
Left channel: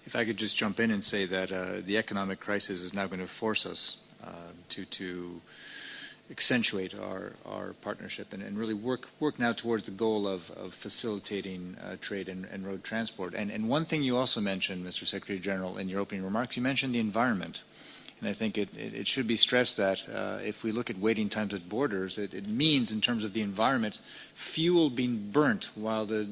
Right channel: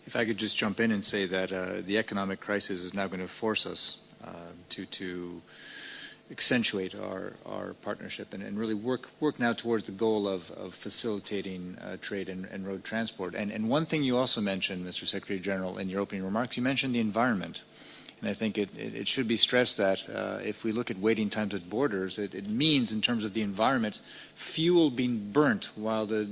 If I could just jump in and say that the economic crisis is now going to force us to accentuate our partnership and really work now towards the goal of facilitating trade and road transport. And one thing you also mentioned, Mr. Secretary General, in your opening remarks, you mentioned the environment. And I think it should be stressed that if we look at waiting times at borders, it means in terms of the environment, fuel being burnt while the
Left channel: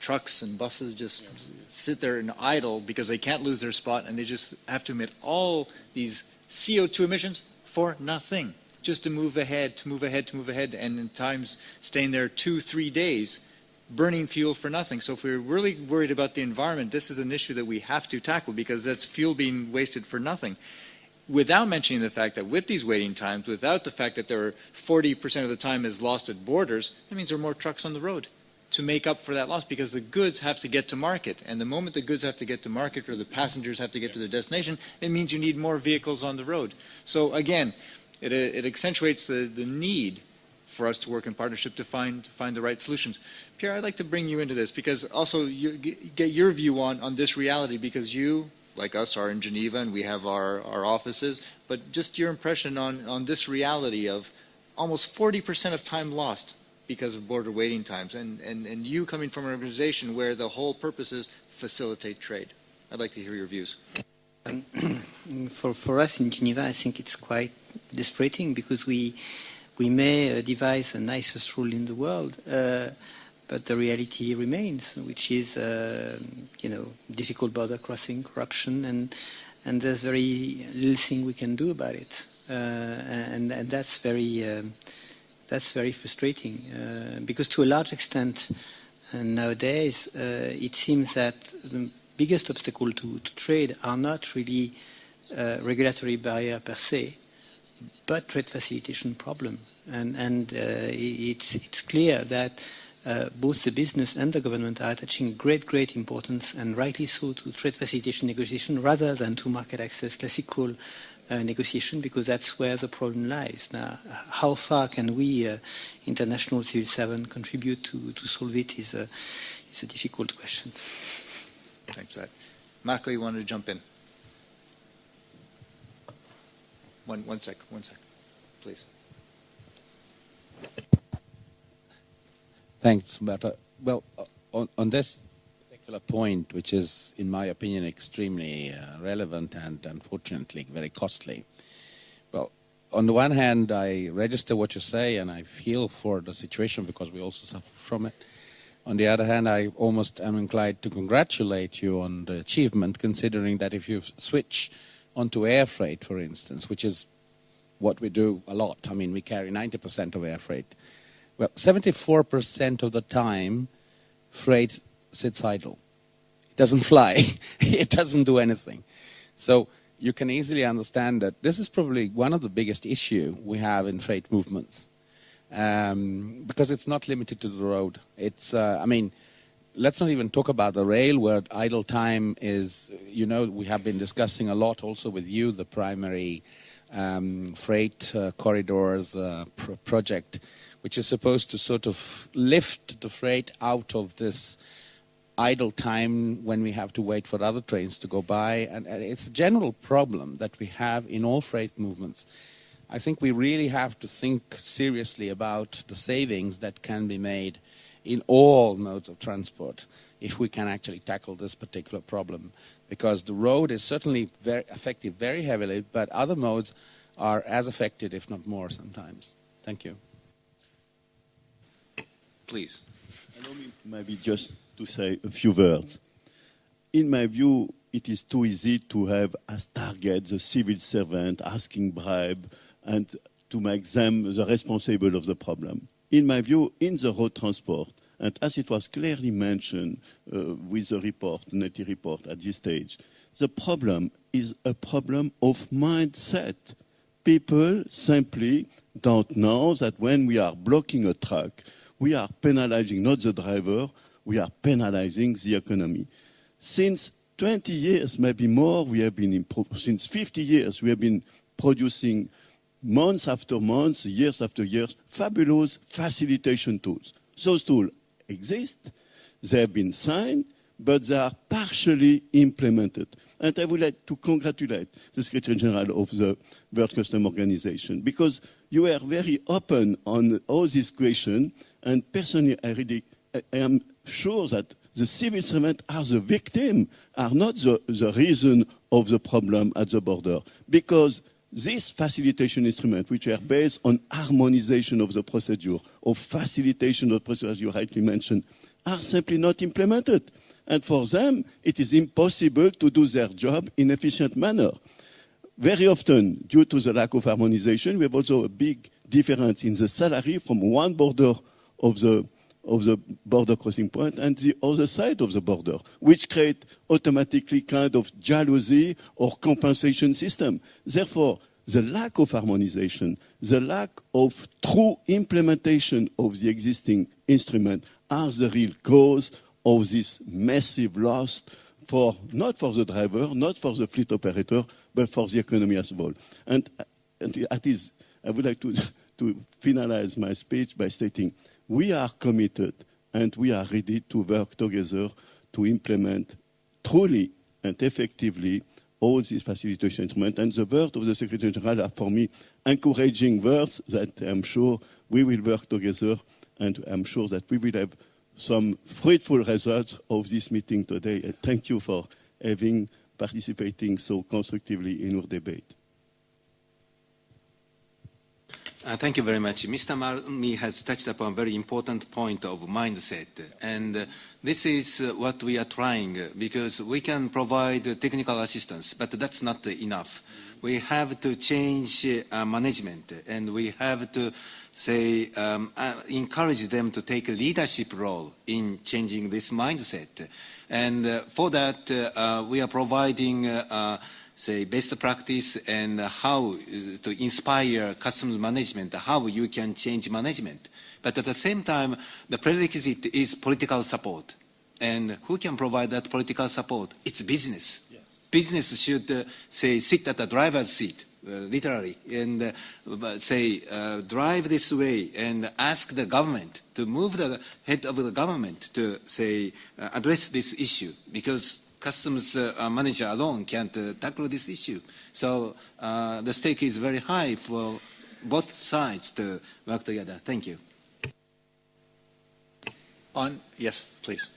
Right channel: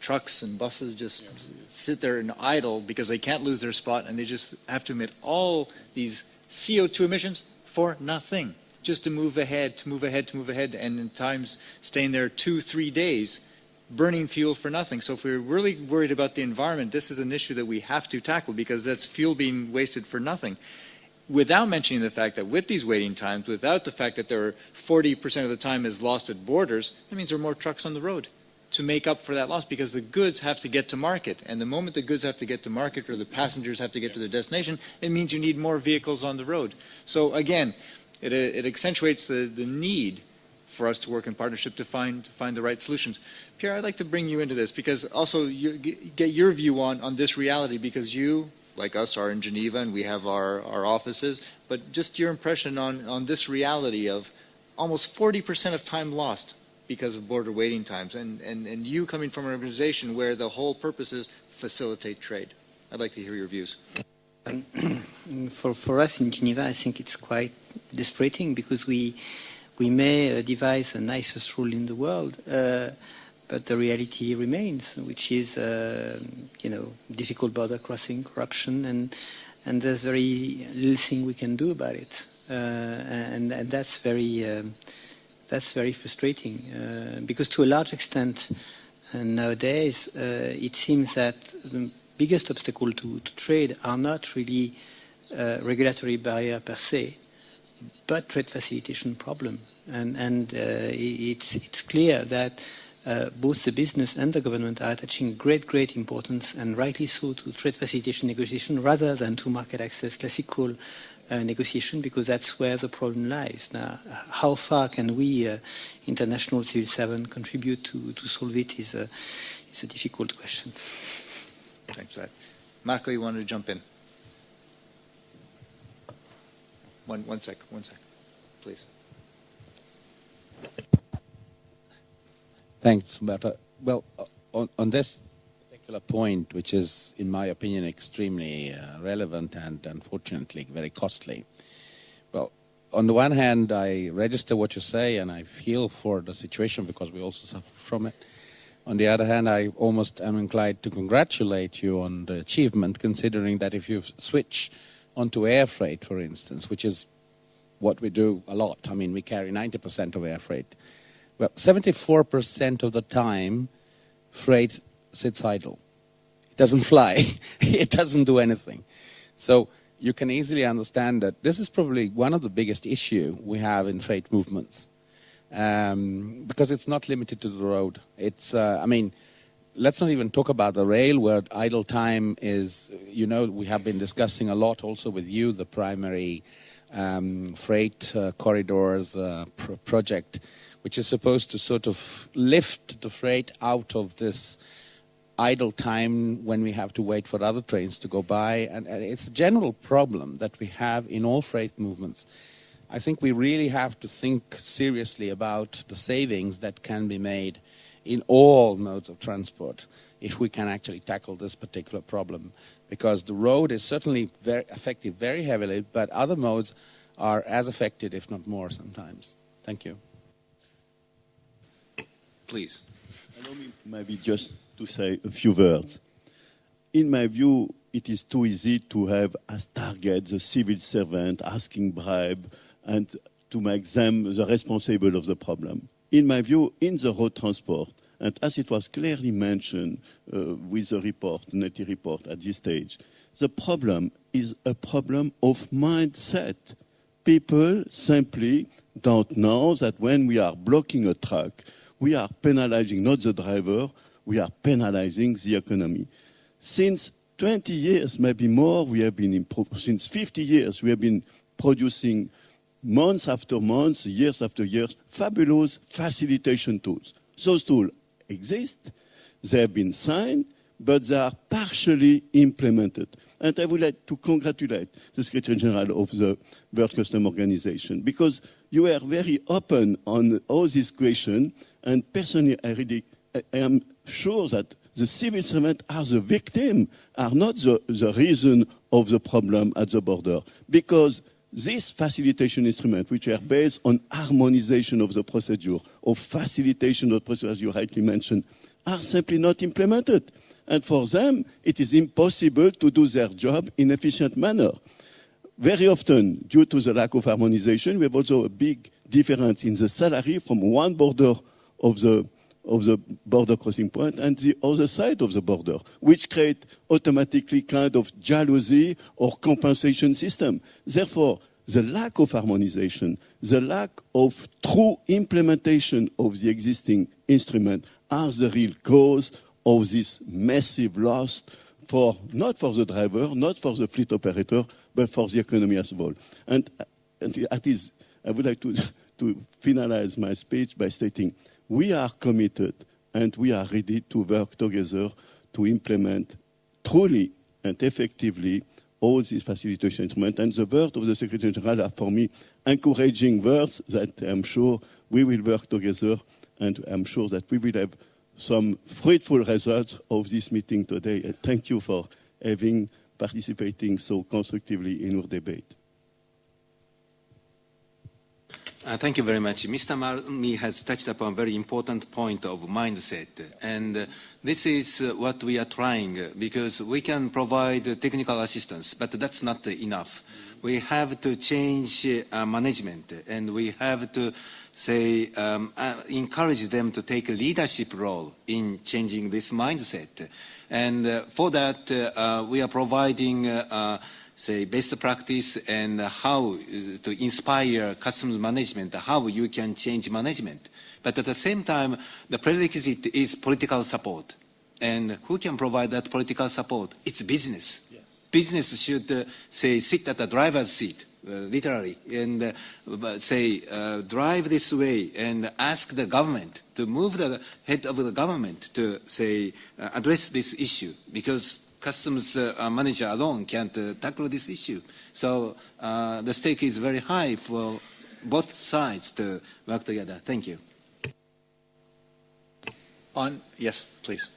trucks and buses just sit there and idle because they can't lose their spot and they just have to emit all these CO2 emissions for nothing. Just to move ahead, and in times staying there 2-3 days, burning fuel for nothing. So if we're really worried about the environment, this is an issue that we have to tackle because that's fuel being wasted for nothing. Without mentioning the fact that with these waiting times, without the fact that there are 40% of the time is lost at borders, that means there are more trucks on the road to make up for that loss because the goods have to get to market. And the moment the goods have to get to market or the passengers have to get to their destination, it means you need more vehicles on the road. So again, it accentuates the need for us to work in partnership to find the right solutions. Pierre, I'd like to bring you into this because also you get your view on this reality because you, like us, are in Geneva and we have our offices, but just your impression on this reality of almost 40% of time lost because of border waiting times, and you coming from an organization where the whole purpose is facilitate trade. I'd like to hear your views. For us in Geneva, I think it's quite dispiriting because we may devise the nicest rule in the world, but the reality remains, which is difficult border crossing, corruption, and there's very little thing we can do about it, and that's very frustrating because to a large extent nowadays it seems that the biggest obstacle to trade are not really regulatory barrier per se, but trade facilitation problem, and it's clear that both the business and the government are attaching great importance, and rightly so, to trade facilitation negotiation rather than to market access classical negotiation, because that's where the problem lies. Now, how far can we, international civil servants, contribute to solve it is a difficult question. Thanks for that. Marco, you wanted to jump in? One sec, please. Thanks, Umberto. Well, on this particular point, which is, in my opinion, extremely relevant and unfortunately very costly. Well, on the one hand, I register what you say and I feel for the situation because we also suffer from it. On the other hand, I almost am inclined to congratulate you on the achievement, considering that if you switch onto air freight, for instance, which is what we do a lot. I mean, we carry 90% of air freight. Well, 74% of the time, freight sits idle. It doesn't fly. It doesn't do anything. So you can easily understand that this is probably one of the biggest issues we have in freight movements, because it's not limited to the road. It's, let's not even talk about the rail, where idle time is, we have been discussing a lot also with you, the primary freight corridors project, which is supposed to sort of lift the freight out of this idle time when we have to wait for other trains to go by. And it's a general problem that we have in all freight movements. I think we really have to think seriously about the savings that can be made in all modes of transport if we can actually tackle this particular problem. Because the road is certainly very affected very heavily, but other modes are as affected, if not more sometimes. Thank you. Please. Allow me maybe just to say a few words. In my view, it is too easy to have as target the civil servant asking bribe and to make them the responsible of the problem. In my view, in the road transport, and as it was clearly mentioned with the report, the NETI report at this stage, the problem is a problem of mindset. People simply don't know that when we are blocking a truck, we are penalizing not the driver, we are penalizing the economy. Since 20 years, maybe more, we have been since 50 years, we have been producing months after months, years after years, fabulous facilitation tools. Those tools exist, they have been signed, but they are partially implemented. And I would like to congratulate the Secretary General of the World Customs Organization, because you are very open on all these questions, and personally, I am sure that the civil servants are the victim, are not the reason of the problem at the border, because these facilitation instruments, which are based on harmonization of the procedure, or facilitation of the procedure, as you rightly mentioned, are simply not implemented. And for them, it is impossible to do their job in an efficient manner. Very often, due to the lack of harmonization, we have also a big difference in the salary from one border of the border crossing point and the other side of the border, which create automatically kind of jealousy or compensation system. Therefore, the lack of harmonization, the lack of true implementation of the existing instrument are the real cause of this massive loss not for the driver, not for the fleet operator, but for the economy as a whole. And at least I would like to finalize my speech by stating we are committed and we are ready to work together to implement truly and effectively all these facilitation instruments. And the words of the Secretary General are, for me, encouraging words that I'm sure we will work together and I'm sure that we will have some fruitful results of this meeting today. And thank you for participating so constructively in our debate. Thank you very much. Mr. Marmi has touched upon a very important point of mindset. And this is what we are trying, because we can provide technical assistance, but that's not enough. We have to change management, and we have to encourage them to take a leadership role in changing this mindset. And for that, we are providing best practice and how to inspire customer management, how you can change management. But at the same time, the prerequisite is political support. And who can provide that political support? It's business. Yes. Business should, sit at the driver's seat, literally, and drive this way and ask the government to move the head of the government to, address this issue, because customs manager alone can't tackle this issue. So the stake is very high for both sides to work together. Thank you. Yes, please.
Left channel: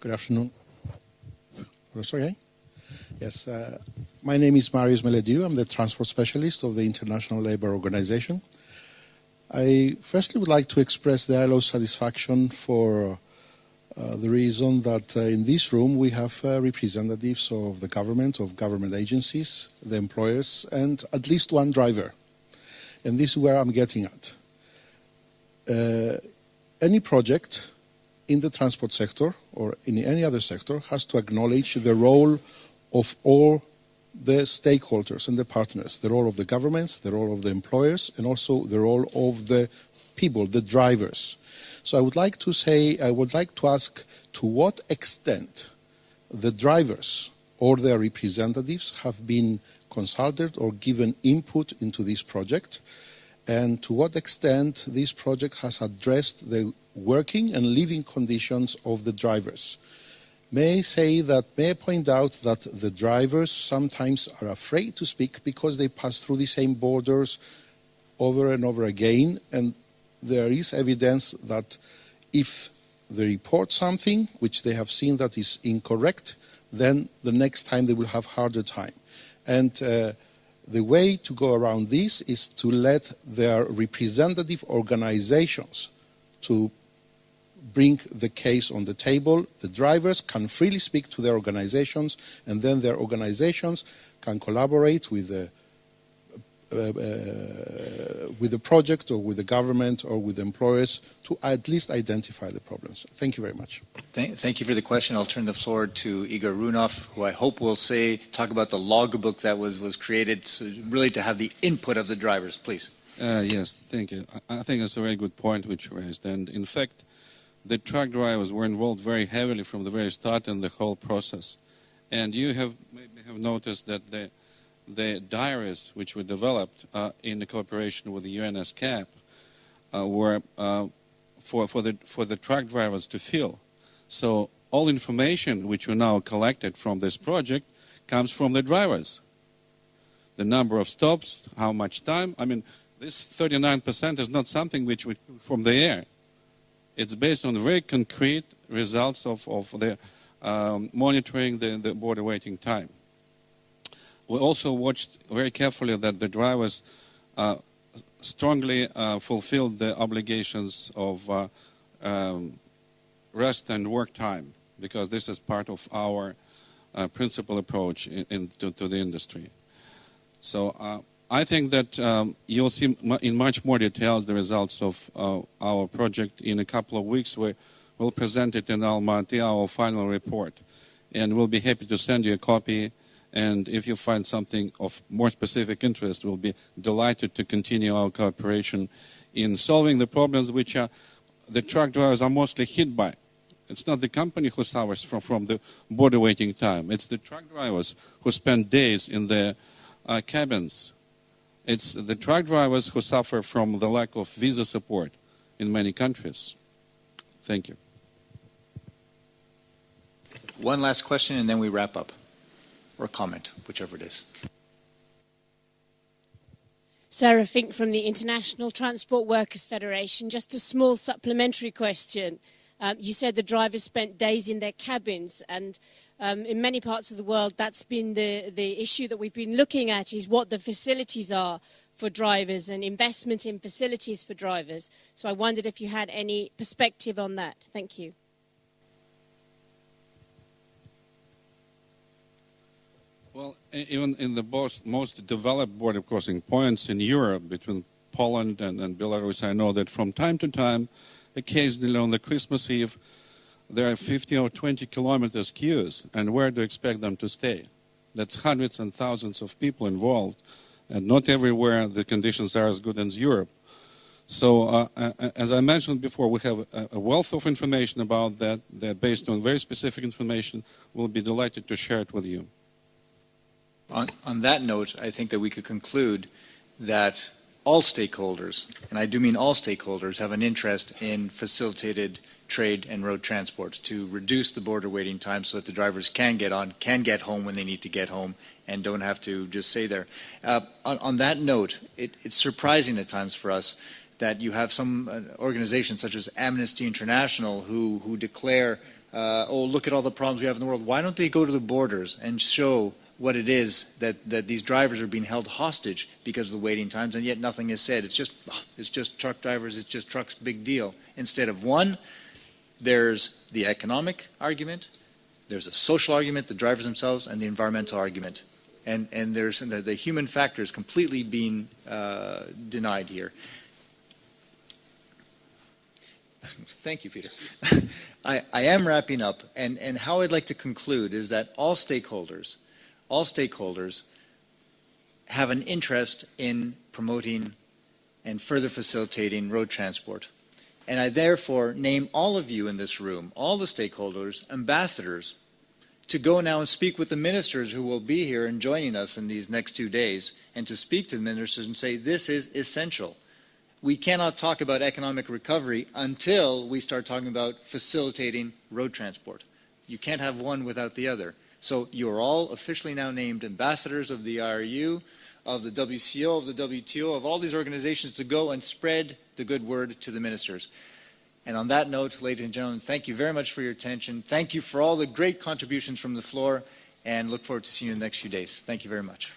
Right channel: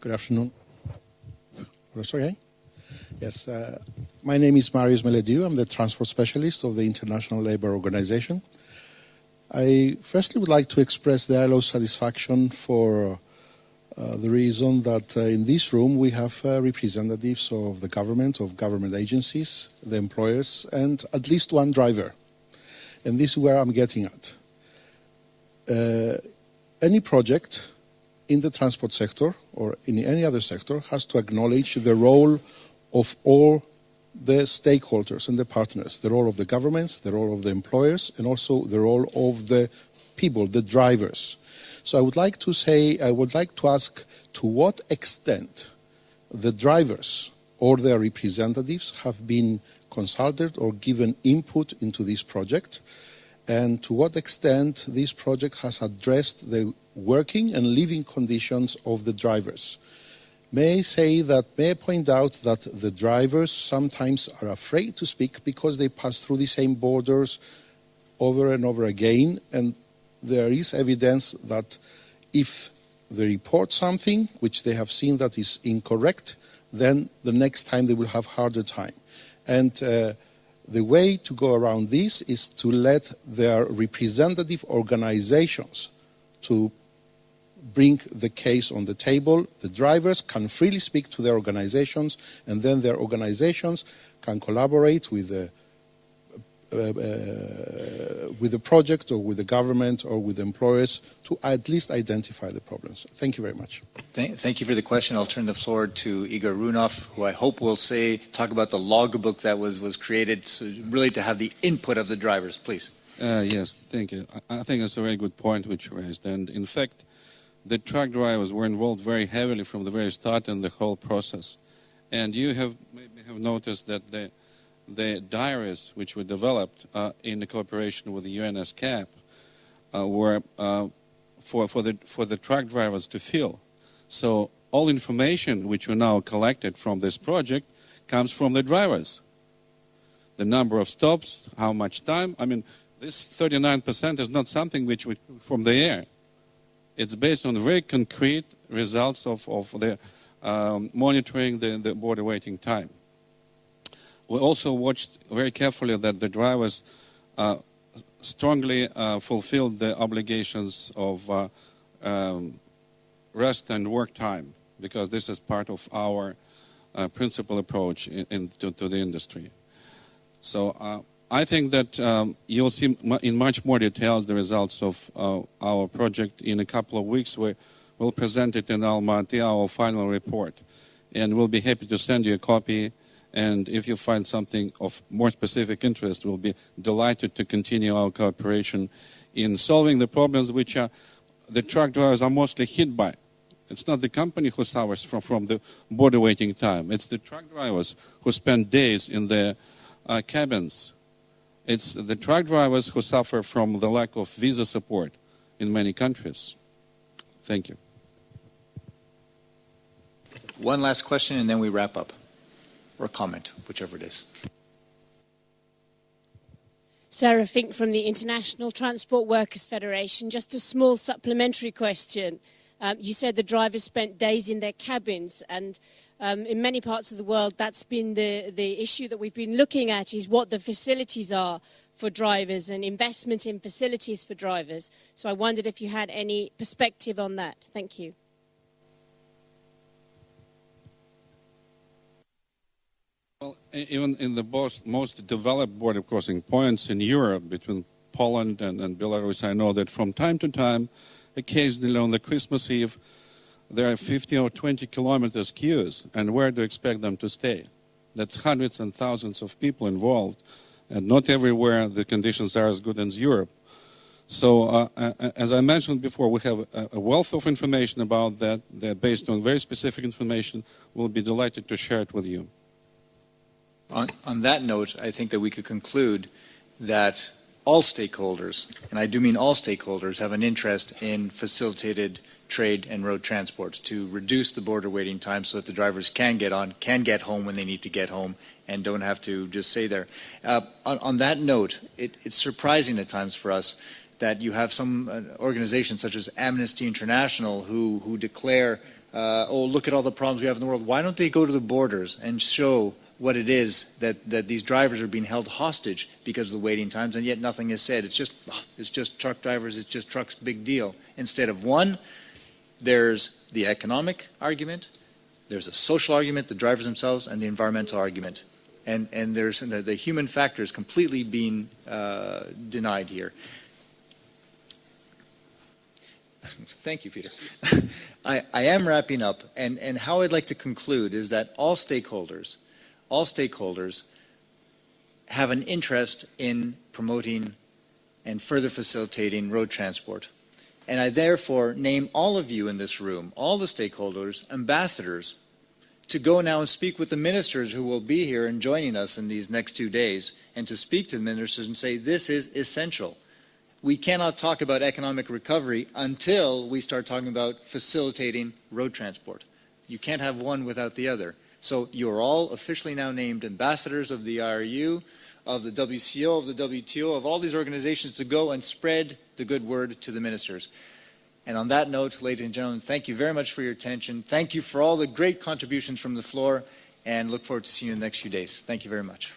Good afternoon. Sorry? Yes, my name is Marius Meledieu. I'm the transport specialist of the International Labour Organization. I firstly would like to express the ILO's satisfaction for the reason that in this room we have representatives of the government agencies, the employers, and at least one driver. And this is where I'm getting at. Any project in the transport sector or in any other sector has to acknowledge the role of all the stakeholders and the partners, the role of the governments, the role of the employers, and also the role of the people, the drivers. So I would like to ask to what extent the drivers or their representatives have been consulted or given input into this project, and to what extent this project has addressed the working and living conditions of the drivers. May I point out that the drivers sometimes are afraid to speak because they pass through the same borders over and over again, and there is evidence that if they report something which they have seen that is incorrect, then the next time they will have harder time. And the way to go around this is to let their representative organizations to bring the case on the table. The drivers can freely speak to their organizations, and then their organizations can collaborate with the project or with the government or with the employers to at least identify the problems. Thank you very much. Thank you for the question. I'll turn the floor to Igor Runov, who I hope will talk about the logbook that was created, so really to have the input of the drivers. Please. Yes, thank you. I think that's a very good point which you raised. And in fact, the truck drivers were involved very heavily from the very start in the whole process. And you maybe have noticed that the diaries which were developed in the cooperation with the UNSCAP were for the truck drivers to fill. So all information which we now collected from this project comes from the drivers. The number of stops, how much time. I mean, this 39% is not something which we from the air. It's based on very concrete results of the monitoring the border waiting time. We also watched very carefully that the drivers strongly fulfilled the obligations of rest and work time, because this is part of our principal approach to the industry. So I think that you'll see in much more details the results of our project in a couple of weeks. We'll present it in Almaty, our final report, and we'll be happy to send you a copy. And if you find something of more specific interest, we'll be delighted to continue our cooperation in solving the problems which the truck drivers are mostly hit by. It's not the company who suffers from the border waiting time. It's the truck drivers who spend days in their cabins. It's the truck drivers who suffer from the lack of visa support in many countries. Thank you. One last question, and then we wrap up. Or comment, whichever it is. Sarah Fink from the International Transport Workers Federation. Just a small supplementary question. You said the drivers spent days in their cabins, and in many parts of the world that's been the issue that we've been looking at, is what the facilities are for drivers and investment in facilities for drivers. So I wondered if you had any perspective on that. Thank you. Well, even in the most developed border crossing points in Europe between Poland and Belarus, I know that from time to time, occasionally on the Christmas Eve, there are 50 or 20 kilometers queues, and where do you expect them to stay? That's hundreds and thousands of people involved, and not everywhere the conditions are as good as Europe. So, as I mentioned before, we have a wealth of information about that. They're based on very specific information. We'll be delighted to share it with you. On that note, I think that we could conclude that all stakeholders, and I do mean all stakeholders, have an interest in facilitated trade and road transport to reduce the border waiting time so that the drivers can get home when they need to get home and don't have to just stay there. On that note, it's surprising at times for us that you have some organizations such as Amnesty International who declare, oh, look at all the problems we have in the world. Why don't they go to the borders and show what it is that these drivers are being held hostage because of the waiting times, and yet nothing is said. It's just truck drivers, it's just trucks, big deal. Instead of one, there's the economic argument, there's a social argument, the drivers themselves, and the environmental argument. And there's the human factor is completely being denied here. Thank you, Peter. I am wrapping up, and how I'd like to conclude is that all stakeholders have an interest in promoting and further facilitating road transport. And I therefore name all of you in this room, all the stakeholders, ambassadors, to go now and speak with the ministers who will be here and joining us in these next 2 days, and to speak to the ministers and say, this is essential. We cannot talk about economic recovery until we start talking about facilitating road transport. You can't have one without the other. So you're all officially now named ambassadors of the IRU, of the WCO, of the WTO, of all these organizations to go and spread the good word to the ministers. And on that note, ladies and gentlemen, thank you very much for your attention. Thank you for all the great contributions from the floor, and look forward to seeing you in the next few days. Thank you very much.